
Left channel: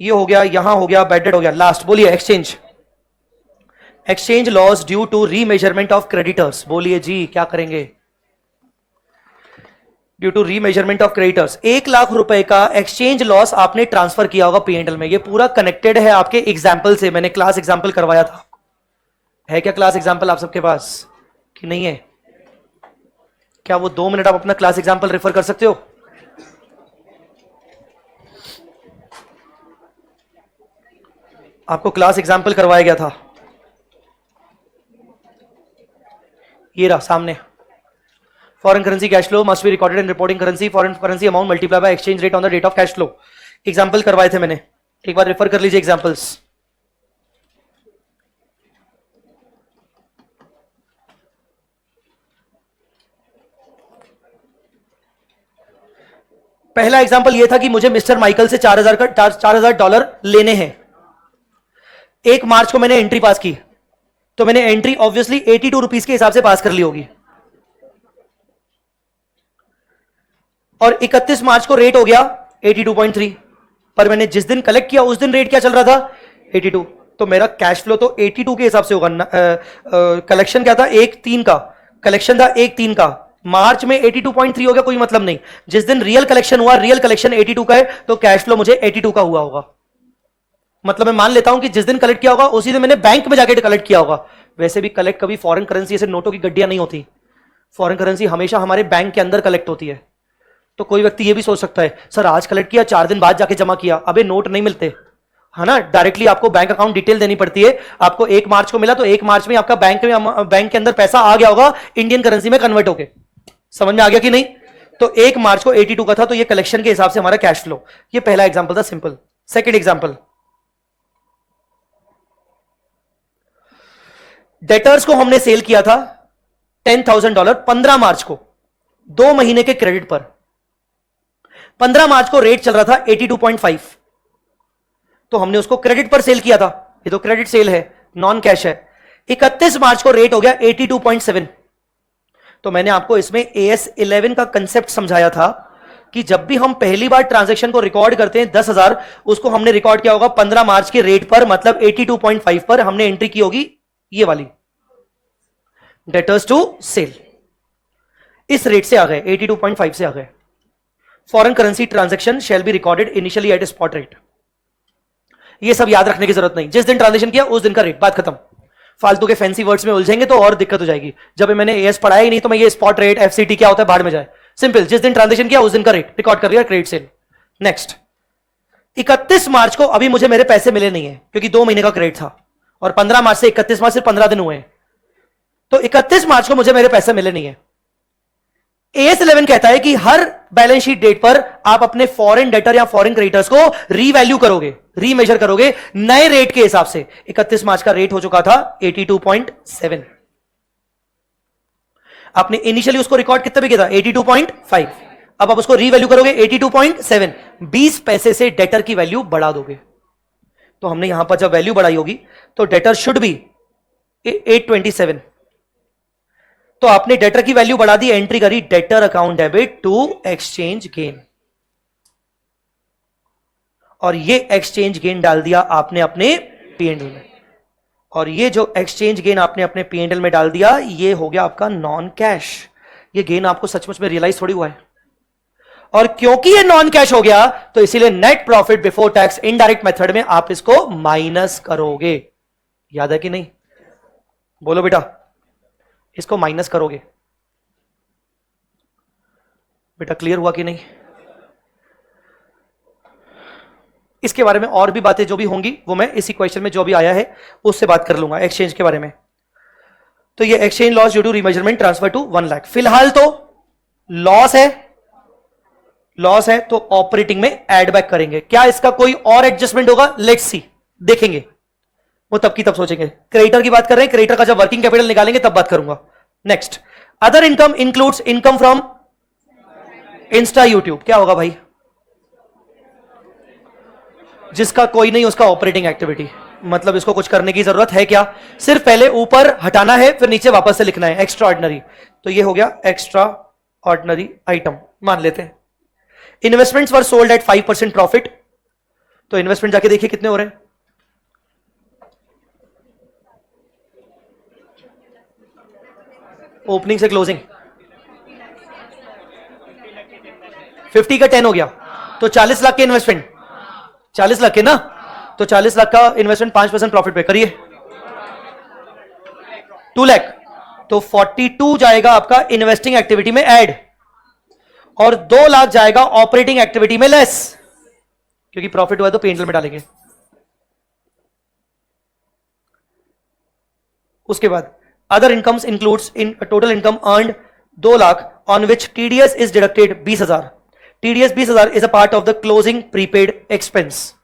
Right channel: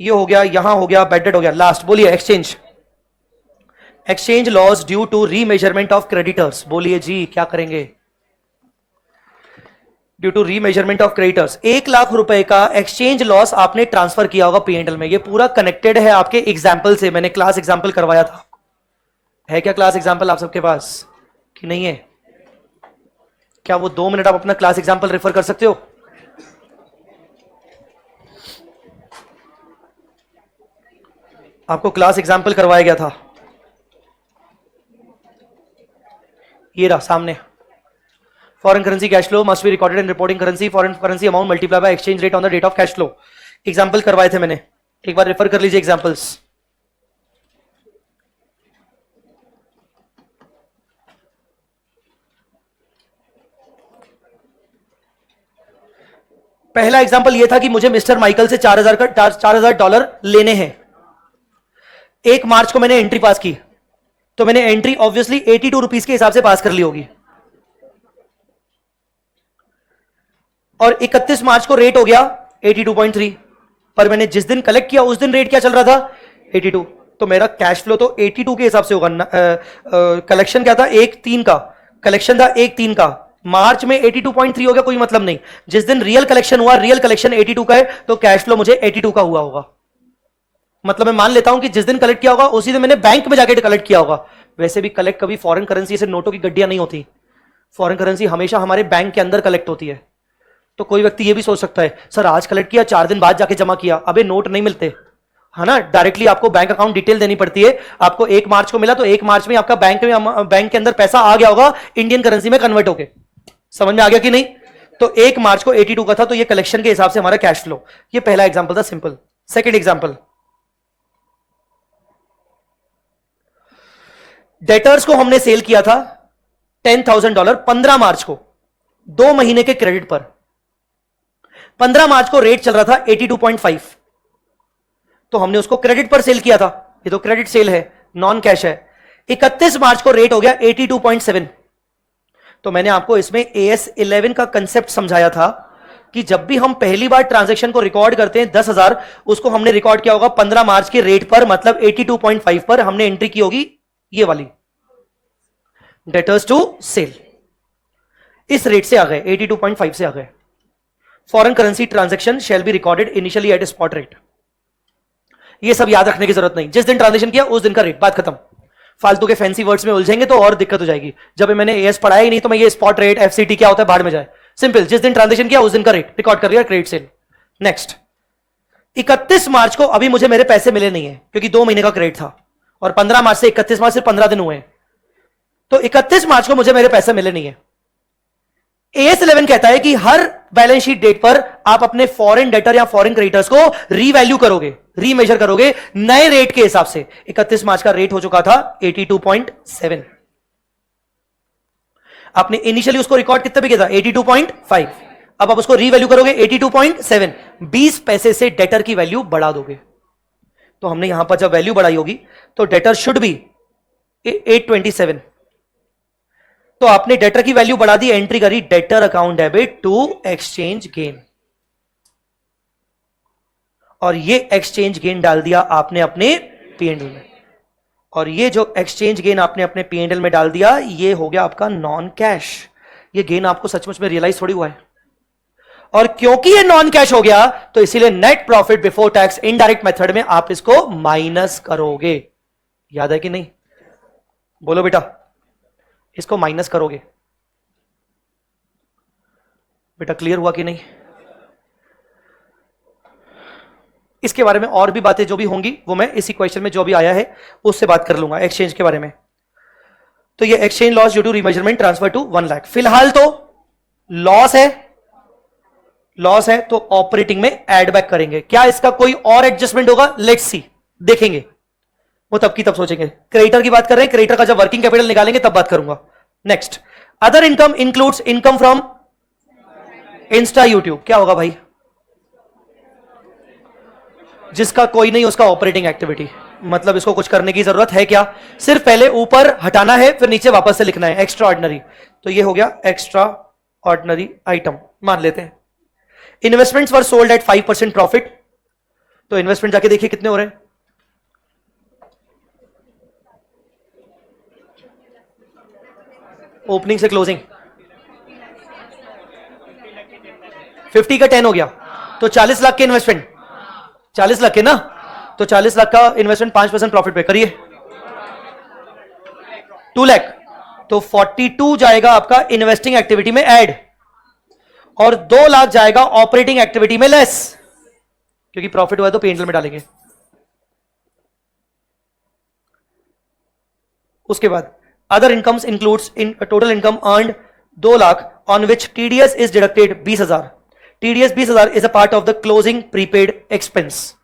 ये हो गया, यहां हो गया, बैड डेट हो गया। Last बोलिए exchange, exchange loss due to remeasurement of creditors. बोलिए जी क्या करेंगे? Due to remeasurement of creditors 1 lakh रुपए का एक्सचेंज लॉस आपने ट्रांसफर किया होगा पीएनएल में। ये पूरा कनेक्टेड है आपके एग्जाम्पल से, मैंने क्लास एग्जाम्पल करवाया था। है क्या क्लास एग्जाम्पल आप सबके पास कि नहीं है? क्या वो 2 मिनट आप अपना क्लास एग्जाम्पल रेफर कर सकते हो? आपको क्लास एग्जाम्पल करवाया गया था, ये रहा सामने। Foreign currency cash flow must be recorded in reporting currency, foreign currency amount multiply by exchange rate on the date of cash flow. Example करवाए थे मैंने, एक बार रेफर कर लीजिए एग्जाम्पल्स। पहला एग्जाम्पल यह था कि मुझे मिस्टर माइकल से $4000 लेने हैं। 1 मार्च को मैंने एंट्री पास की, तो मैंने एंट्री ऑब्वियसली 82 रुपीज के हिसाब से पास कर ली होगी, और 31 मार्च को रेट हो गया 82.3, पर मैंने जिस दिन कलेक्ट किया उस दिन रेट क्या चल रहा था? 82। तो मेरा कैश फ्लो तो 82 के हिसाब से होगा। कलेक्शन क्या था? 1/3 का कलेक्शन था, 1/3 का। मार्च में 82.3 हो गया, कोई मतलब नहीं। जिस दिन रियल कलेक्शन हुआ, रियल कलेक्शन 82 का है, तो कैश फ्लो मुझे 82 का हुआ होगा। मतलब मैं मान लेता हूं कि जिस दिन कलेक्ट किया होगा उसी दिन मैंने बैंक में जाके कलेक्ट किया होगा। वैसे भी कलेक्ट कभी फॉरेन करेंसी से नोटों की गड्डियां नहीं होती, फॉरेन करेंसी हमेशा हमारे बैंक के अंदर कलेक्ट होती है। तो कोई व्यक्ति ये भी सोच सकता है सर आज कलेक्ट किया 4 दिन बाद जाके जमा किया, अबे नोट नहीं मिलते, है ना? डायरेक्टली आपको बैंक अकाउंट डिटेल देनी पड़ती है। आपको 1 मार्च को मिला तो 1 मार्च में आपका बैंक के अंदर पैसा आ गया होगा इंडियन करेंसी में कन्वर्ट होके। समझ में आ गया कि नहीं? तो 1 मार्च को 82 का था, तो ये कलेक्शन के हिसाब से हमारा कैश फ्लो। ये पहला एग्जांपल था, सिंपल। सेकंड एग्जांपल, डेटर्स को हमने सेल किया था $10,000 15 मार्च को, 2 महीने के क्रेडिट पर। 15 मार्च को रेट चल रहा था 82.5, तो हमने उसको क्रेडिट पर सेल किया था। ये तो क्रेडिट सेल है, नॉन कैश है। 31 मार्च को रेट हो गया 82.7, तो मैंने आपको इसमें AS11 का कंसेप्ट समझाया था कि जब भी हम पहली बार ट्रांजैक्शन को रिकॉर्ड करते हैं 10,000, उसको हमने रिकॉर्ड किया होगा 15 मार्च के रेट पर, मतलब 82.5 पर हमने एंट्री की होगी, ये वाली डेटर्स टू सेल। इस रेट से आ गए, 82.5 से आ गए। Foreign currency transaction shall be recorded initially at spot rate. ये सब याद रखने की जरूरत नहीं, जिस दिन ट्रांजैक्शन किया उस दिन का रेट, बात खत्म। फालतू के फैंसी वर्ड्स में उलझेंगे तो और दिक्कत हो जाएगी। जब मैंने एएस पढ़ाया ही नहीं तो मैं ये स्पॉट रेट एफसीटी क्या होता है बाहर में जाए। सिंपल, जिस दिन ट्रांजैक्शन किया उस दिन का रेट रिकॉर्ड कर दिया, क्रेडिट सेल। नेक्स्ट, 31 मार्च को अभी मुझे मेरे पैसे मिले नहीं है क्योंकि 2 महीने का क्रेडिट था, और 15 मार्च से 31 मार्च से 15 दिन हुए हैं, तो 31 मार्च को मुझे मेरे पैसे मिले नहीं है। AS11 कहता है कि हर बैलेंस शीट डेट पर आप अपने फॉरेन डेटर या फॉरेन क्रेडिटर्स को रीवैल्यू करोगे, रीमेजर करोगे नए रेट के हिसाब से। 31 मार्च का रेट हो चुका था 82.7, आपने इनिशियली उसको रिकॉर्ड कितने पे किया था? 82.5। अब आप उसको रीवैल्यू करोगे 82.7, 20 पैसे से डेटर की वैल्यू बढ़ा दोगे। तो हमने यहां पर जब वैल्यू बढ़ाई होगी तो डेटर शुड बी 827, तो आपने डेटर की वैल्यू बढ़ा दी, एंट्री करी debtor account debit to exchange gain, और ये एक्सचेंज गेन डाल दिया आपने अपने पीएनएल में। और ये जो एक्सचेंज गेन आपने अपने पीएनएल में डाल दिया, ये हो गया आपका नॉन कैश। ये गेन आपको सचमुच में रियलाइज थोड़ी हुआ है। और क्योंकि ये नॉन कैश हो गया तो इसीलिए net profit before tax indirect method में आप इसको माइनस करोगे। याद है कि नहीं? बोलो बेटा, इसको माइनस करोगे। बेटा क्लियर हुआ कि नहीं? इसके बारे में और भी बातें जो भी होंगी वो मैं इसी क्वेश्चन में जो भी आया है उससे बात कर लूंगा एक्सचेंज के बारे में। तो ये exchange loss due to remeasurement transfer to 1 lakh. फिलहाल तो लॉस है, लॉस है तो ऑपरेटिंग में एड बैक करेंगे। क्या इसका कोई और एडजस्टमेंट होगा? लेट्स सी, देखेंगे, वो तब की तब सोचेंगे। क्रेडिटर की बात कर रहे हैं, क्रेडिटर का जब वर्किंग कैपिटल निकालेंगे तब बात करूंगा। Next, other income includes income from Insta YouTube. क्या होगा भाई? जिसका कोई नहीं उसका ऑपरेटिंग एक्टिविटी, मतलब इसको कुछ करने की जरूरत है क्या? सिर्फ पहले ऊपर हटाना है फिर नीचे वापस से लिखना है, एक्स्ट्रा ऑर्डिनरी। तो ये हो गया एक्स्ट्रा ऑर्डिनरी आइटम, मान लेते हैं। Investments were sold at 5% profit. तो इन्वेस्टमेंट जाके देखिए कितने हो रहे हैं। ओपनिंग से क्लोजिंग 50 का 10 हो गया, तो 40 लाख के इन्वेस्टमेंट, 40 लाख के ना, तो 40 लाख का इन्वेस्टमेंट 5% प्रॉफिट पे करिए, 2 लाख। तो 42 जाएगा आपका इन्वेस्टिंग एक्टिविटी में ऐड, और 2 लाख जाएगा ऑपरेटिंग एक्टिविटी में लेस, क्योंकि प्रॉफिट हुआ तो पेंटल में डालेंगे। उसके बाद other incomes includes in total income earned 2 lakh on which TDS is deducted 20,000। TDS 20,000 is a part of the closing prepaid expense.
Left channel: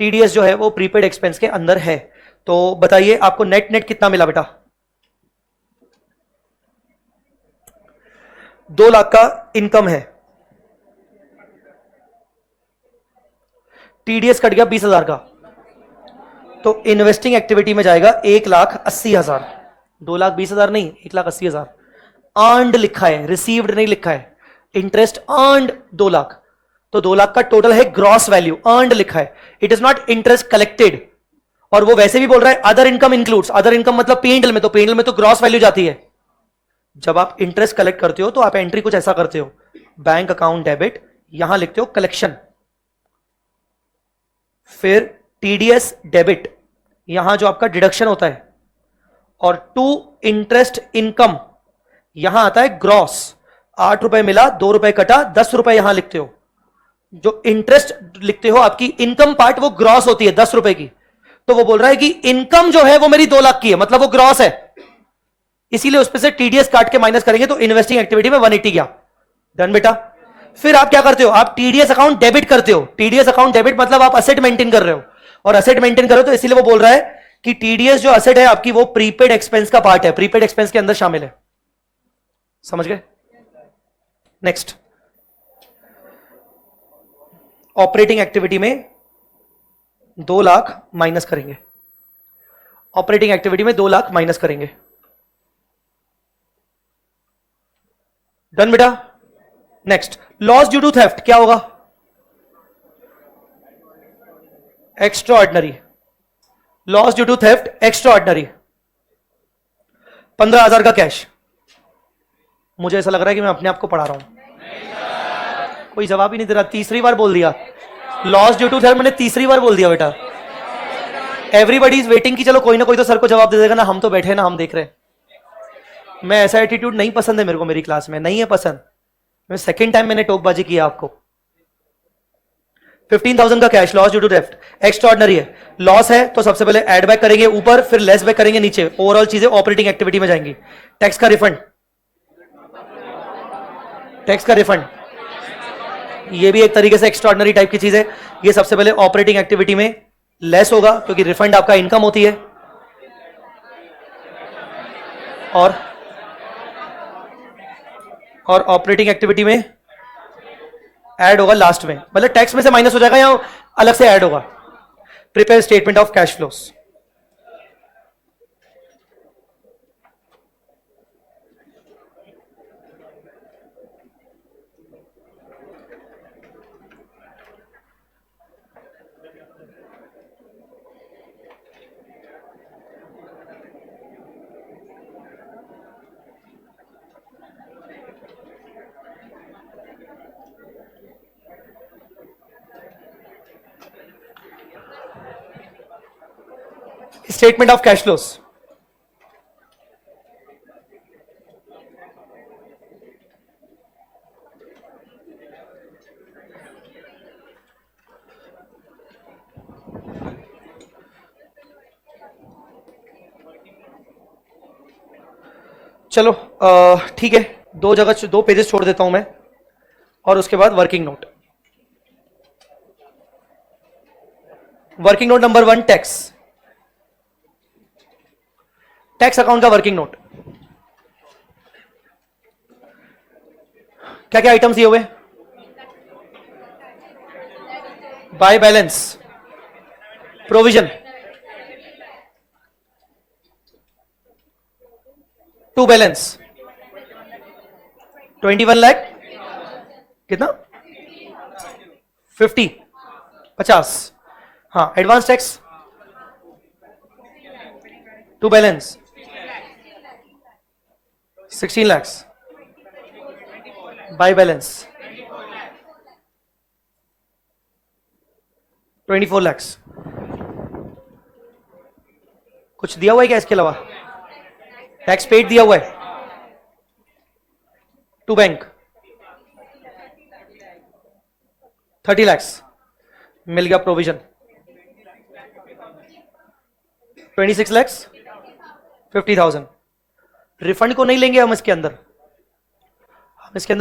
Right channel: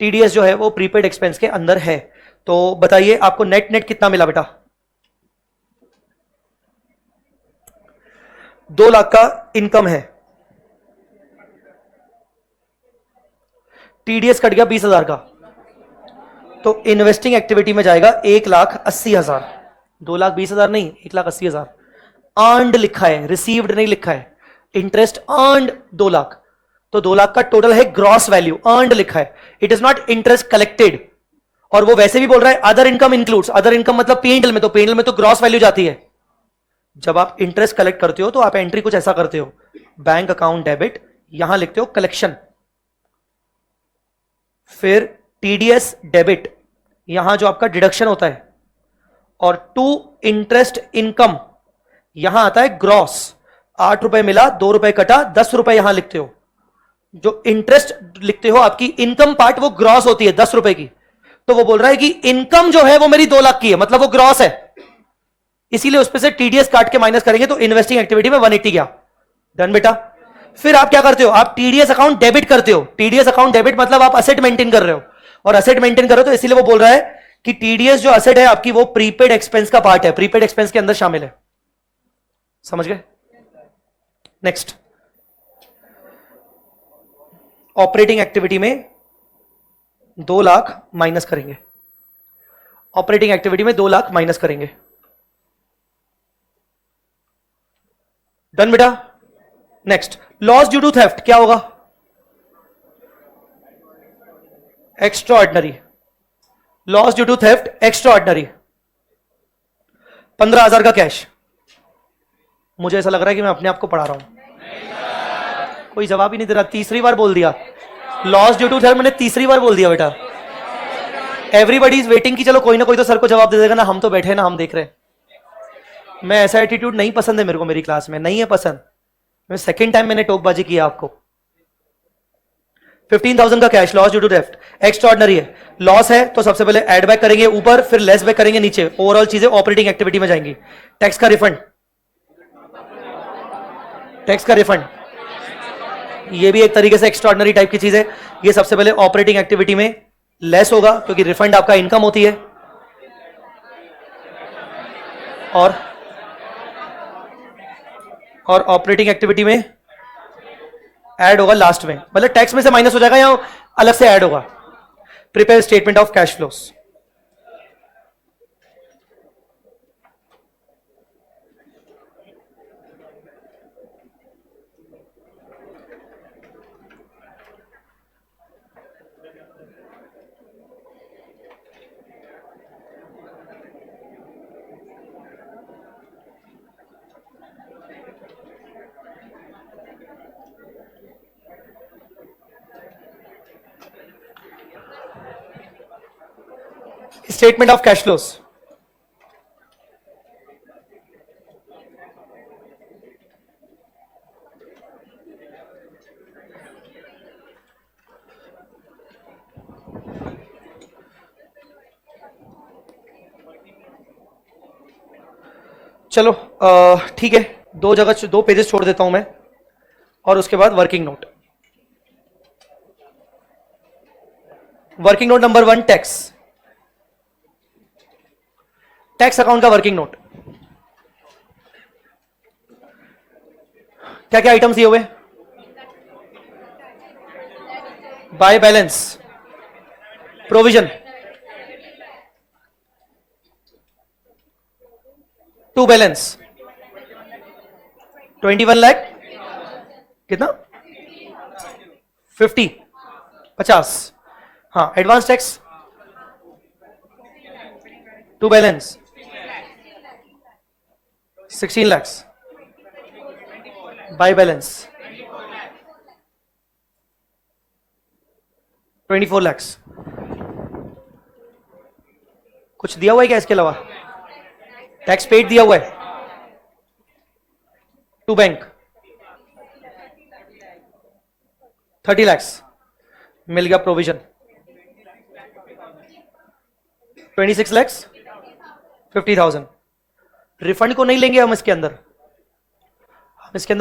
TDS जो है वो प्रीपेड एक्सपेंस के अंदर है। तो बताइए आपको नेट नेट कितना मिला बेटा? 2 लाख का इनकम है, टीडीएस कट गया 20,000 का, तो इन्वेस्टिंग एक्टिविटी में जाएगा 1,80,000। 2,20,000 नहीं, 1,80,000। अर्नड लिखा है, रिसीव्ड नहीं लिखा है। इंटरेस्ट अर्नड 2 लाख, तो 2 लाख का टोटल है ग्रॉस वैल्यू, अर्नड लिखा है, it is not interest collected. और वो वैसे भी बोल रहा है other income includes, other income मतलब पेंडल में, तो पेंडल में तो ग्रॉस वैल्यू जाती है। जब आप इंटरेस्ट कलेक्ट करते हो तो आप एंट्री कुछ ऐसा करते हो, बैंक अकाउंट डेबिट, यहां लिखते हो कलेक्शन, फिर टीडीएस डेबिट, यहां जो आपका डिडक्शन होता है, और टू इंटरेस्ट इनकम, यहां आता है ग्रॉस। 8 रुपए मिला, 2 रुपए कटा, 10 रुपए यहां लिखते हो। जो इंटरेस्ट लिखते हो आपकी इनकम पार्ट वो ग्रॉस होती है 10 रुपए की। तो वो बोल रहा है कि इनकम जो है वो मेरी 2 लाख की है, मतलब वो ग्रॉस है, इसीलिए उस पर से टीडीएस काट के माइनस करेंगे तो इन्वेस्टिंग एक्टिविटी में 180 गया। डन बेटा। फिर आप क्या करते हो? आप टीडीएस अकाउंट डेबिट करते हो। टीडीएस अकाउंट डेबिट मतलब आप असेट मेंटेन कर रहे हो, और असेट मेंटेन कर रहे हो तो इसीलिए वो बोल रहा है कि टीडीएस जो असेट है आपकी वो प्रीपेड एक्सपेंस का पार्ट है, प्रीपेड एक्सपेंस के अंदर शामिल है। समझ गए? नेक्स्ट, ऑपरेटिंग एक्टिविटी में 2 लाख माइनस करेंगे, ऑपरेटिंग एक्टिविटी में 2 लाख माइनस करेंगे। डन बेटा। Next, loss due to theft क्या होगा? Extraordinary, loss due to theft extraordinary, 15,000 का कैश। मुझे ऐसा लग रहा है कि मैं अपने आप को पढ़ा रहा हूं, कोई जवाब ही नहीं दे रहा। तीसरी बार बोल दिया लॉस ड्यू टू थेफ्ट, मैंने तीसरी बार बोल दिया बेटा। एवरीबडी इज वेटिंग कि चलो कोई ना कोई तो सर को जवाब दे देगा ना, हम तो बैठे ना, हम देख रहे हैं। मैं ऐसा एटीट्यूड नहीं पसंद है मेरे को, मेरी क्लास में नहीं है पसंद। मैं सेकेंड टाइम मैंने टोकबाजी किया आपको। 15,000 का cash, loss due to theft extraordinary है, लॉस है तो सबसे पहले एड बैक करेंगे ऊपर, फिर लेस बैक करेंगे नीचे, ओवरऑल चीजें ऑपरेटिंग एक्टिविटी में जाएंगी। टैक्स का रिफंड, टैक्स का रिफंड ये भी एक तरीके से एक्स्ट्रा ऑर्डिनरी टाइप की चीज है। ये सबसे पहले ऑपरेटिंग एक्टिविटी में लेस होगा क्योंकि रिफंड आपका इनकम होती है, और ऑपरेटिंग एक्टिविटी में ऐड होगा लास्ट में, मतलब टैक्स में से माइनस हो जाएगा या अलग से ऐड होगा। Prepare statement of cash flows. Statement of cash flows. चलो ठीक है, दो पेजेस छोड़ देता हूं मैं, और उसके बाद working note. Working note number 1, tax. Tax account का वर्किंग नोट। क्या क्या आइटम्स दिए हुए? By balance, provision, to balance, 21 lakh, कितना? 50, हाँ। Advance tax, to balance 16 lakh, by balance 24 lakh. कुछ दिया हुआ है क्या इसके अलावा? टैक्स पेड दिया हुआ है, टू बैंक 30 लाख, मिल गया प्रोविजन 26 लाख 50,000। रिफंड को नहीं लेंगे हम इसके अंदर,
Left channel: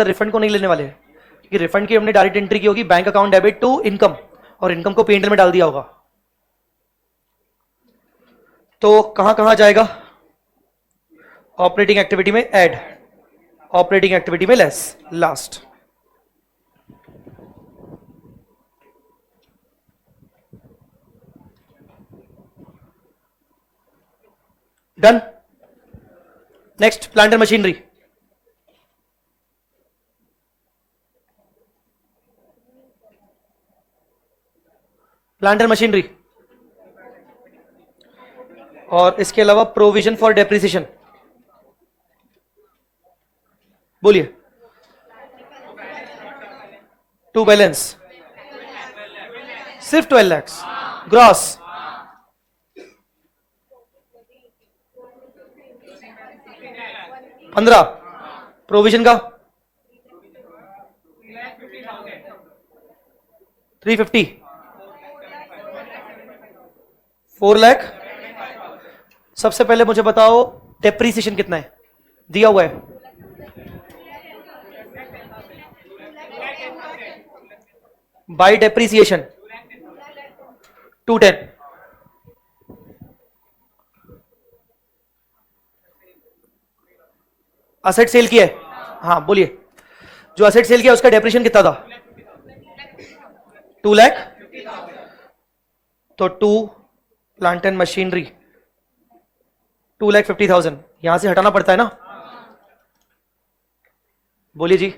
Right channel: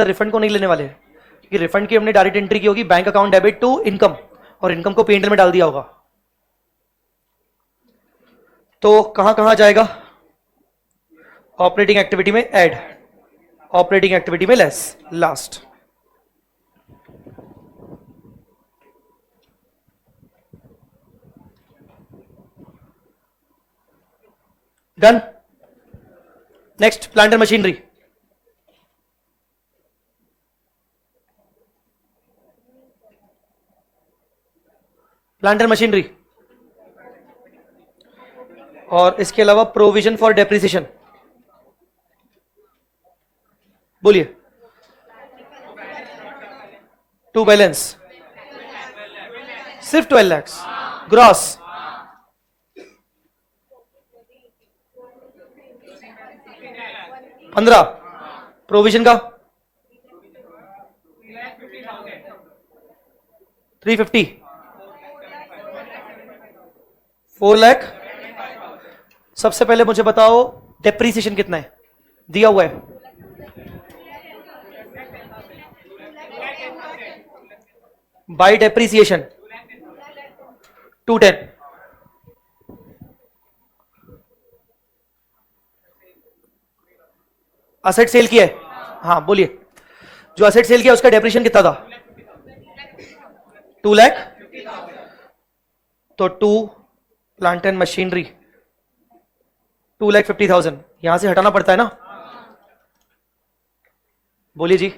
रिफंड को नहीं लेने वाले, क्योंकि रिफंड की हमने डायरेक्ट एंट्री की होगी bank account debit to income, और इनकम को P&L में डाल दिया होगा। तो कहां कहां जाएगा? ऑपरेटिंग एक्टिविटी में ऐड, ऑपरेटिंग एक्टिविटी में less, last. Done. Next, plant and machinery. Plant and machinery, और इसके अलावा प्रोविजन फॉर डेप्रिसिएशन। बोलिए। टू बैलेंस सिर्फ 12 लाख, ग्रॉस 15, प्रोविजन का 350, 4 लाख। सबसे पहले मुझे बताओ डेप्रीसिएशन कितना है? दिया हुआ है बाय डेप्रीसिएशन 210। असेट सेल किया है, हाँ बोलिए। जो असेट सेल किया उसका डेप्रीसिएशन कितना था? 2 लाख। तो 2 प्लांट एंड मशीनरी 2,50,000 यहां से हटाना पड़ता है ना। बोलिए जी।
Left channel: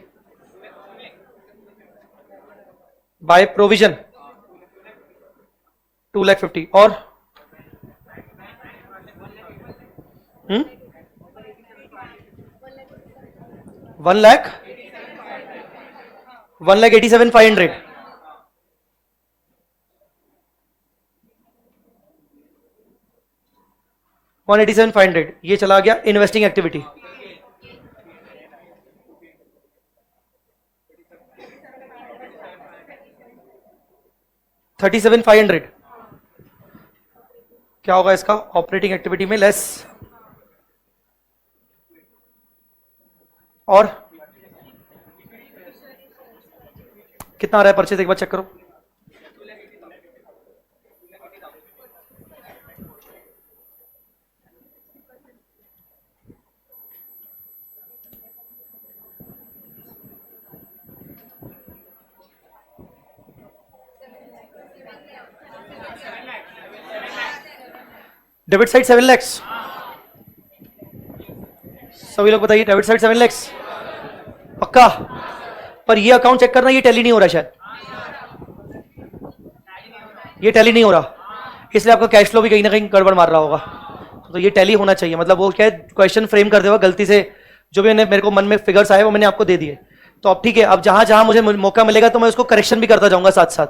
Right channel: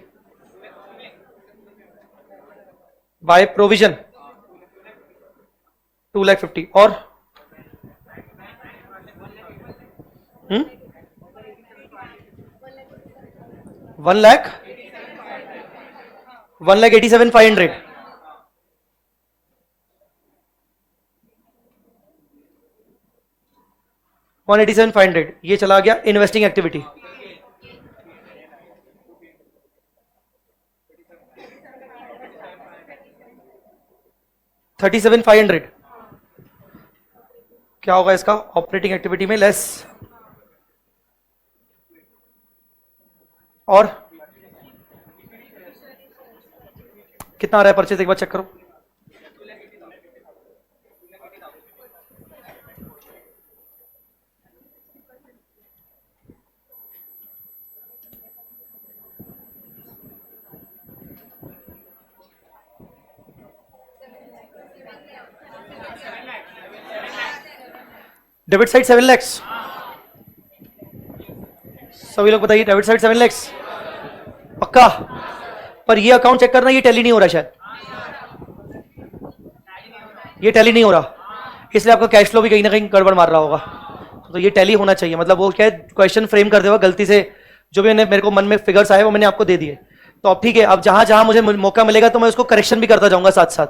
बाय प्रोविजन 2,50,000 और 1 लाख 1,87,500। $187,500 ये चला गया इन्वेस्टिंग एक्टिविटी। $37,500 क्या होगा इसका? ऑपरेटिंग एक्टिविटी में लेस, और कितना आ रहा है परचेज? एक बार चेक करो। Debit side 7 lakh. सभी लोग बताइए, डेबिट साइड 7 लाख पक्का? पर ये अकाउंट चेक करना, ये टैली नहीं हो रहा शायद, ये टैली नहीं हो रहा, इसलिए आपका कैश फ्लो भी कहीं ना कहीं गड़बड़ मार रहा होगा। तो ये टैली होना चाहिए, मतलब वो क्या है, क्वेश्चन फ्रेम करते हुए गलती से जो भी मेरे को मन में फिगर्स आए वो मैंने आपको दे दिए। तो अब ठीक है, अब जहां जहां मुझे मौका मिलेगा तो मैं उसको करेक्शन भी करता जाऊंगा साथ साथ।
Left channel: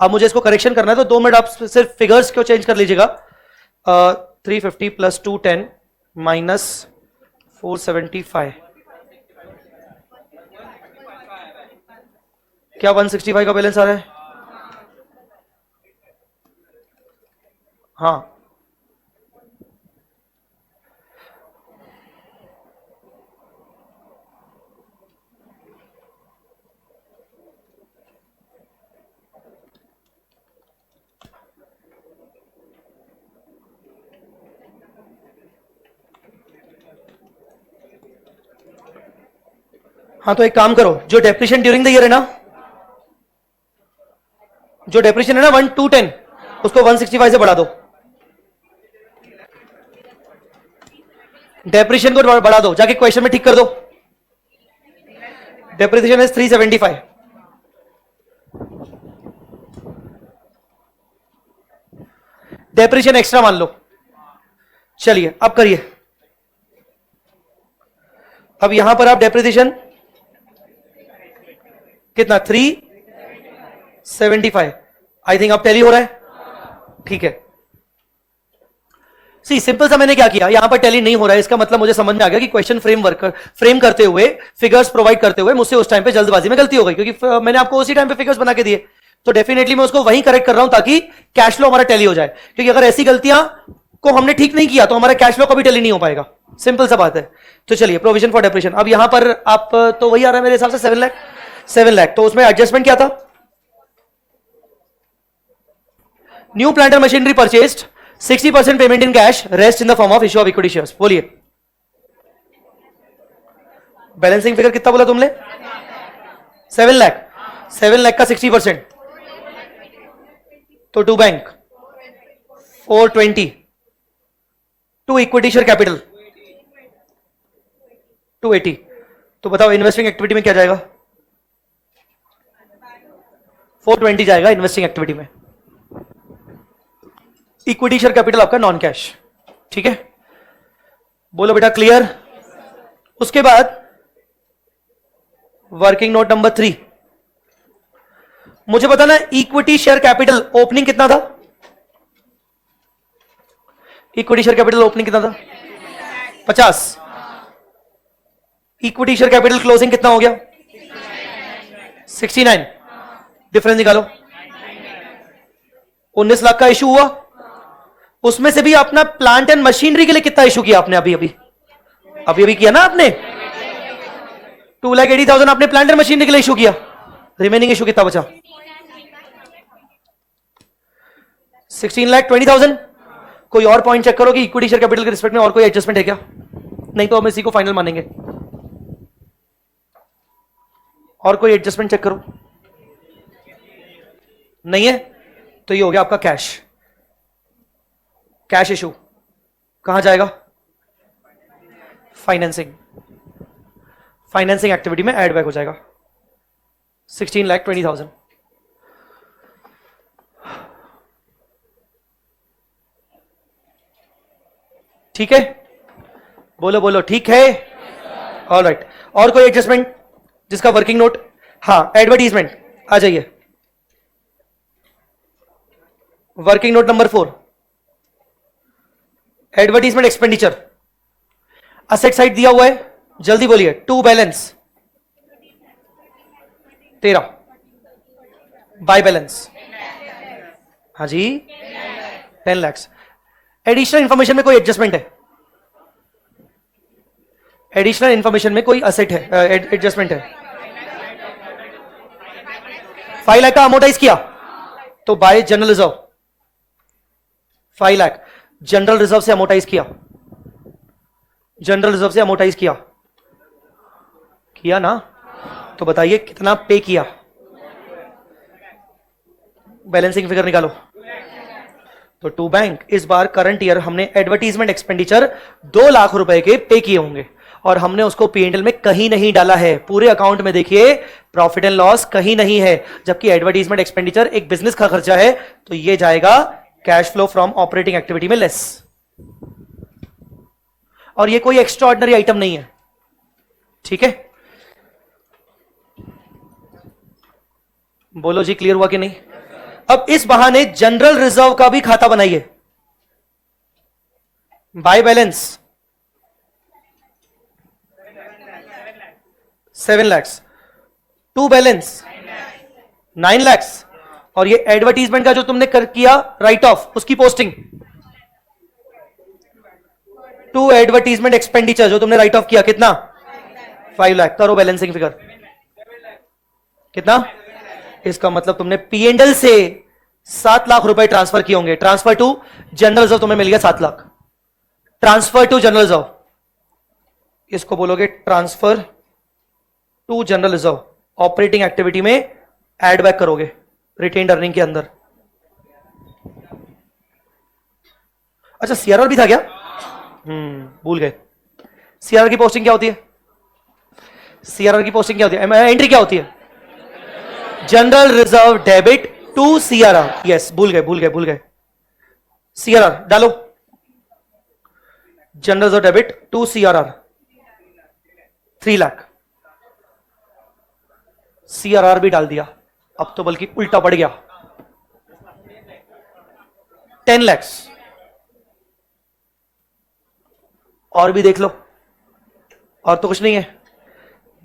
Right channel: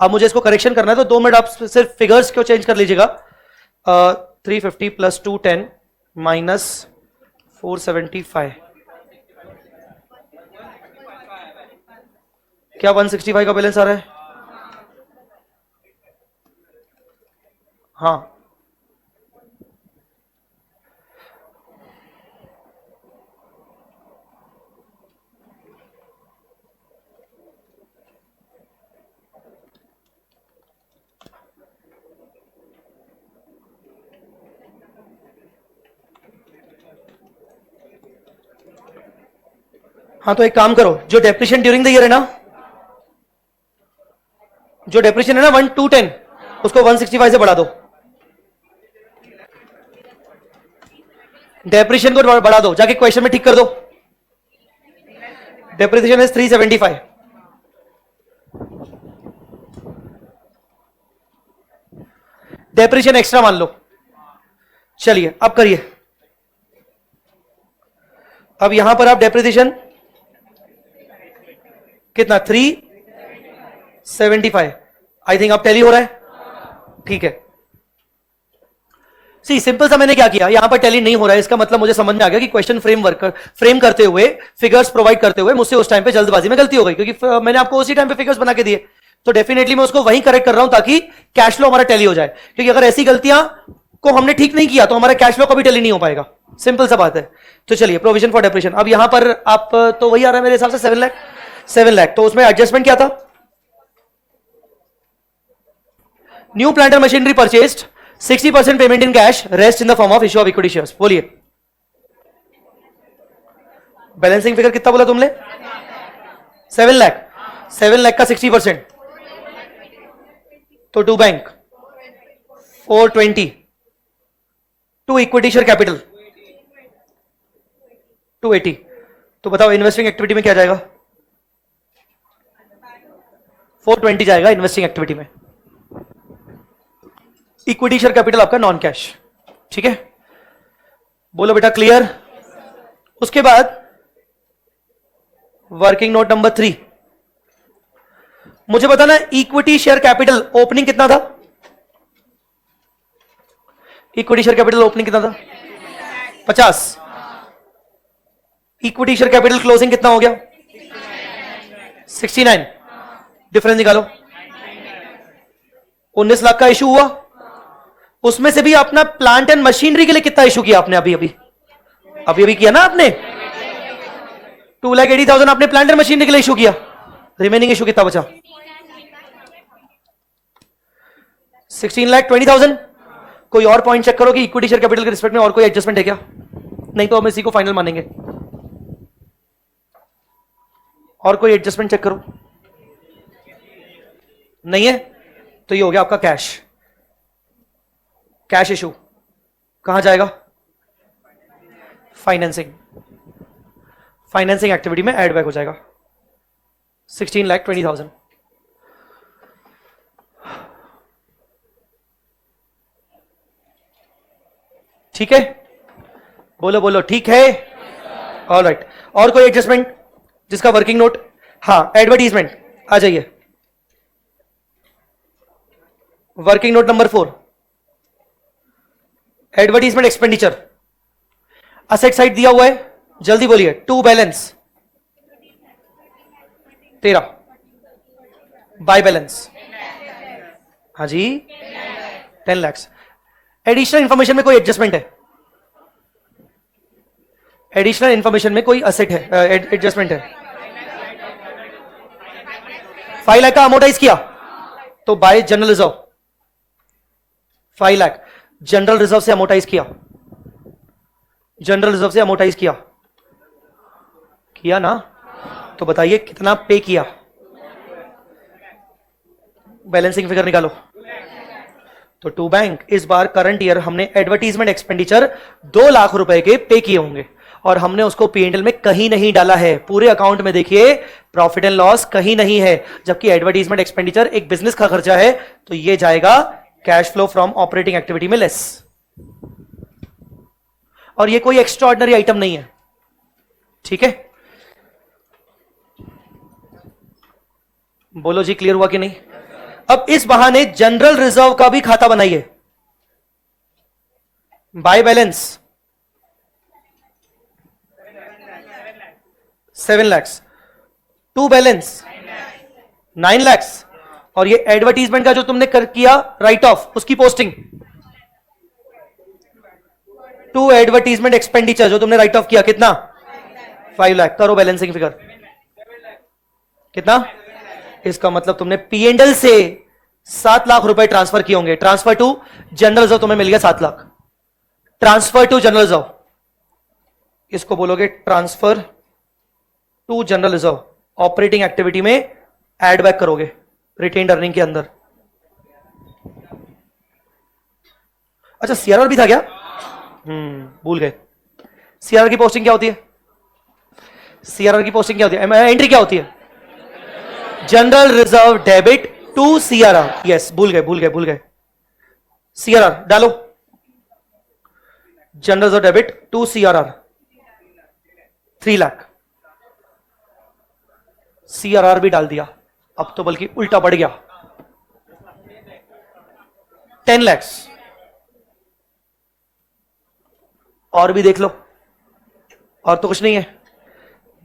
अब मुझे इसको करेक्शन करना है तो 2 मिनट आप सिर्फ फिगर्स को चेंज कर लीजिएगा, 350 प्लस 210 माइनस 475, क्या 165 का बैलेंस आ रहा है? हाँ, हाँ, तो एक काम करो, जो डेप्रिशिएशन ड्यूरिंग द ईयर है ना, जो डेप्रिशिएशन है ना 1210, उसको 165 से बढ़ा दो, डेप्रिशिएशन को बढ़ा दो, जाके क्वेश्चन में ठीक कर दो। डेप्रिसिएशन इज 375, डेप्रिसिएशन एक्स्ट्रा मान लो। चलिए अब करिए, अब यहां पर आप डेप्रिसिएशन कितना 375, आई थिंक अब टैली हो रहा है, ठीक है। सी सिंपल सा मैंने क्या किया, यहां पर टैली नहीं हो रहा है, इसका मतलब मुझे समझ में आ गया कि क्वेश्चन फ्रेम करते हुए, फिगर्स प्रोवाइड करते हुए मुझसे उस टाइम पे जल्दबाजी में गलती हो गई, क्योंकि मैंने आपको उसी टाइम पे फिगर्स बना के दिए, तो डेफिनेटली मैं उसको वही करेक्ट कर रहा हूं ताकि कैश फ्लो हमारा टैली हो जाए, क्योंकि अगर ऐसी गलतियां को हमने ठीक नहीं किया तो हमारा कैश फ्लो कभी टैली नहीं हो पाएगा, सिंपल सा बात है। तो चलिए प्रोविजन फॉर डेप्रिसिएशन, अब यहां पर आप तो वही आ रहा है मेरे हिसाब से 7 लाख, तो उसमें एडजस्टमेंट क्या था? New plant and machinery purchased, 60% payment in cash, rest in the form of issue of equity shares. बोलिए बैलेंसिंग फिगर कितना बोला तुमने? 7 लाख, 7 लाख का 60% तो to bank 420, to equity share capital 280, तो बताओ इन्वेस्टिंग एक्टिविटी में क्या जाएगा? 420 जाएगा इन्वेस्टिंग एक्टिविटी में। इक्विटी शेयर कैपिटल आपका नॉन कैश, ठीक है, बोलो बेटा क्लियर। उसके बाद वर्किंग नोट नंबर 3, मुझे बताना इक्विटी शेयर कैपिटल ओपनिंग कितना था? इक्विटी शेयर कैपिटल ओपनिंग कितना था? 50। इक्विटी शेयर कैपिटल क्लोजिंग कितना हो गया? 69, डिफरेंस निकालो। 19 लाख का इशू हुआ, उसमें से भी अपना प्लांट एंड मशीनरी के लिए कितना इशू किया आपने? अभी किया ना आपने, 2,80,000 आपने प्लांट एंड मशीनरी के लिए इशू किया, रिमेनिंग इशू कितना बचा? 16,20,000। कोई और पॉइंट चेक करो कि इक्विटी शेयर कैपिटल के रिस्पेक्ट में और कोई एडजस्टमेंट है क्या, नहीं तो हम इसी को फाइनल मानेंगे। और कोई एडजस्टमेंट चेक करो, नहीं है तो ये हो गया आपका कैश इशू कहां जाएगा? फाइनेंसिंग एक्टिविटी में एड बैक हो जाएगा 16,20,000। ठीक है, बोलो ठीक है, ऑलराइट। और कोई एडजस्टमेंट जिसका वर्किंग नोट? हाँ, एडवर्टीजमेंट आ जाइए, working note number 4, advertisement expenditure, asset side दिया हुआ है, जल्दी बोलिए। टू बैलेंस 13, बाय बैलेंस हाँ जी 10 लाख। एडिशनल इंफॉर्मेशन में कोई एडजस्टमेंट है? एडिशनल इंफॉर्मेशन में कोई असेट है, एडजस्टमेंट है? 5 लाख का अमोटाइज किया तो bye general reserve 5 lakh general reserve से अमोटाइज किया, जनरल रिजर्व से अमोटाइज किया ना, तो बताइए कितना पे किया? बैलेंसिंग फिगर निकालो। तो टू बैंक इस बार करंट ईयर हमने एडवर्टीजमेंट एक्सपेंडिचर 2 लाख रुपए के पे किए होंगे और हमने उसको P&L में कहीं नहीं डाला है। पूरे अकाउंट में देखिए प्रॉफिट एंड लॉस कहीं नहीं है, जबकि एडवर्टीजमेंट एक्सपेंडिचर एक बिजनेस का खर्चा है, तो ये जाएगा cash flow from operating activity में लेस, और ये कोई एक्स्ट्राऑर्डिनरी आइटम नहीं है, ठीक है। बोलो जी क्लियर हुआ कि नहीं? अब इस बहाने जनरल रिजर्व का भी खाता बनाइए। By balance 7 lakhs, to balance 9 lakhs, और ये एडवर्टीजमेंट का जो तुमने किया राइट ऑफ, उसकी पोस्टिंग, टू एडवर्टीजमेंट एक्सपेंडिचर जो तुमने राइट ऑफ किया, कितना 5 लाख। करो बैलेंसिंग फिगर, कितना? इसका मतलब तुमने पीएनएल से 7 लाख रुपए ट्रांसफर किए होंगे। ट्रांसफर टू जनरल रिजर्व तुम्हें मिल गया 7 lakh. Transfer to general reserve, इसको बोलोगे transfer to general reserve. Operating activity में एड बैक करोगे रिटेन्ड अर्निंग के अंदर। अच्छा, सीआरआर भी था क्या? भूल गए। सीआरआर की पोस्टिंग क्या होती है? सीआरआर की पोस्टिंग क्या होती है? एंट्री क्या होती है? General reserve debit to CRR. Yes, भूल गए। सीआरआर डालो, general reserve debit to CRR 3 lakh. CRR भी डाल दिया, अब तो बल्कि उल्टा बढ़ गया 10 lakhs। और भी देख लो, और तो कुछ नहीं है?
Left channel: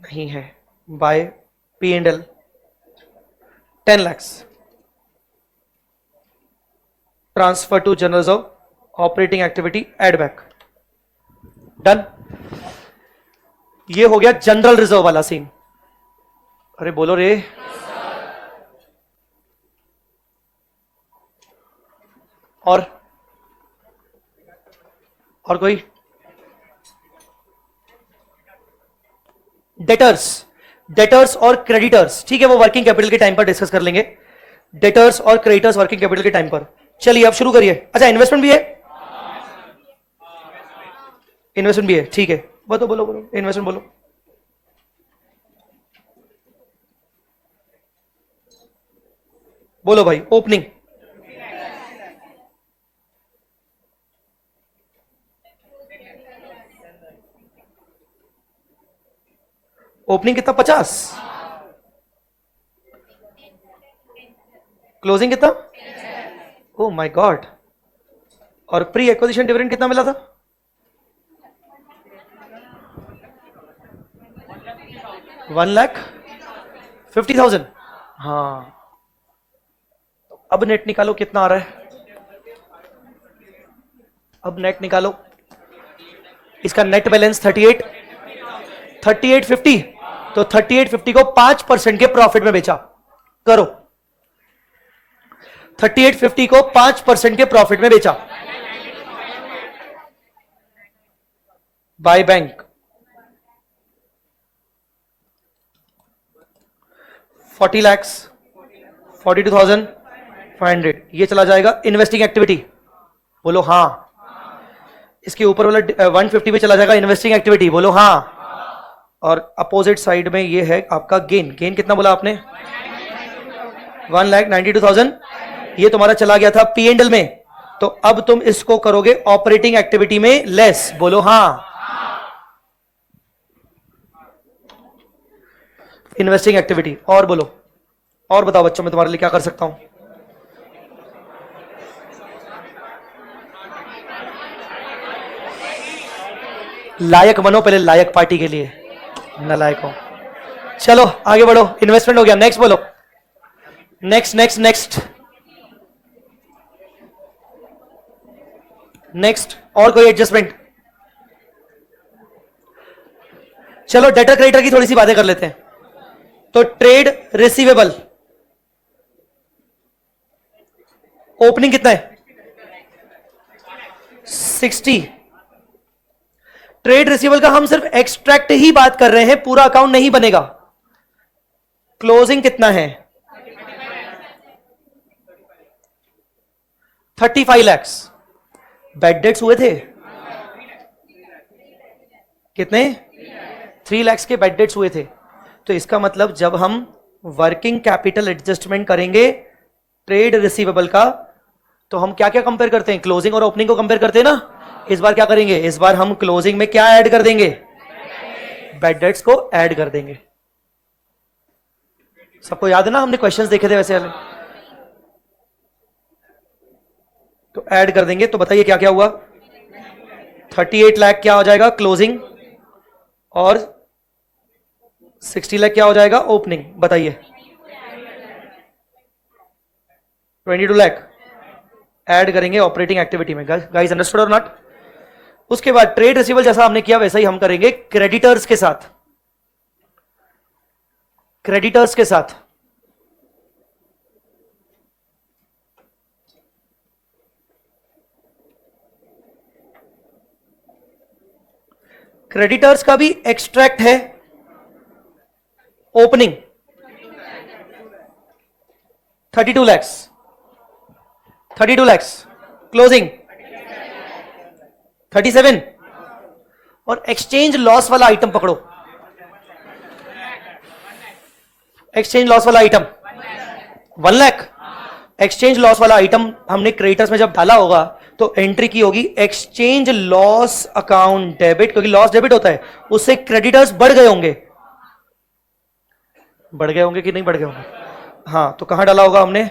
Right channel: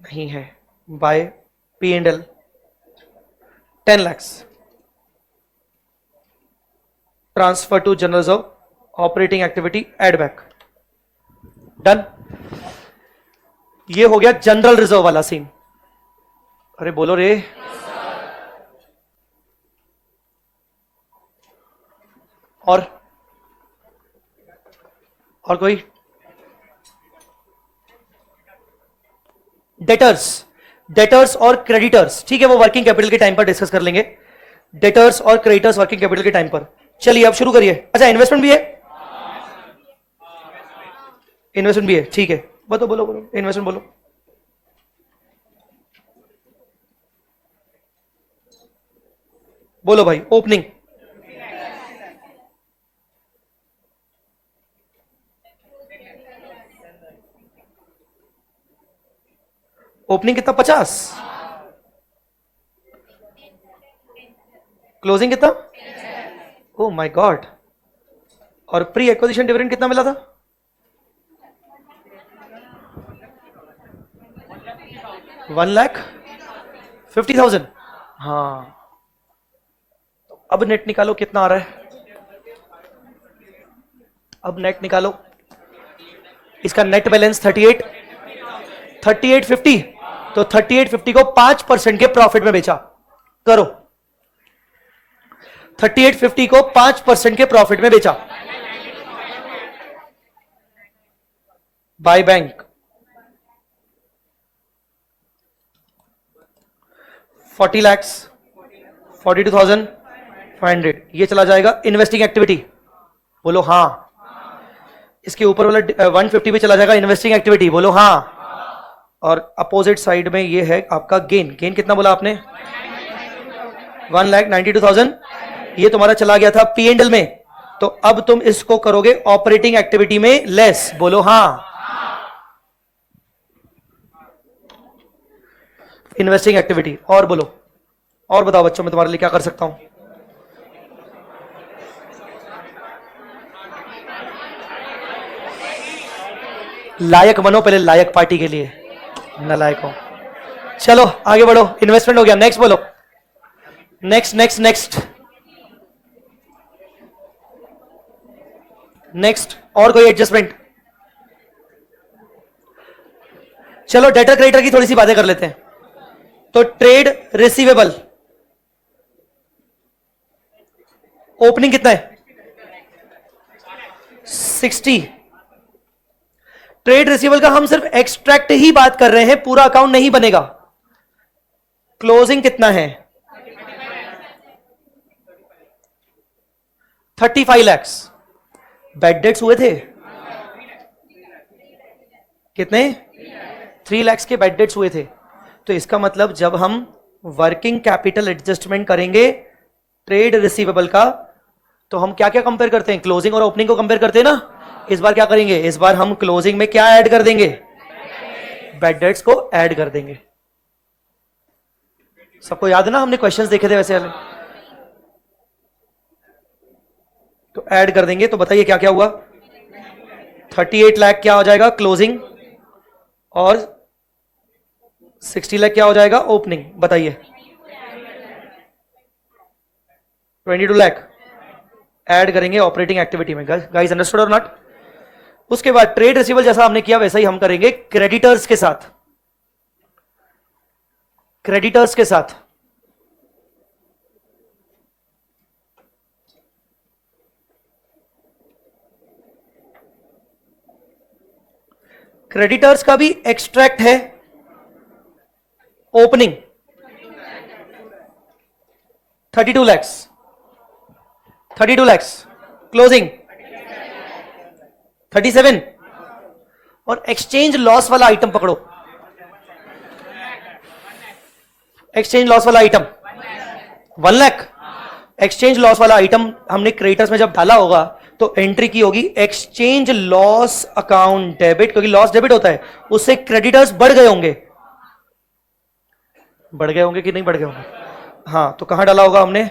नहीं है। By P&L 10 lakhs, transfer to general reserve, operating activity, add back, done. ये हो गया जनरल रिजर्व वाला सीन। अरे बोलो रे, और कोई? डेटर्स और क्रेडिटर्स, ठीक है, वो वर्किंग कैपिटल के टाइम पर डिस्कस कर लेंगे। डेटर्स और क्रेडिटर्स वर्किंग कैपिटल के टाइम पर। चलिए अब शुरू करिए। अच्छा, इन्वेस्टमेंट भी है? इन्वेस्टमेंट भी है, ठीक है। बोलो इन्वेस्टमेंट बोलो। बोलो भाई, ओपनिंग कितना? 50। क्लोजिंग कितना? Oh my God. और प्री एक्विजिशन डिविडेंड कितना मिला था? 1,50,000। हाँ, अब नेट निकालो कितना आ रहा है। अब नेट निकालो। इसका नेट बैलेंस 3850, तो 3850 को 5% के प्रॉफिट में बेचा। करो, 3850 को 5% के प्रॉफिट में बेचा। By bank 40 lakhs, 42,500। ये चला जाएगा इन्वेस्टिंग एक्टिविटी। बोलो हाँ। इसके ऊपर वाला 150 पे चला जाएगा इन्वेस्टिंग एक्टिविटी। बोलो हाँ। और अपोजिट साइड में ये है आपका गेन। गेन कितना बोला आपने? 1,92,000। ये तुम्हारा चला गया था P&L में, तो अब तुम इसको करोगे ऑपरेटिंग एक्टिविटी में लेस। बोलो हाँ। Investing activity. और बोलो, और बताओ बच्चों, मैं तुम्हारे लिए क्या कर सकता हूं? लायक बनो पहले, लायक पार्टी के लिए, नालायक हो। चलो आगे बढ़ो। इन्वेस्टमेंट हो गया, नेक्स्ट बोलो। नेक्स्ट और कोई एडजस्टमेंट? चलो डेटर क्रेडिटर की थोड़ी सी बातें कर लेते हैं। तो ट्रेड रिसीवेबल ओपनिंग कितना है? 60। ट्रेड रिसीवेबल का हम सिर्फ एक्सट्रैक्ट ही बात कर रहे हैं, पूरा अकाउंट नहीं बनेगा। क्लोजिंग कितना है? 35 lakhs। बैड डेट्स हुए थे कितने? 3 lakhs के बैड डेट्स हुए थे। तो इसका मतलब जब हम वर्किंग कैपिटल एडजस्टमेंट करेंगे ट्रेड रिसीवेबल का, तो हम क्या क्या कंपेयर करते हैं? क्लोजिंग और ओपनिंग को कंपेयर करते हैं ना। इस बार क्या करेंगे? इस बार हम क्लोजिंग में क्या ऐड कर देंगे? बैड डेट्स को ऐड कर देंगे। सबको याद है ना, हमने क्वेश्चंस देखे थे वैसे वाले। तो ऐड कर देंगे। तो बताइए क्या क्या हुआ? 38 लाख क्या हो जाएगा क्लोजिंग, और 60 लाख क्या हो जाएगा ओपनिंग, बताइए। 22 लाख ऐड करेंगे ऑपरेटिंग एक्टिविटी में, गाइस अंडरस्टूड और नॉट। उसके बाद ट्रेड रिसीवेबल जैसा हमने किया वैसा ही हम करेंगे क्रेडिटर्स के साथ। क्रेडिटर्स के साथ क्रेडिटर्स का भी एक्सट्रैक्ट है, ओपनिंग 32 लैक्स, 32 लैक्स क्लोजिंग 37, और एक्सचेंज लॉस वाला आइटम पकड़ो, एक्सचेंज लॉस वाला आइटम 1 लाख। एक्सचेंज लॉस वाला आइटम हमने क्रेडिटर्स में जब डाला होगा तो एंट्री की होगी एक्सचेंज लॉस अकाउंट डेबिट, क्योंकि लॉस डेबिट होता है, उससे क्रेडिटर्स बढ़ गए होंगे, बढ़ गए होंगे कि नहीं बढ़ गए होंगे, हाँ, तो कहां डाला होगा हमने,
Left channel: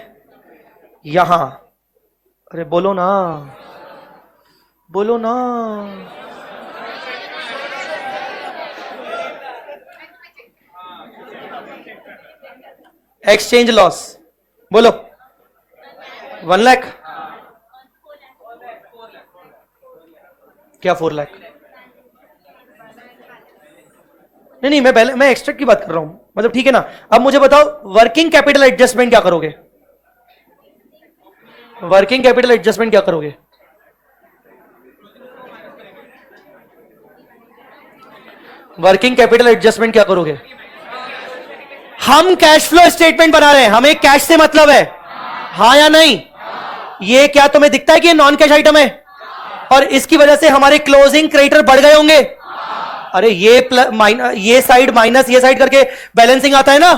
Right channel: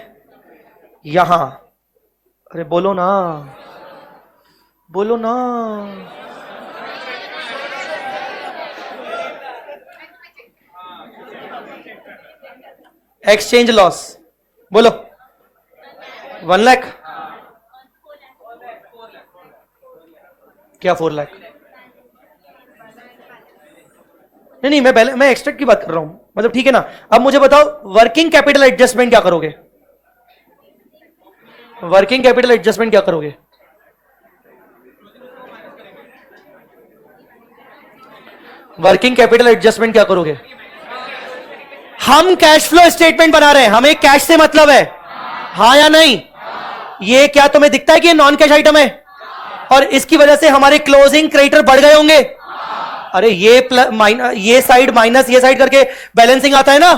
यहां। अरे बोलो ना, बोलो ना, एक्सचेंज लॉस बोलो 1 लाख, क्या 4 लाख, नहीं मैं एक्सट्रैक्ट की बात कर रहा हूं, मतलब ठीक है ना। अब मुझे बताओ वर्किंग कैपिटल एडजस्टमेंट क्या करोगे, वर्किंग कैपिटल एडजस्टमेंट क्या करोगे, वर्किंग कैपिटल एडजस्टमेंट क्या करोगे। हम कैश फ्लो स्टेटमेंट बना रहे हैं, हमें कैश से मतलब है, हाँ या नहीं। ये क्या तुम्हें दिखता है कि ये नॉन कैश आइटम है, और इसकी वजह से हमारे क्लोजिंग क्रेडिटर बढ़ गए होंगे। अरे ये प्लस माइनस, ये साइड माइनस ये साइड करके बैलेंसिंग आता है ना,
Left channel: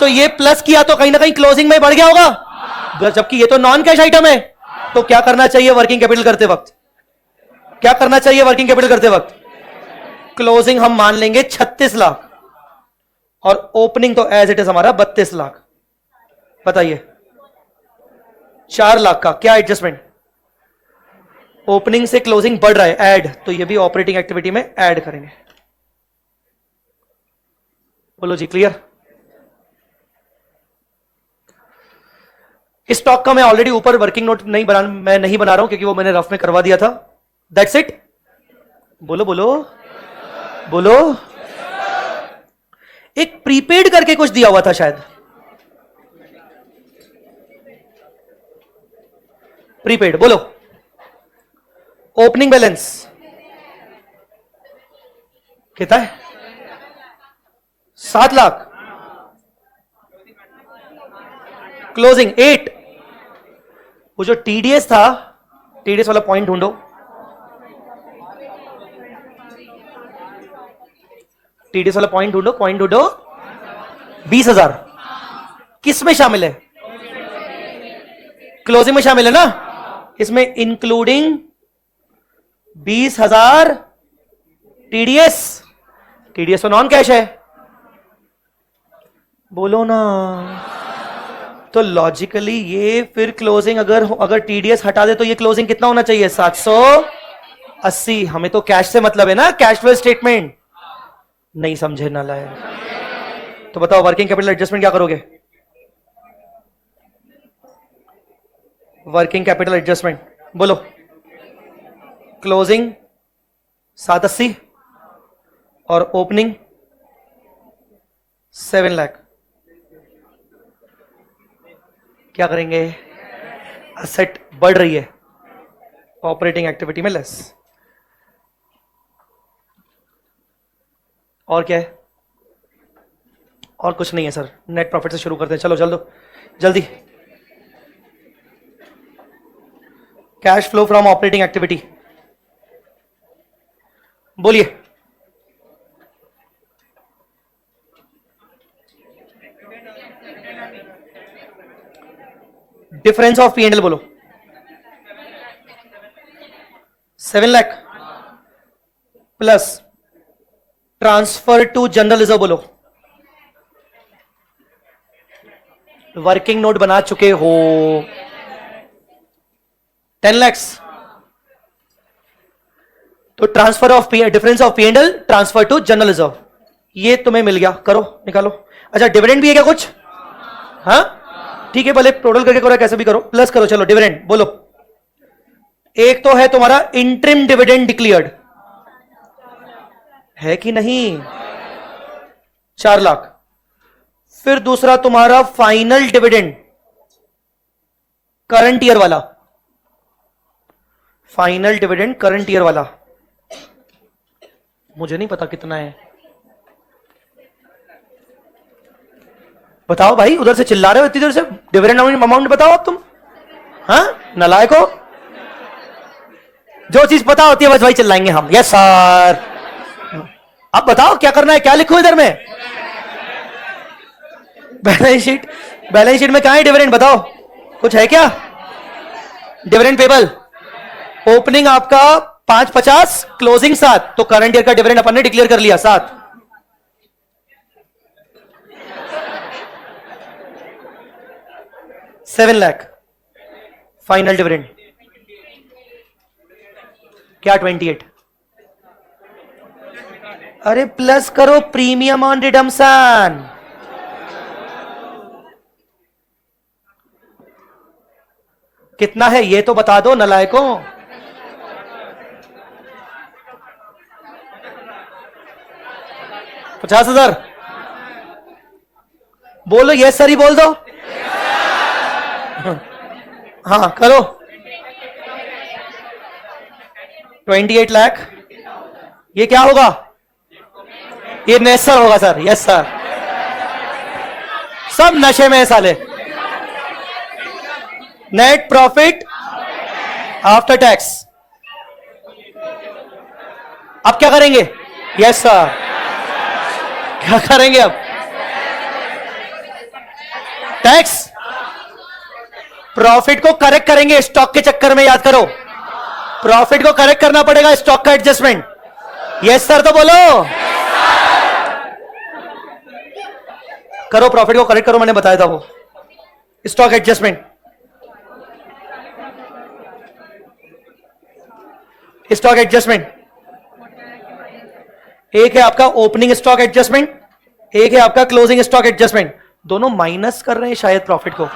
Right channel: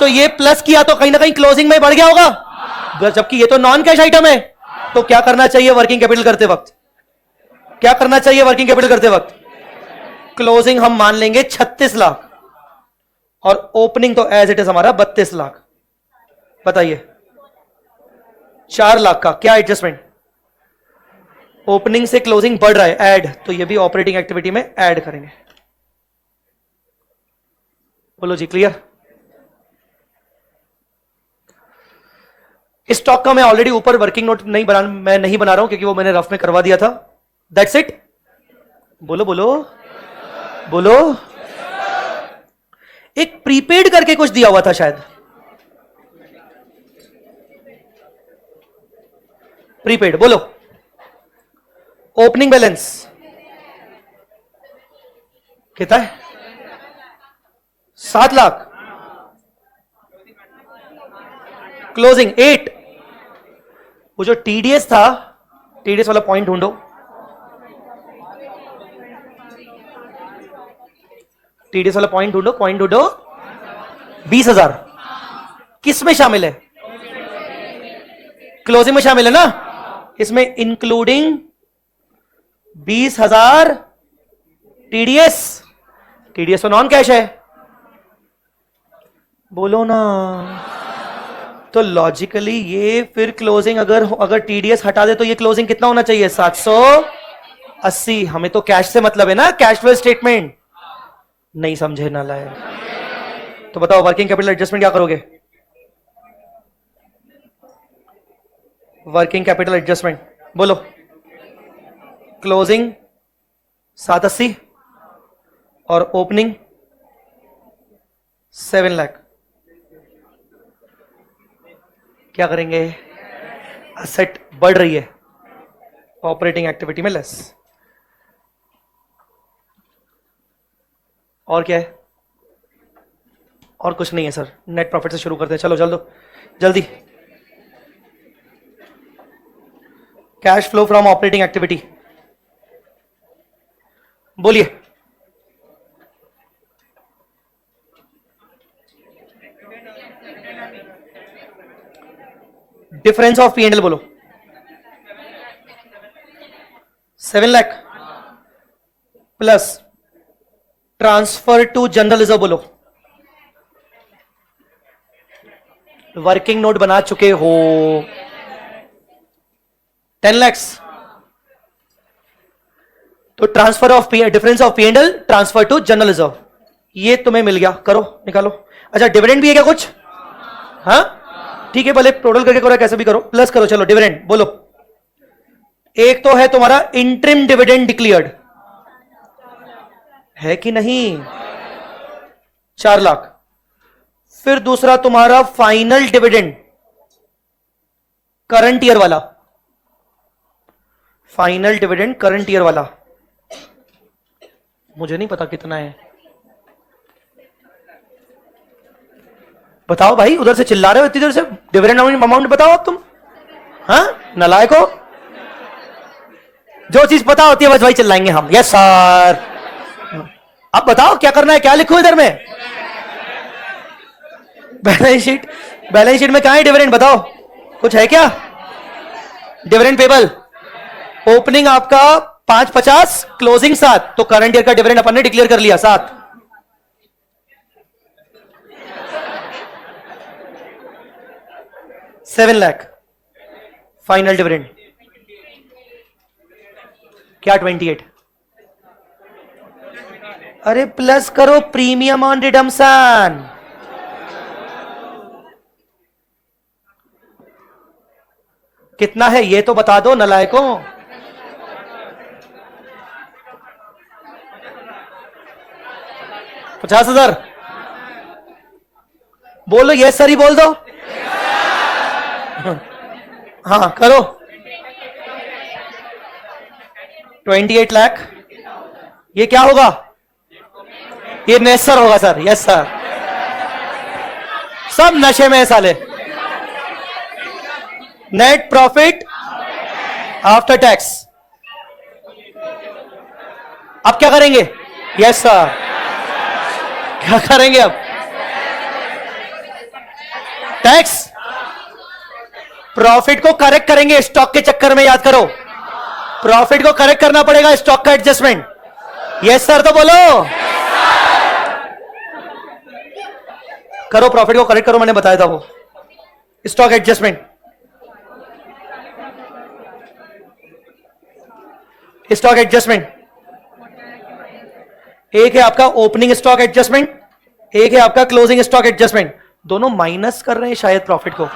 तो ये प्लस किया तो कहीं ना कहीं क्लोजिंग में बढ़ गया होगा, जबकि ये तो नॉन कैश आइटम है। तो क्या करना चाहिए वर्किंग कैपिटल करते वक्त, क्या करना चाहिए वर्किंग कैपिटल करते वक्त, क्लोजिंग हम मान लेंगे 36 लाख, और ओपनिंग तो एज इट इज हमारा 32 लाख। बताइए 4 लाख का क्या एडजस्टमेंट, ओपनिंग से क्लोजिंग बढ़ रहा है, ऐड, तो ये भी ऑपरेटिंग एक्टिविटी में ऐड करेंगे। बोलो जी क्लियर। स्टॉक का मैं ऑलरेडी ऊपर वर्किंग नोट मैं नहीं बना रहा हूं क्योंकि वो मैंने रफ में करवा दिया था, दैट्स इट। बोलो बोलो बोलो। एक प्रीपेड करके कुछ दिया हुआ था शायद, प्रीपेड बोलो। ओपनिंग बैलेंस कितना है, 7 लाख, क्लोजिंग 8। वो जो टीडीएस था, टीडीएस वाला पॉइंट ढूंढो, टीडीएस वाला पॉइंट ढूंढो, पॉइंट ढूंढो। 20,000 किस में शामिल है, क्लोजिंग में शामिल है ना, इसमें इंक्लूडिंग 20,000 टीडीएस, टीडीएस तो नॉन कैश है, बोलो ना। तो लॉजिकली ये फिर क्लोजिंग अगर टीडीएस हटा दे तो ये क्लोजिंग कितना होना चाहिए, 780। हमें तो कैश से मतलब है ना, कैश फ्लो स्टेटमेंट नहीं समझे ना लाए। तो बताओ वर्किंग कैपिटल एडजस्टमेंट क्या करोगे, वर्किंग कैपिटल एडजस्टमेंट बोलो। क्लोजिंग 780 और ओपनिंग 7 लाख, क्या करेंगे, असेट बढ़ रही है, ऑपरेटिंग एक्टिविटी में लेस, और क्या है, और कुछ नहीं है सर। नेट प्रॉफिट से शुरू करते हैं, चलो जल्दी। Cash flow from operating activity बोलिए। डिफरेंस ऑफ P&L बोलो, 7 lakh plus transfer to general reserve बोलो। वर्किंग नोट बना चुके हो, 10 lakhs तो transfer of difference of P&L transfer to general reserve, ये तुम्हें मिल गया, करो निकालो। अच्छा डिविडेंड भी है क्या कुछ? हाँ ठीक है, भले टोटल करके करो कैसे भी करो, प्लस करो। चलो डिविडेंड बोलो। एक तो है तुम्हारा इंटरिम डिविडेंड डिक्लेयर्ड, है कि नहीं, 4 लाख। फिर दूसरा तुम्हारा फाइनल डिविडेंड करंट ईयर वाला, फाइनल डिविडेंड करंट ईयर वाला, मुझे नहीं पता कितना है, बताओ भाई, उधर से चिल्ला रहे हो इतनी देर से, डिविडेंड अमाउंट बताओ अब तुम। हाँ नालायक हो, जो चीज पता होती है बस वही चिल्लाएंगे हम। यस सर, अब बताओ क्या करना है, क्या लिखो इधर में? बैलेंस शीट, बैलेंस शीट में कहां है डिविडेंड बताओ, कुछ है क्या? डिविडेंड पेबल, ओपनिंग आपका 550, क्लोजिंग 7, तो करंट ईयर का डिविडेंड अपन ने डिक्लेयर कर लिया 7। $7 लाख फाइनल डिविडेंड, क्या 28? अरे प्लस करो प्रीमियम ऑन रिडम्पशन, कितना है ये तो बता दो नलायकों। 50,000 बोलो, ये सर ही बोल दो। हाँ करो, 28 लाख, ये क्या होगा? ये नेसर होगा सर। यस सर, सब नशे में साले। नेट प्रॉफिट आफ्टर टैक्स, अब क्या करेंगे? यस सर, क्या करेंगे अब? टैक्स, प्रॉफिट को करेक्ट करेंगे स्टॉक के चक्कर में, याद करो प्रॉफिट को करेक्ट करना पड़ेगा, स्टॉक का एडजस्टमेंट। यस सर तो बोलो, करो प्रॉफिट को करेक्ट करो, मैंने बताया था वो स्टॉक एडजस्टमेंट। स्टॉक एडजस्टमेंट, एक है आपका ओपनिंग स्टॉक एडजस्टमेंट, एक है आपका क्लोजिंग स्टॉक एडजस्टमेंट, दोनों माइनस कर रहे हैं शायद प्रॉफिट को,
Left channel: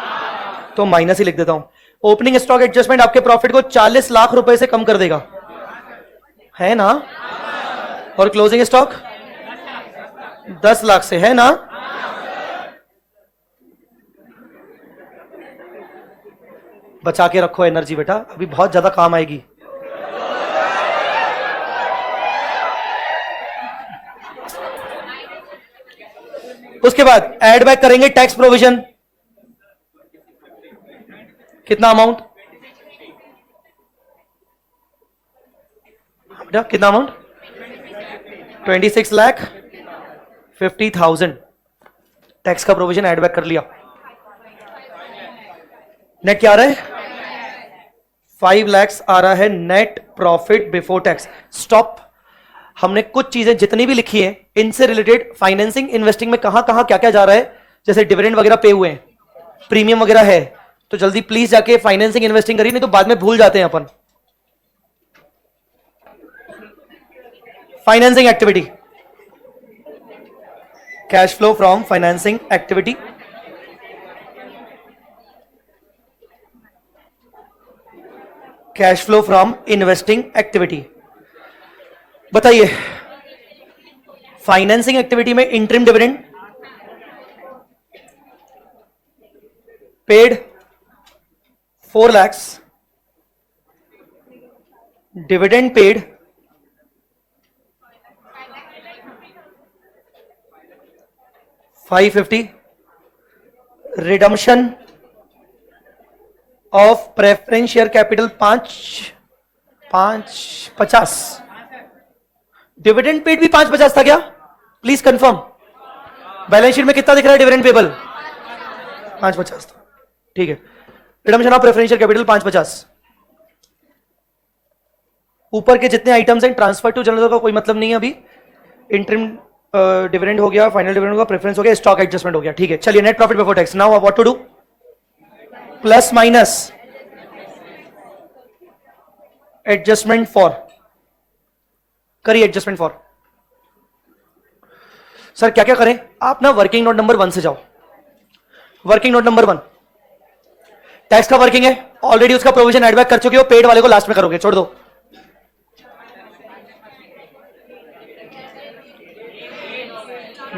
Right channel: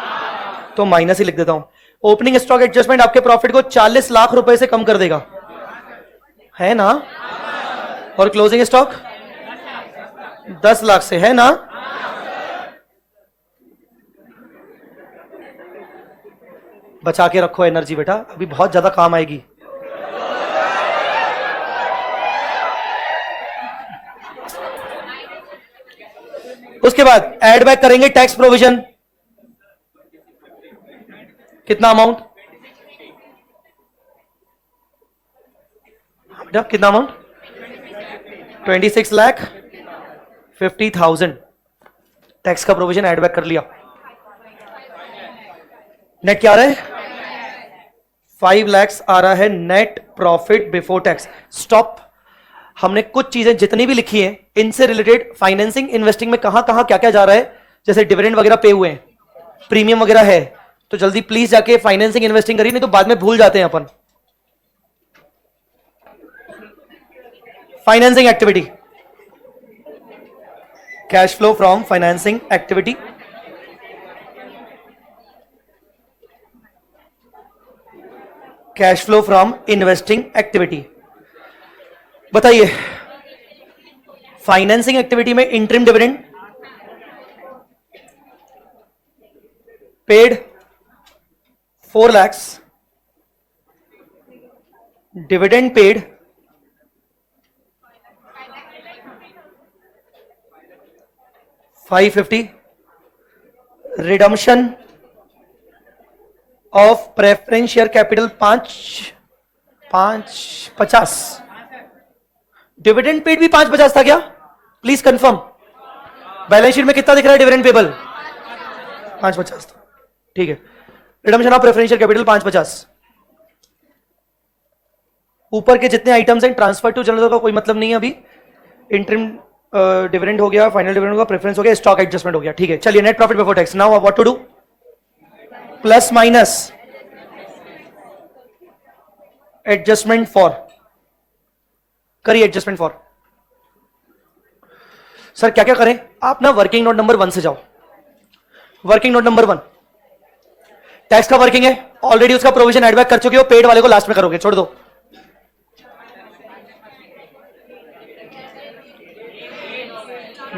तो माइनस ही लिख देता हूं। ओपनिंग स्टॉक एडजस्टमेंट आपके प्रॉफिट को 40 लाख रुपए से कम कर देगा, है ना? और क्लोजिंग स्टॉक 10 लाख से, है ना? बचा के रखो एनर्जी बेटा, अभी बहुत ज्यादा काम आएगी। उसके बाद एड बैक करेंगे टैक्स प्रोविजन, कितना अमाउंट? कितना अमाउंट? 26,50,000 टैक्स का प्रोविजन एड बैक कर लिया। नेट क्या आ रहा है? 5 लाख आ रहा है net profit before tax. Stop, हमने कुछ चीजें जितनी भी लिखी है इनसे रिलेटेड फाइनेंसिंग इन्वेस्टिंग में कहां कहां क्या क्या जा रहा है, जैसे डिविडेंड वगैरह पे हुए हैं, प्रीमियम वगैरह है, तो जल्दी प्लीज जाके फाइनेंसिंग इन्वेस्टिंग करिए, नहीं तो बाद में भूल जाते हैं अपन। Financing activity, cash flow from financing activity, cash flow from investing activity. बताइए, फाइनेंसिंग एक्टिविटी में interim dividend paid 4 lakhs, dividend paid 550, redemption of preference share capital 550, dividend paid भी 550 था क्या? प्लीज कंफर्म, बैलेंस शीट में कितना दिख रहा है डिविडेंड पेबल? 550, ठीक है। Redemption of preferential capital 550। ऊपर के जितने आइटम्स हैं ट्रांसफर टू जनरल का कोई मतलब नहीं है अभी। इंटरिम डिविडेंड हो गया, फाइनल डिविडेंड हो गया, प्रेफरेंस हो गया, स्टॉक एडजस्टमेंट हो गया, ठीक है। चलिए net profit before tax, now what to do? Plus minus adjustment for करिए एडजस्टमेंट फॉर। सर क्या क्या करें? आप ना वर्किंग नोट नंबर 1 से जाओ। वर्किंग नोट नंबर 1 टैक्स का वर्किंग है, ऑलरेडी उसका प्रोविजन एडबैक कर चुके हो, पेड वाले को लास्ट में करोगे, छोड़ दो।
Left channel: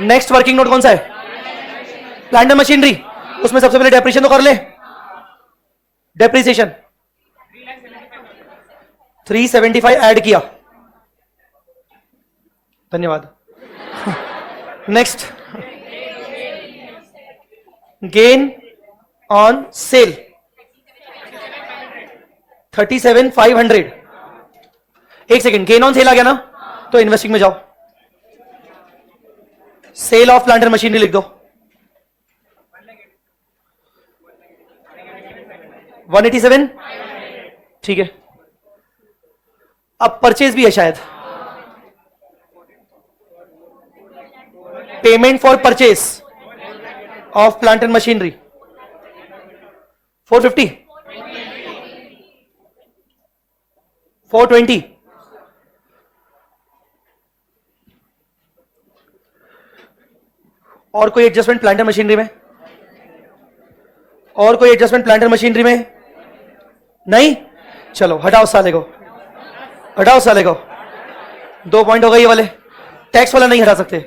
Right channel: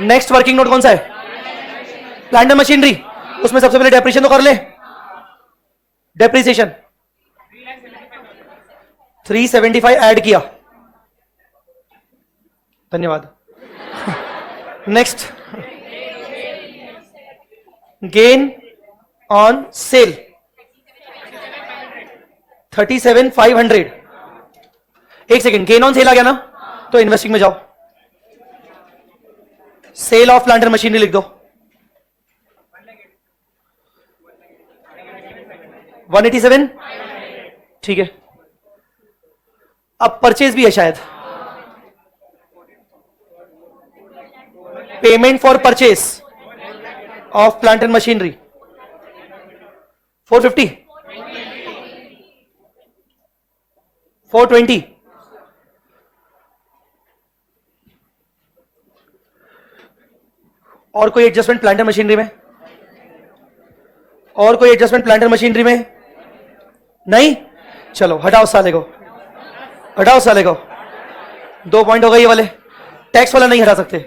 नेक्स्ट वर्किंग नोट कौन सा है? Plant and machinery. उसमें सबसे पहले डेप्रिसिएशन तो कर ले। डेप्रिसिएशन 375 ऐड किया, धन्यवाद। Next gain on sale 37,500। एक सेकेंड, गेन ऑन सेल आ गया ना, तो इन्वेस्टिंग में जाओ, sale of plant and machinery लिख दो। 187, ठीक है। अब परचेज भी है शायद, payment for purchase of plant and machinery 450, 420, और कोई एडजस्टमेंट प्लांट एंड मशीनरी में? और कोई एडजस्टमेंट प्लांट एंड मशीनरी में? नहीं, चलो हटाओ साले को, हटाओ साले को। 2 पॉइंट हो गए ये वाले। टैक्स वाला नहीं हटा सकते,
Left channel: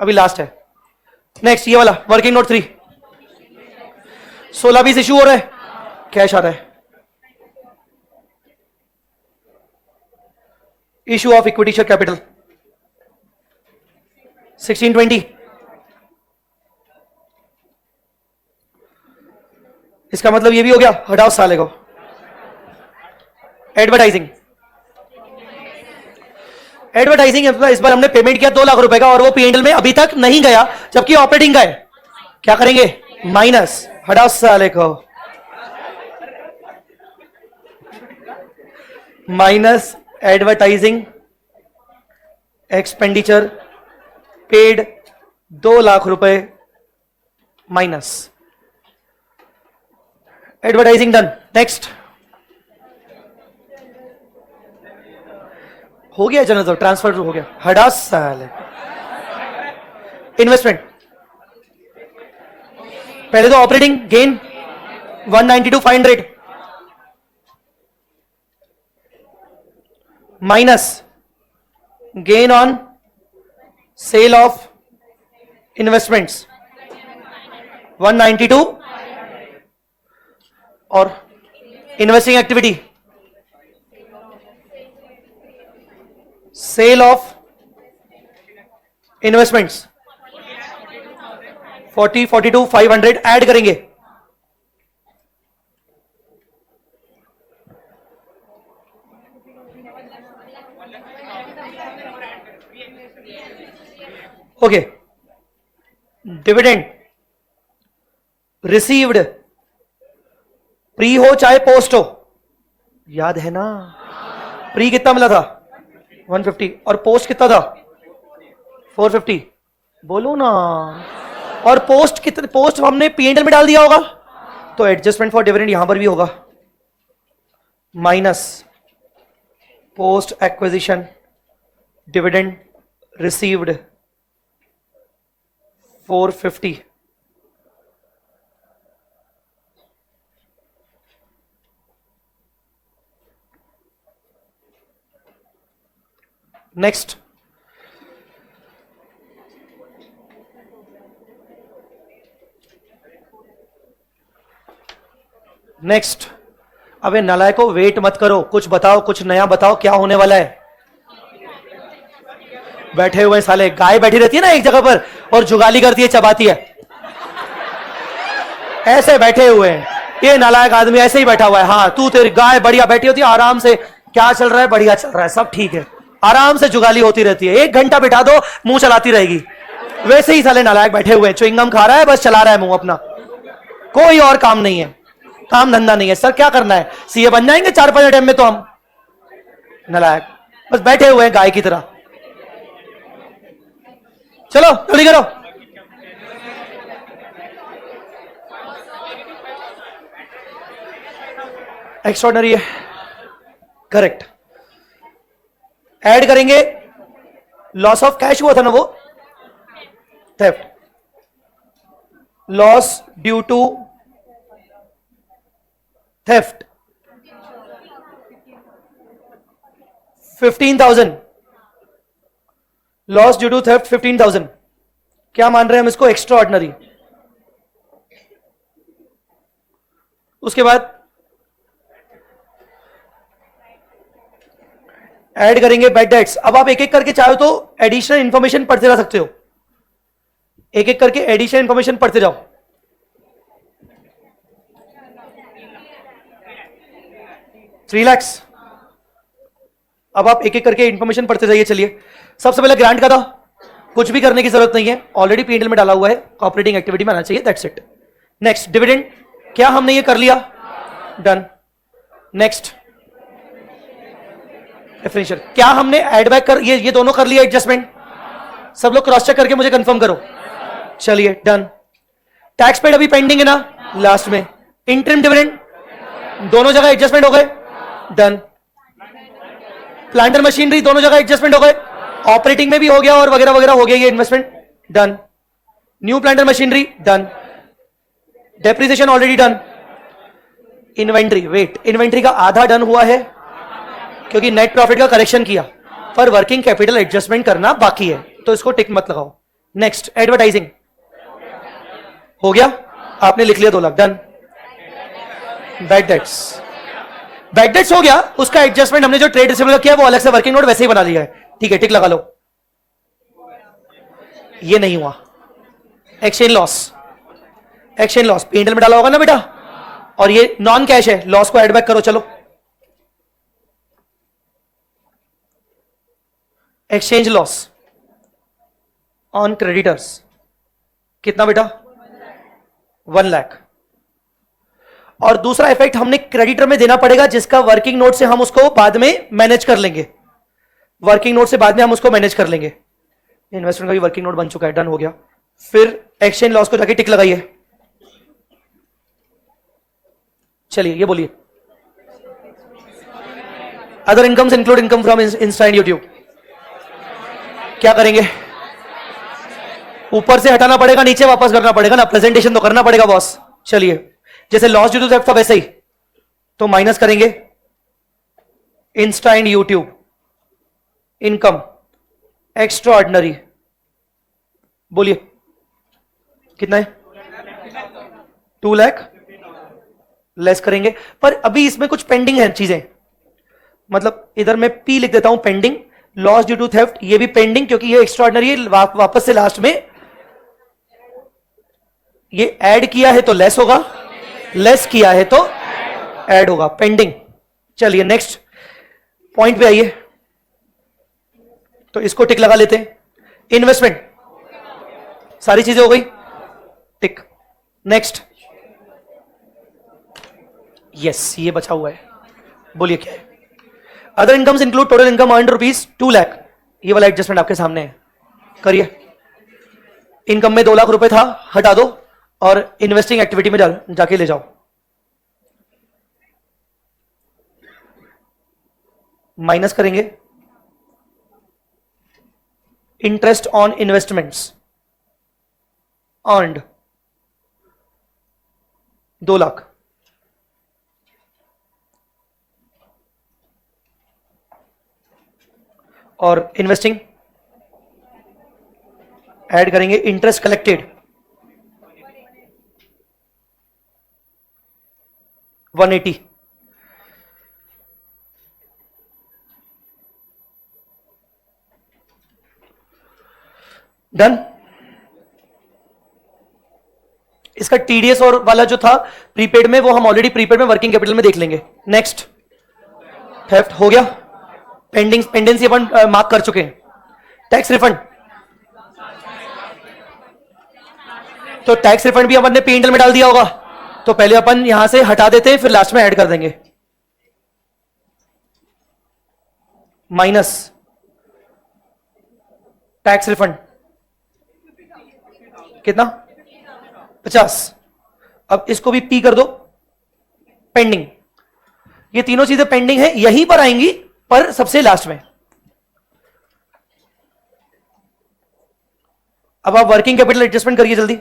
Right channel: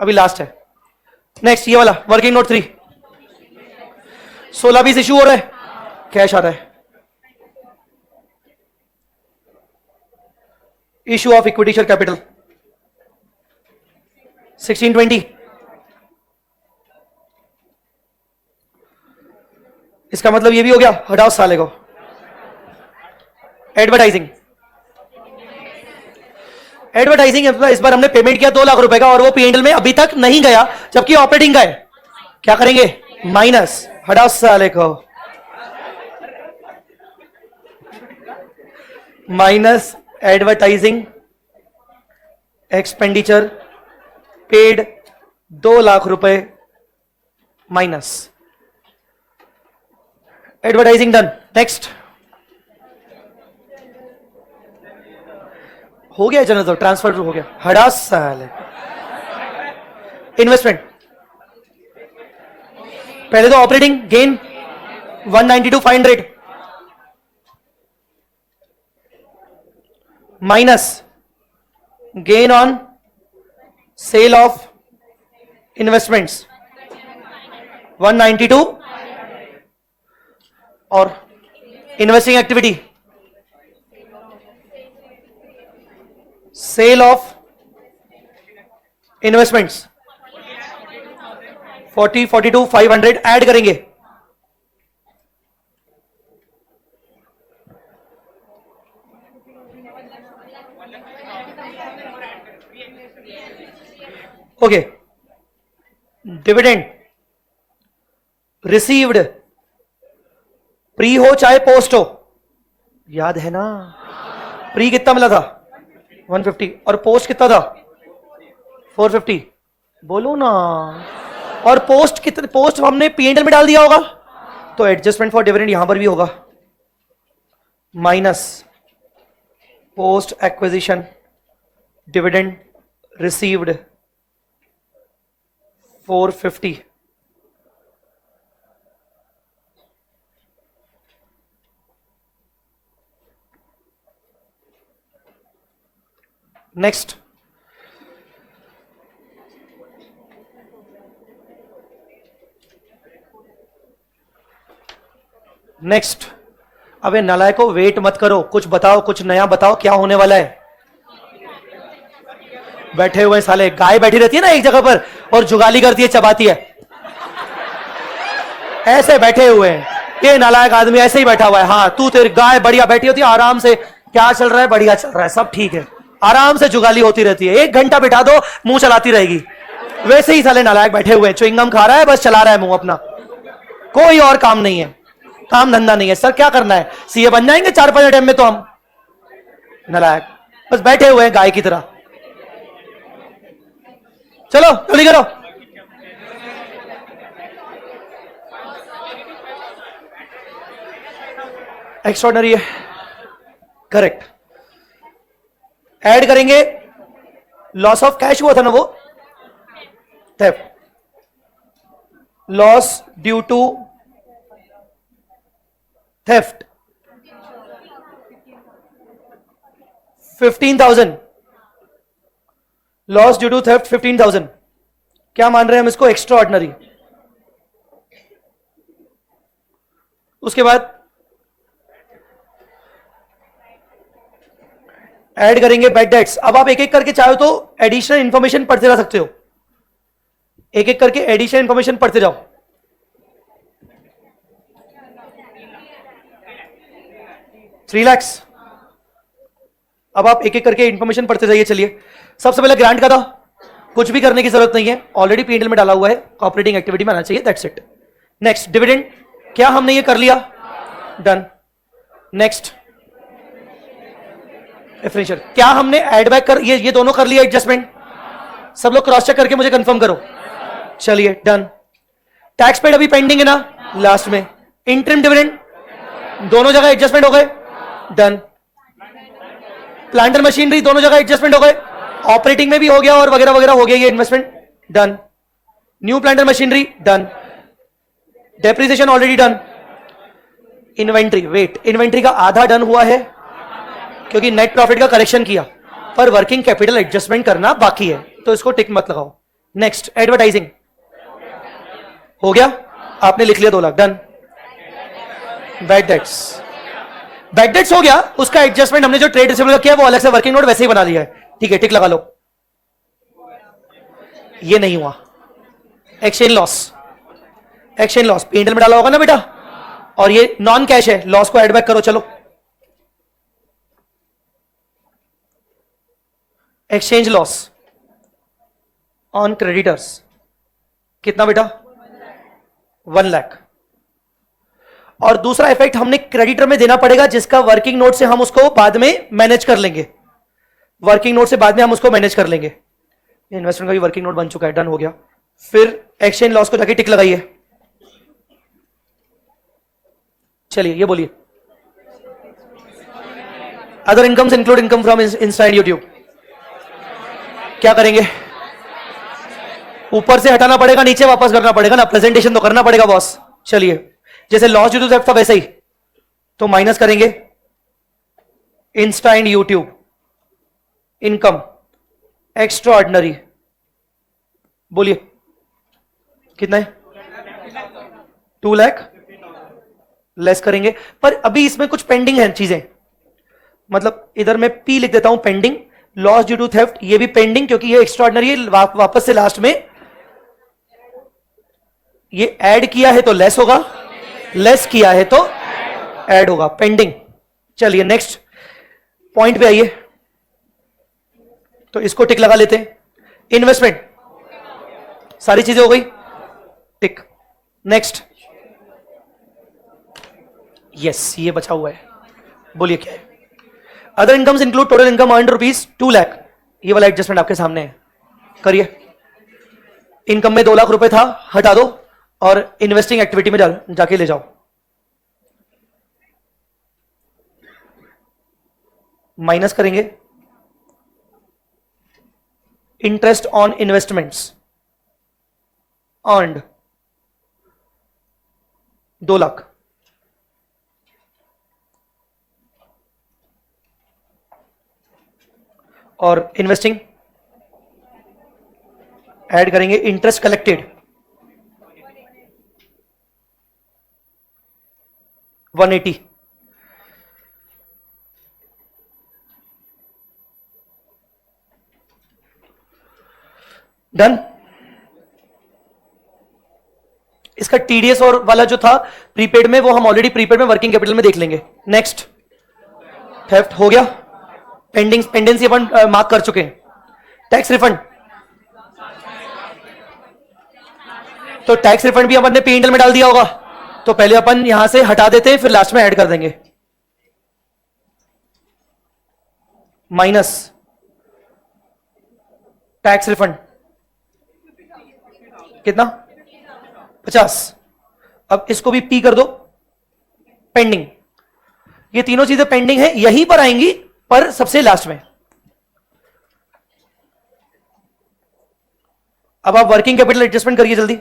अभी लास्ट है। नेक्स्ट ये वाला वर्किंग नोट 3, 16-20 इशू हो रहा है, कैश आ रहा है। Issue of equity share capital 1620, इसका मतलब ये भी हो गया, हटाओ साले को। एडवर्टाइजिंग, एडवर्टाइजिंग इस बार हमने पेमेंट किया 2 लाख रुपए का, और वो पीएनएल में अभी तक नहीं गया, जबकि ऑपरेटिंग का है। क्या करेंगे? माइनस, हटाओ साले को, minus advertising expenditure paid 2 lakh रुपए माइनस एडवर्टाइजिंग डन। नेक्स्ट हो गया, चलो तो ट्रांसफर हो गया, हटा साले। इन्वेस्टमेंट पहले तो operating gain 192,500 minus gain on sale of investments 192, और investing activity sale of investments 42,500 add करेंगे। ओके, डिविडेंड रिसीव्ड, प्री हो चाहे पोस्ट हो, याद है ना? प्री कितना मिला था? 150, और पोस्ट कितना था? 450, बोलू ना। और पोस्ट कितने, पोस्ट हमने पीएनएल में डाल दिया होगा, तो एडजस्टमेंट फॉर डिविडेंड यहां पर भी होगा, minus post acquisition dividend received 450, next next अबे नालायक को वेट मत करो, कुछ बताओ, कुछ नया बताओ, क्या होने वाला है? बैठे हुए साले, गाय बैठी रहती है ना एक जगह पर और जुगाली करती है, चबाती है, ऐसे बैठे हुए हैं। ये नालायक आदमी ऐसे ही बैठा हुआ है। हाँ, तू तेरी गाय बढ़िया बैठी होती है आराम से, क्या चल रहा है? बढ़िया चल रहा है, सब ठीक है, आराम से जुगाली होती रहती है। 1 घंटा बिठा दो, मुंह चलाती रहेगी। वैसे ही साले नालायक बैठे हुए, च्युइंगम खा रहा है, बस चला रहा है मुंह अपना, कोई और काम नहीं है, काम धंधा नहीं है। सर क्या करना है? सीए बन जाएंगे 4-5 टाइम में तो हम। नालायक बस बैठे हुए गाय की तरह। चलो जल्दी करो। एक्स्ट्राऑर्डिनरी है, करेक्ट। ऐड करेंगे लॉस ऑफ कैश हुआ था ना वो, theft, loss due to theft 15,000, loss due to theft 15,000। क्या मान रहे हैं हम इसको? Extraordinary. उसके बाद ऐड करेंगे बैड डेट्स। अब आप एक एक करके चाहो तो एडिशनल इंफॉर्मेशन पढ़ते जा सकते हो, एक एक करके एडिशनल इंफॉर्मेशन पढ़ते जाओ। $3 लाख। अब आप एक एक करके इंफॉर्मेशन पढ़ते जाइए। चलिए, सबसे पहले ग्रांट का था, कुछ भी करने की जरूरत नहीं है, ऑलरेडी पीएनएल में डाला हुआ है, ऑपरेटिंग एक्टिविटी में आना चाहिए, दैट्स इट। नेक्स्ट डिविडेंड, क्या हमने ये कर लिया? डन। नेक्स्ट डिफरेंशियल, क्या हमने एड बैक कर, ये दोनों कर लिया एडजस्टमेंट? सब लोग क्रॉस चेक करके मुझे कंफर्म करो। चलिए डन। टैक्स पेड अभी पेंडिंग है ना, लास्ट में। इंटरिम डिविडेंड, दोनों जगह एडजस्टमेंट हो गए, डन। प्लांटर मशीनरी, दोनों जगह एडजस्टमेंट हो गए, ऑपरेटिंग में भी हो गया और वगैरह वगैरह हो गया, ये investment done. New planter machinery done, depreciation already done. Inventory, wait, inventory का आधा डन हुआ है क्योंकि नेट प्रॉफिट का कलेक्शन किया, पर वर्किंग कैपिटल एडजस्टमेंट करना बाकी है, तो इसको टिक मत लगाओ। नेक्स्ट एडवर्टाइजिंग हो गया, आपने लिख लिया 2 lakh, done. Bad debts, bad debts हो गया, उसका एडजस्टमेंट हमने जो ट्रेड रिसीवेबल किया वो अलग से वर्किंग नोट वैसे ही बना दिया है, ठीक है, टिक लगा लो। ये नहीं हुआ। Exchange loss, exchange loss PNL में डालना होगा ना बेटा, और ये नॉन कैश है, लॉस को एड बैक करो। चलो, एक्सचेंज लॉस ऑन क्रेडिटर्स कितना बेटा? 1 लाख। और दूसरा इफेक्ट हमने क्रेडिटर में देना पड़ेगा, जिसका वर्किंग नोट से हम उसको बाद में मैनेज कर लेंगे, वर्किंग नोट से बाद में हम उसको मैनेज कर लेंगे। इन्वेस्टमेंट का भी वर्किंग नोट बन चुका है, डन हो गया। फिर एक्सचेंज लॉस को जाके टिक लगाइए। चलिए ये बोलिए, other incomes include income from Insta and YouTube, क्या करेंगे? ऊपर से हटाना पड़ेगा, नीचे वापस करना पड़ेगा ना, प्रेजेंटेशन तो करना पड़ेगा बॉस। चलिए, जैसे लॉस ड्यू टू थेफ्ट था वैसे ही, तो माइनस करेंगे Insta and YouTube, income extra ordinary, बोलिए कितना है? 2 लाख लेस करेंगे, पर अभी इसमें कुछ पेंडिंग है चीजें, मतलब इधर मैं पी लिख देता हूं, pending. Loss due to theft ये भी पेंडिंग क्योंकि ये एक्स्ट्रा ऑर्डिनरी है, वापस से लास्ट में ये ऐड किया है तो लेस होगा, लेस किया है तो ऐड होगा, पेंडिंग। चलिए नेक्स्ट पॉइंट पे आइए, तो इसको टिक लगा लेते हैं। इन्वेस्टमेंट, सारी चीजें हो गई, टिक। नेक्स्ट, यस, ये बचा हुआ है, बोलिए क्या है? Other incomes include total income earned ₹2 lakh, ये वाला एडजस्टमेंट आपके सामने है, करिए। इनकम में 2 लाख रुपए था, हटा दो और इन्वेस्टिंग एक्टिविटी में जाके ले जाओ। माइनस करेंगे interest on investments earned 2 lakh, और इन्वेस्टिंग ऐड करेंगे इंटरेस्ट कलेक्टेड 180, डन। इसका टीडीएस और वाला जो था प्रीपेड में, वो हम ऑलरेडी प्रीपेड में वर्किंग कैपिटल में देख लेंगे। नेक्स्ट, थेफ्ट हो गया, पेंडेंसी अपन मार्क कर चुके हैं। टैक्स रिफंड, तो टैक्स रिफंड भी अपन ने पीएनएल में डाल दिया होगा, तो पहले अपन यहां से हटा देते हैं, फिर लास्ट में ऐड कर देंगे। माइनस टैक्स रिफंड कितना? 50। अब इसको भी पी कर दो, पेंडिंग। ये तीनों चीजें पेंडिंग है, यहीं पर आएंगी पर सबसे लास्ट में। अब आप वर्किंग कैपिटल एडजस्टमेंट करिए जल्दी।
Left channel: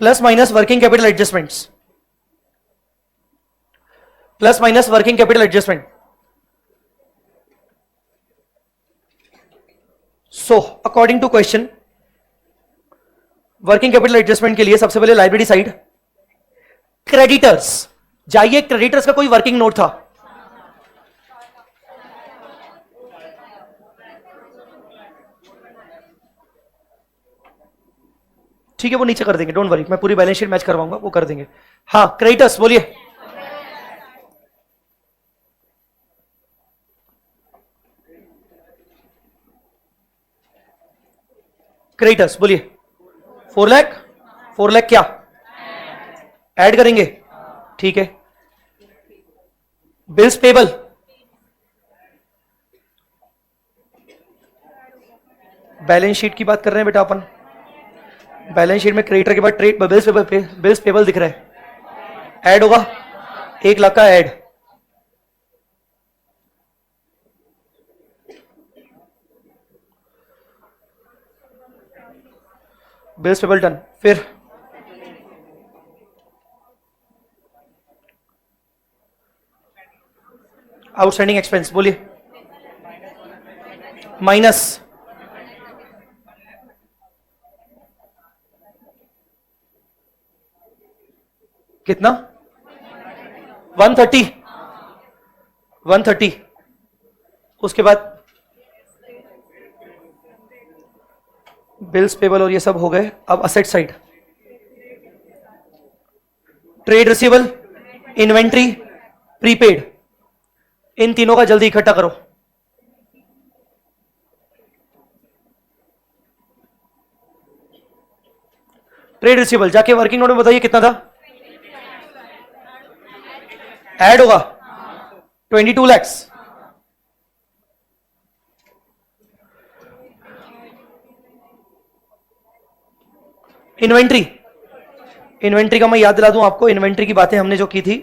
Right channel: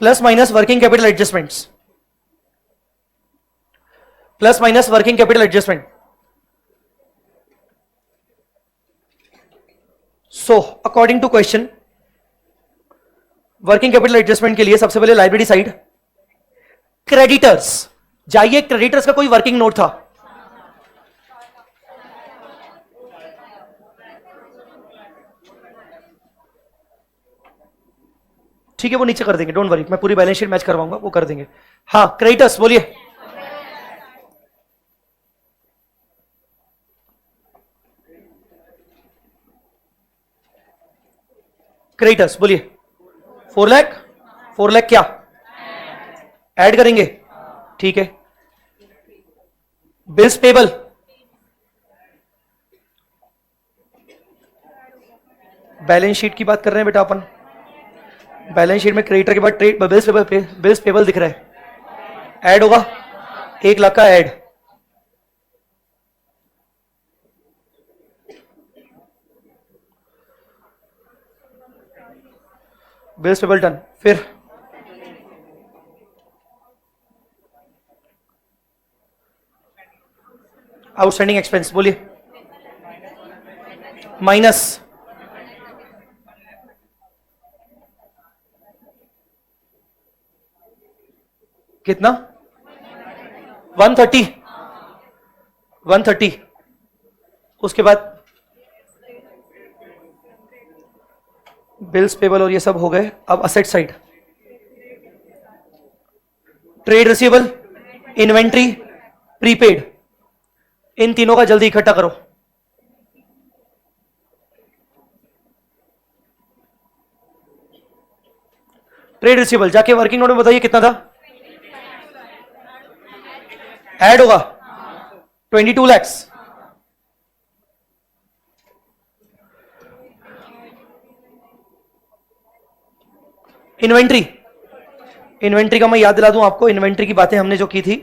Plus minus working capital adjustments, plus minus working capital adjustment. So according to question, working capital adjustment के लिए सबसे पहले लाइब्रेरी साइड, क्रेडिटर्स जाइए। क्रेडिटर्स का कोई वर्किंग नोट था? ठीक है, वो नीचे कर देंगे, डोंट वरी, मैं पूरी बैलेंस शीट मैच करवाऊंगा, वो कर देंगे। हाँ क्रेडिटर्स बोलिए। क्रेडिटर्स बोलिए। 4 लाख, 4 लाख क्या ऐड करेंगे? ठीक है। बिल्स पेबल, बैलेंस शीट की बात कर रहे हैं बेटा अपन। बैलेंस शीट में क्रेडिटर के बाद ट्रेड बिल्स पेबल दिख रहा है, ऐड होगा 1 लाख का ऐड। Bills payable done. फिर आउटस्टैंडिंग एक्सपेंस बोलिए। माइनस कितना? 130, 130। उसके बाद बिल्स पेबल और ये सब हो गए। अब asset side, trade receivable, inventory, prepaid, इन तीनों का जल्दी इकट्ठा करो। ट्रेड रिसीवेबल जाके वर्किंग नोट में बताइए कितना था, ऐड होगा 22 lakhs। इन्वेंट्री, इन्वेंट्री का मैं याद दिला दूं आपको, इन्वेंट्री की बातें हमने जो की थी,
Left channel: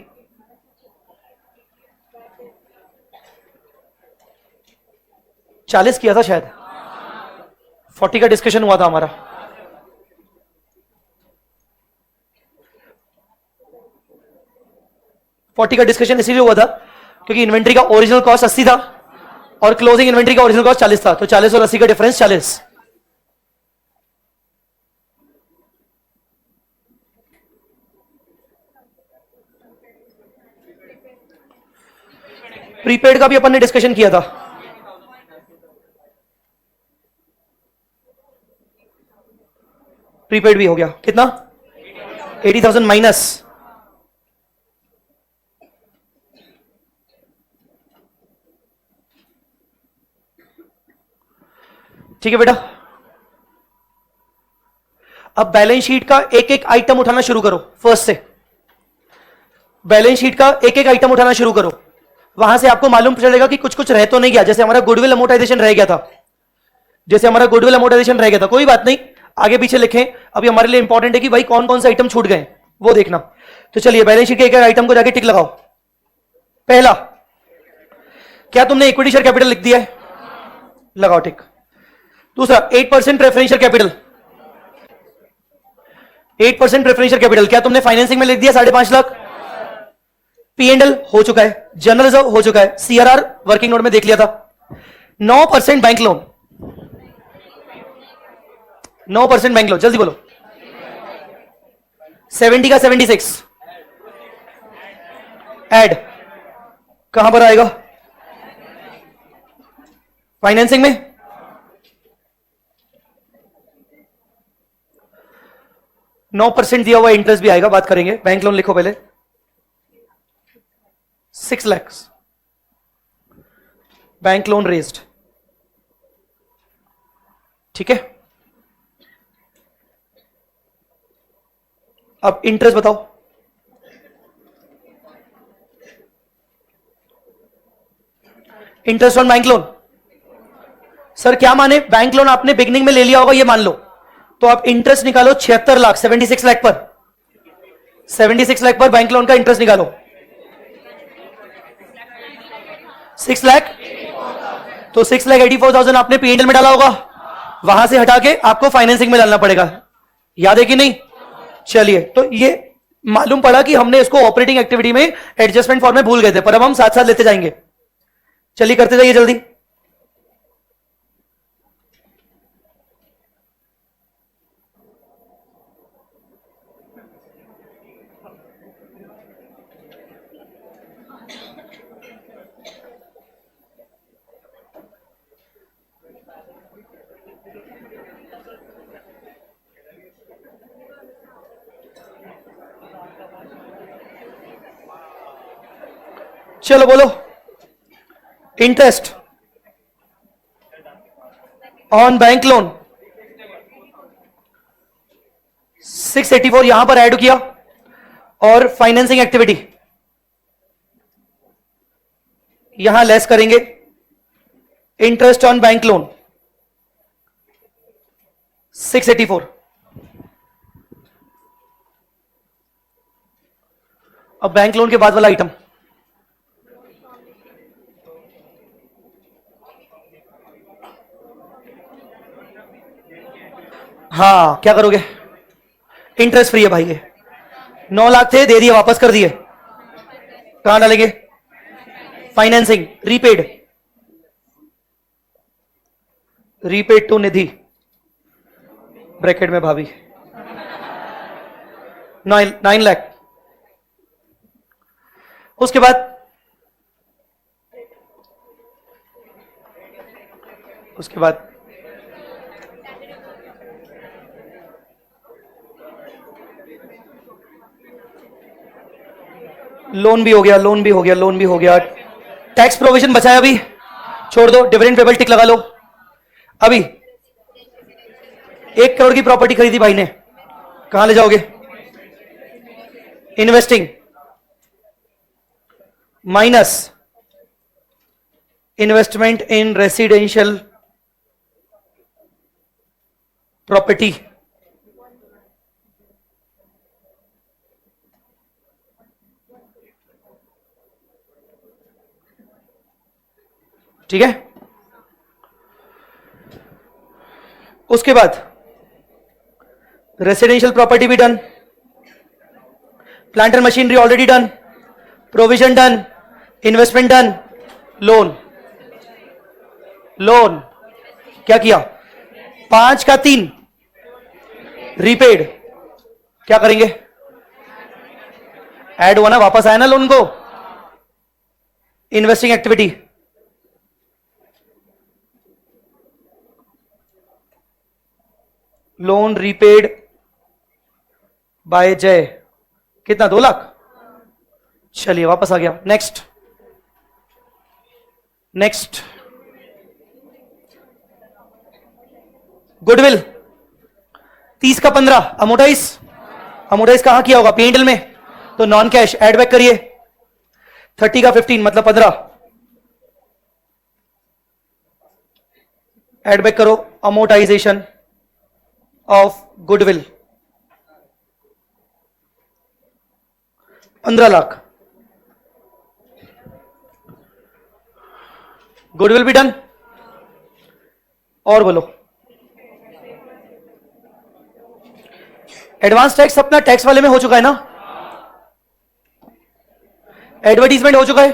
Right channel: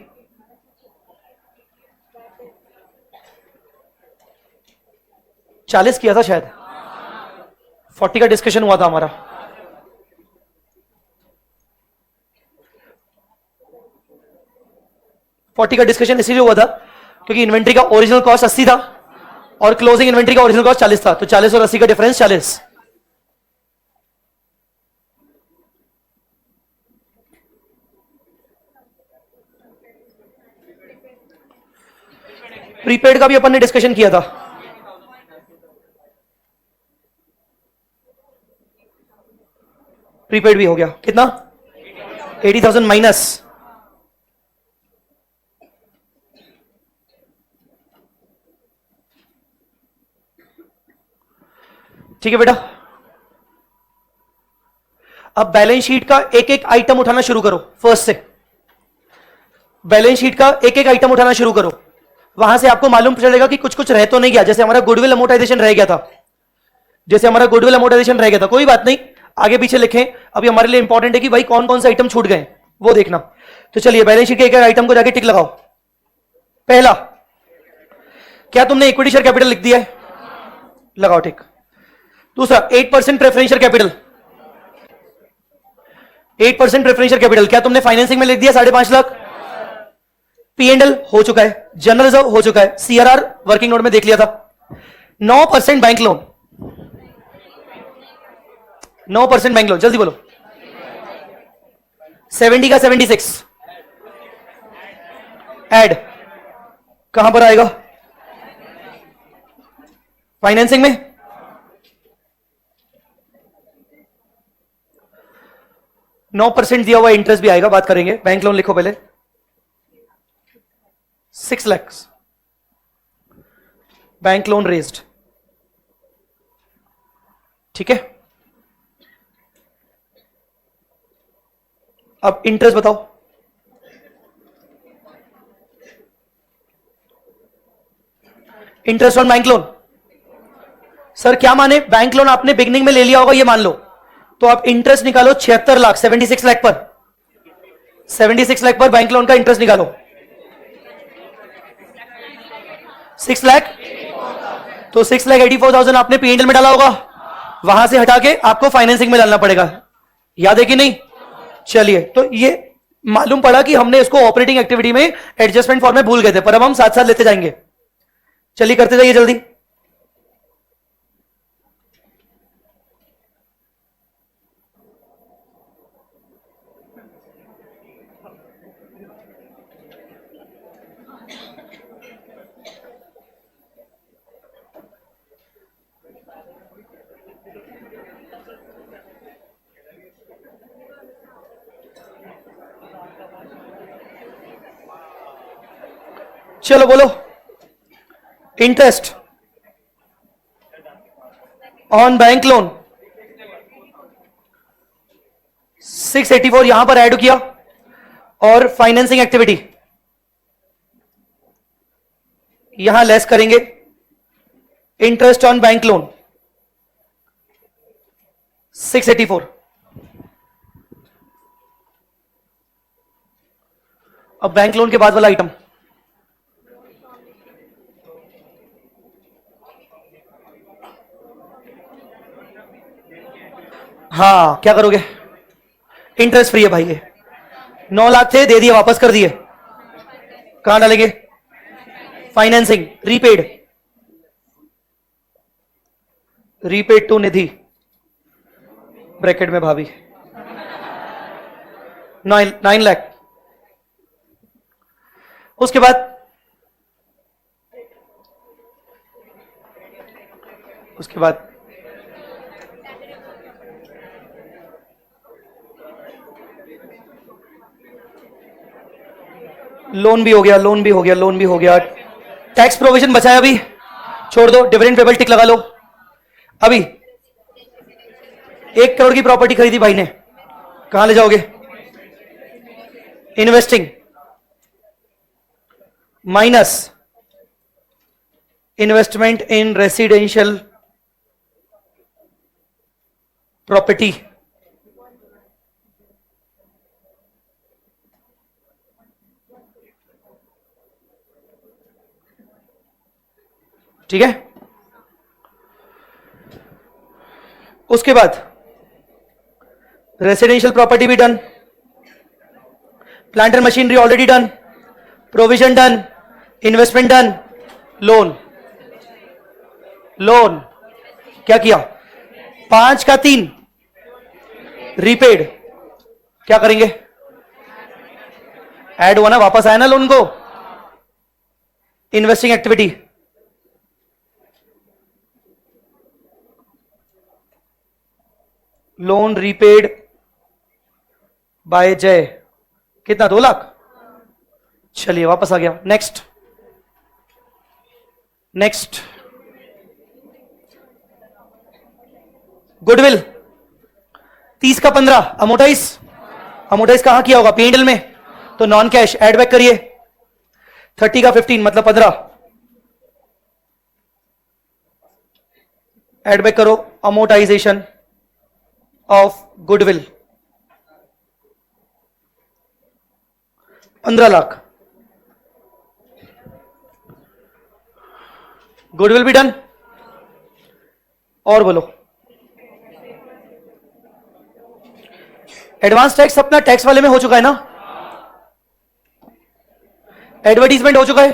चालीस किया था शायद, 40 का डिस्कशन हुआ था हमारा। फोर्टी का डिस्कशन इसीलिए हुआ था क्योंकि इन्वेंट्री का ओरिजिनल कॉस्ट 80 था और क्लोजिंग इन्वेंट्री का ओरिजिनल कॉस्ट 40 था, तो 40 और 80 का डिफरेंस 40। प्रीपेड का भी अपन ने डिस्कशन किया था। प्रीपेड भी हो गया, कितना? 80,000 माइनस, ठीक है बेटा। अब बैलेंस शीट का एक एक आइटम उठाना शुरू करो, फर्स्ट से बैलेंस शीट का एक एक आइटम उठाना शुरू करो। वहां से आपको मालूम चलेगा कि कुछ कुछ रह तो नहीं गया, जैसे हमारा गुडविल अमोर्टाइजेशन रह गया था, जैसे हमारा गुडविल अमोर्टाइजेशन रह गया था, कोई बात नहीं, आगे पीछे लिखें। अभी हमारे लिए इंपॉर्टेंट है कि भाई कौन कौन से आइटम छूट गए वो देखना। तो चलिए बैलेंस शीट के एक एक आइटम को जाके टिक लगाओ। पहला, क्या तुमने इक्विटी शेयर कैपिटल लिख दिया है? लगाओ टिक। दूसरा, 8% प्रेफरेंशियल कैपिटल, 8% प्रेफरेंशियल कैपिटल क्या तुमने फाइनेंसिंग में लिख दिया? 5.5 लाख। P&L हो चुका है, जनरल रिजर्व हो चुका है, CRR वर्किंग नोट में देख लिया था। 9% बैंक लोन, 9% बैंक लोन, जल्दी बोलो। 70 का 76 ऐड कहां पर आएगा? फाइनेंसिंग में। नौ % दिया हुआ इंटरेस्ट भी आएगा, बात करेंगे। बैंक लोन लिखो पहले, 6 lakhs बैंक लोन रेज्ड, ठीक है। अब इंटरेस्ट बताओ। Interest on bank loan, sir क्या माने? बैंक लोन आपने बिगनिंग में ले लिया होगा, ये मान लो, तो आप इंटरेस्ट निकालो 76 लाख, 76 लाख पर, 76 लाख पर बैंक लोन का इंटरेस्ट निकालो। 6 लाख, तो 6,84,000 आपने पीएनएल में डाला होगा, वहां से हटा के आपको फाइनेंसिंग में डालना पड़ेगा, याद है कि नहीं? चलिए, तो ये मालूम पड़ा कि हमने इसको ऑपरेटिंग एक्टिविटी में एडजस्टमेंट फॉर्म में भूल गए थे, पर अब हम साथ साथ लेते जाएंगे। चलिए करते जाइए जल्दी। चलो बोलो, इंटरेस्ट ऑन बैंक लोन 684 यहां पर ऐड किया, और फाइनेंसिंग एक्टिविटी यहां लेस करेंगे, इंटरेस्ट ऑन बैंक लोन 684। अब बैंक लोन के बाद वाला आइटम, हाँ क्या करोगे? इंटरेस्ट फ्री है भाई, 9 लाख थे, दे दिए, वापस कर दिए, कहां डालेंगे? Financing, repaid, repaid to Nidhi, bracket में भाभी, 9 लाख। उसके बाद लोन भी हो गया, लोन भी हो गया, लोन भी हो गया। टैक्स प्रोविजन बचाया, अभी छोड़ दो, डिविडेंड पेबल टिक लगा लो। अभी 1 करोड़ की प्रॉपर्टी खरीदी भाई ने, कहां ले जाओगे? Investing minus investment in residential property, ठीक है। उसके बाद रेसिडेंशियल प्रॉपर्टी भी done, planter machinery already done, provision done, investment done, loan, loan क्या किया? 5 का 3 रीपेड, क्या करेंगे? ऐड हुआ ना, वापस आया ना लोन को, investing activity, loan repaid by Jai, कितना? 2 लाख। चलिए वापस आ गया। नेक्स्ट, नेक्स्ट गुडविल 30 का 15, अमोटाइज, अमोटाइज कहां किया होगा? पीएनएल में, तो नॉन कैश एड बैक करिए। 30 का 15 मतलब 15, एड बैक करो, amortisation of goodwill 15 lakh. Goodwill भी डन, और बोलो। एडवांस टैक्स अपना टैक्स वाले में हो चुका है ना, एडवर्टीजमेंट हो चुका है,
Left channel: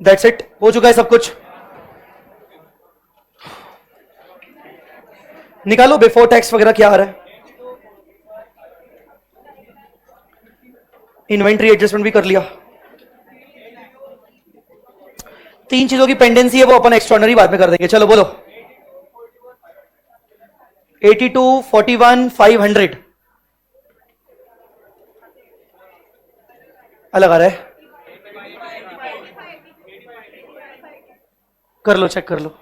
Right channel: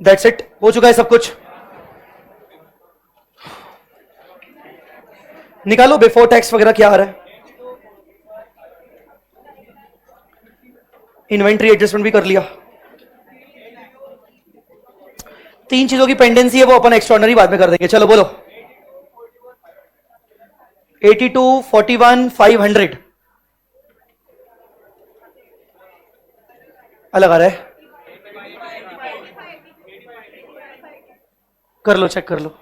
दैट्स इट, हो चुका है सब कुछ। निकालो बिफोर टैक्स वगैरह क्या आ रहा है। इन्वेंट्री एडजस्टमेंट भी कर लिया। 3 चीजों की पेंडेंसी है, वो अपन एक्स्ट्राऑर्डिनरी बाद में कर देंगे। चलो बोलो, 82, 41, 500 अलग आ रहा है, कर लो, चेक कर लो।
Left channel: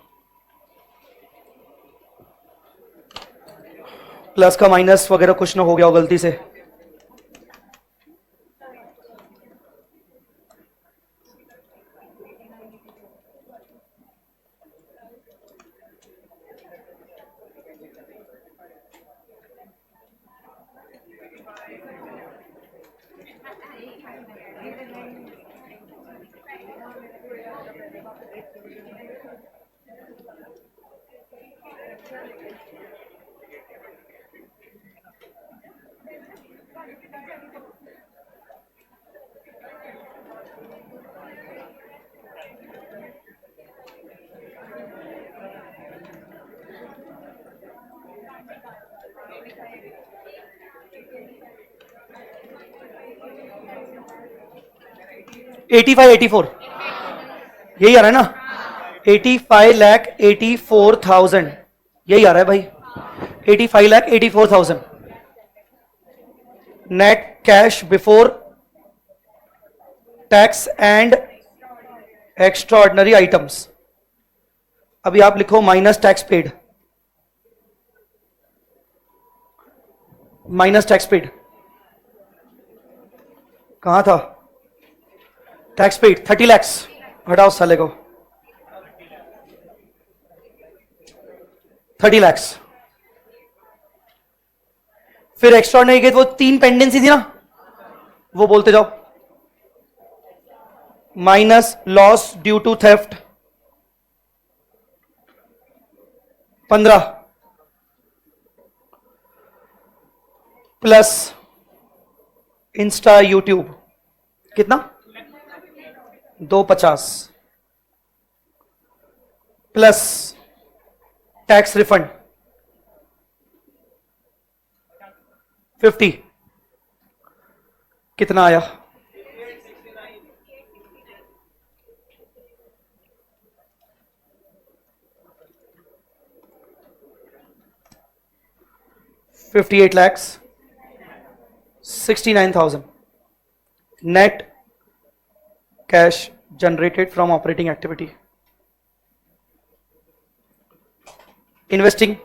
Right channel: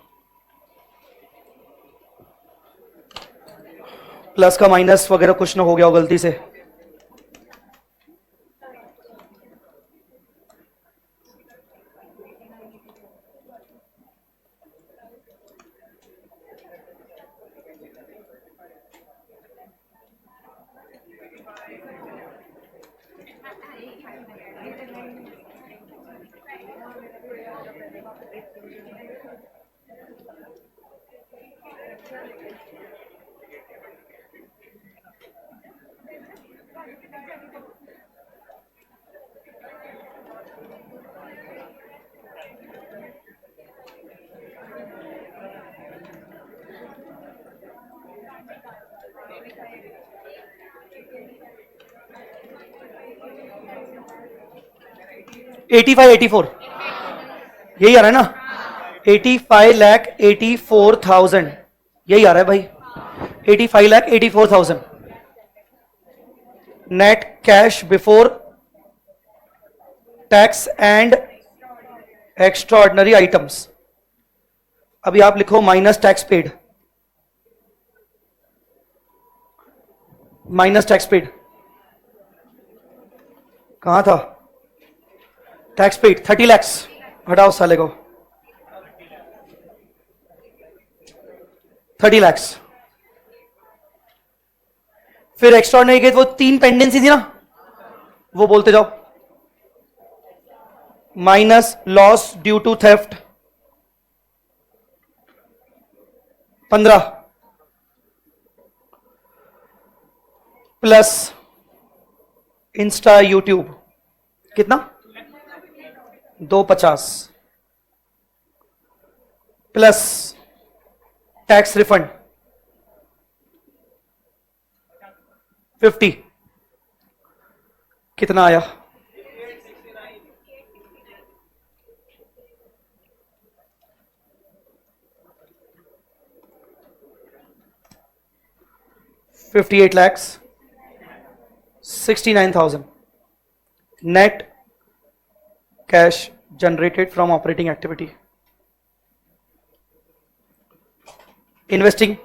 प्लस का माइनस वगैरह कुछ ना हो गया हो गलती से। 85 84 यही आ रहा है ना, 85,84,000 यही आ रहा है भाई, 85,84,000 net cash before tax and extra ordinary items. अभी आप लिखो minus tax paid, minus tax paid कहां था, टैक्स पेड 30 lakhs, घटाओ साले को 30 lakhs। फिर एक्स्ट्रा नहीं गए, वो 3 पेंडेंसी थी ना, वो बोलते जाओ। Minus loss due to theft 15 plus Insta YouTube कितना 250 प्लस टैक्स रिफंड 50 कितना आया, $58 lakhs 69,000 net cash generated from operating activity. Investing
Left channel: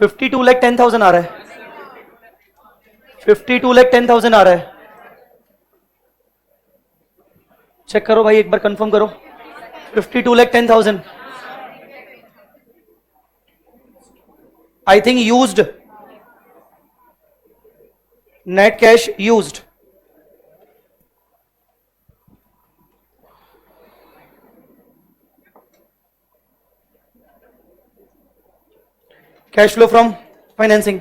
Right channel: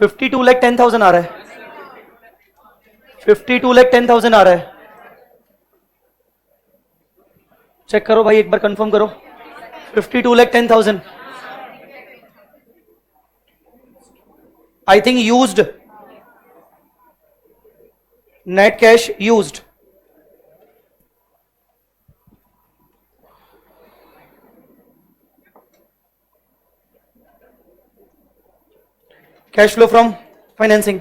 $52,10,000 आ रहा है, 52,10,000 आ रहा है। चेक करो भाई, एक बार कंफर्म करो। 52,10,000 I think used, net cash used. Cash flow from financing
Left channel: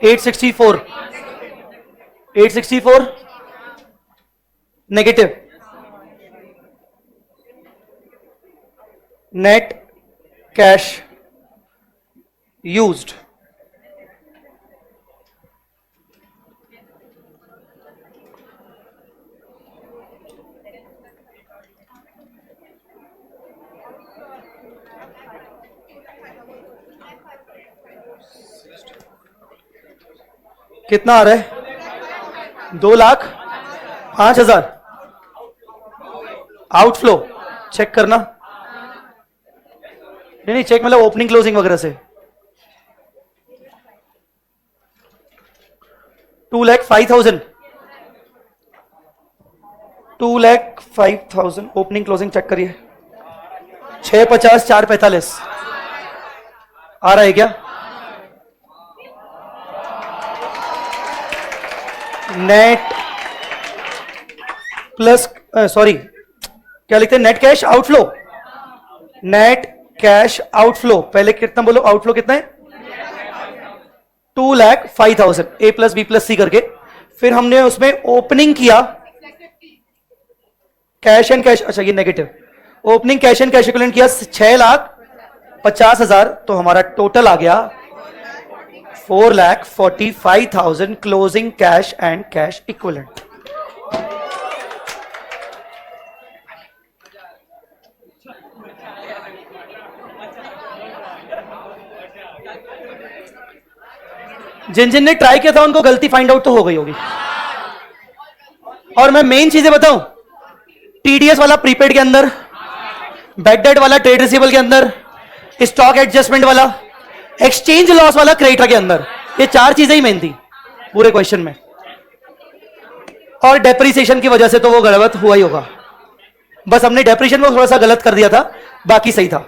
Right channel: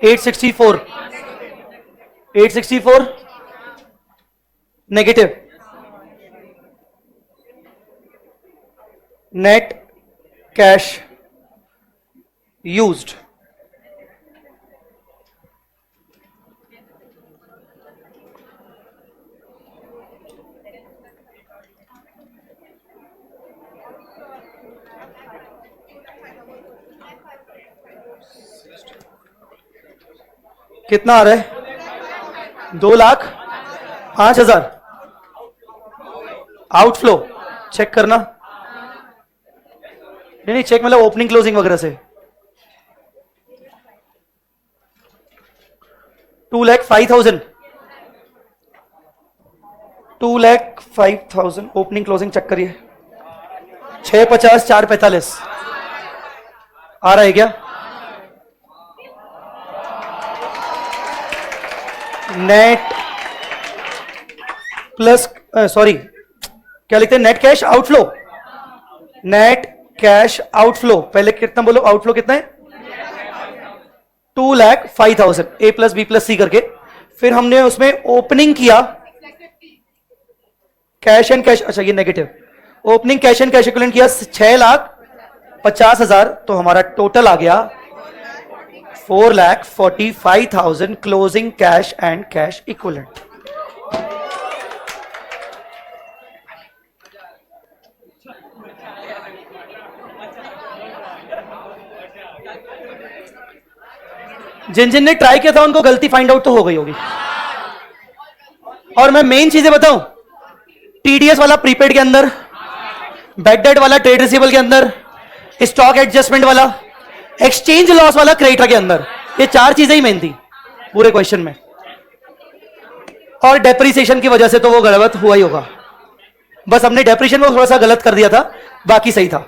$864 negative, net cash used कितना आ रहा है, 2,05,000 आउटफ्लो। चेक करना, नहीं चेक मतलब ओपनिंग क्लोजिंग वगैरह से। 2,05,000 2,05,000 ओपनिंग क्लोजिंग चेक करिए। 650 445 आ रहा है क्या, नेट प्लस सॉरी क्या लिखते हैं, net cash outflow, net cash outflow पहले कितना बोलो, आउटफ्लो कितना है 2,05,000 ए प्लस बी प्लस सी करके। फिर हमने उसमें ओपनिंग किया कैश एंड कैश, अच्छा ये negative, opening cash and cash equivalent किया 6,50,000, तो हमारा टोटल आ गया 4,45,000 closing cash and cash equivalent. जिन जिन ने ट्राई किया था उनको गलती फाइंड आउट तो हो गई होगी। और मैं मेन चीजें बताऊं, टीडीएस वाला प्रीपेड के अंदर, बैड डेट वाला ट्रेड रिसीवेबल के अंदर, स्टॉक एडजस्टमेंट वाला, एक्सचेंज लॉस वाला क्रेडिटर के अंदर, ये 4 चीजें ही मेन थी पूरे क्वेश्चन में। और डेप्रिसिएशन की वजह से तो वो गलत हुआ ही होगा, बस हमने डेप्रिसिएशन में थोड़ा सा गलत कर दिया था, बाकी सही था।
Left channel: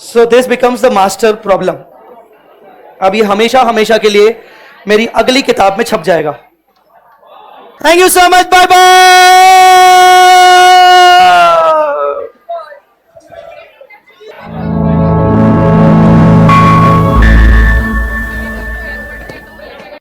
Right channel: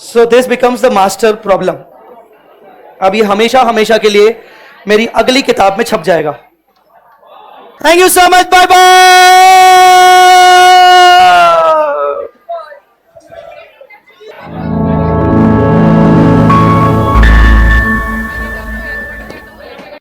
So this becomes the master problem. अब ये हमेशा हमेशा के लिए मेरी अगली किताब में छप जाएगा। Thank you so much, bye bye.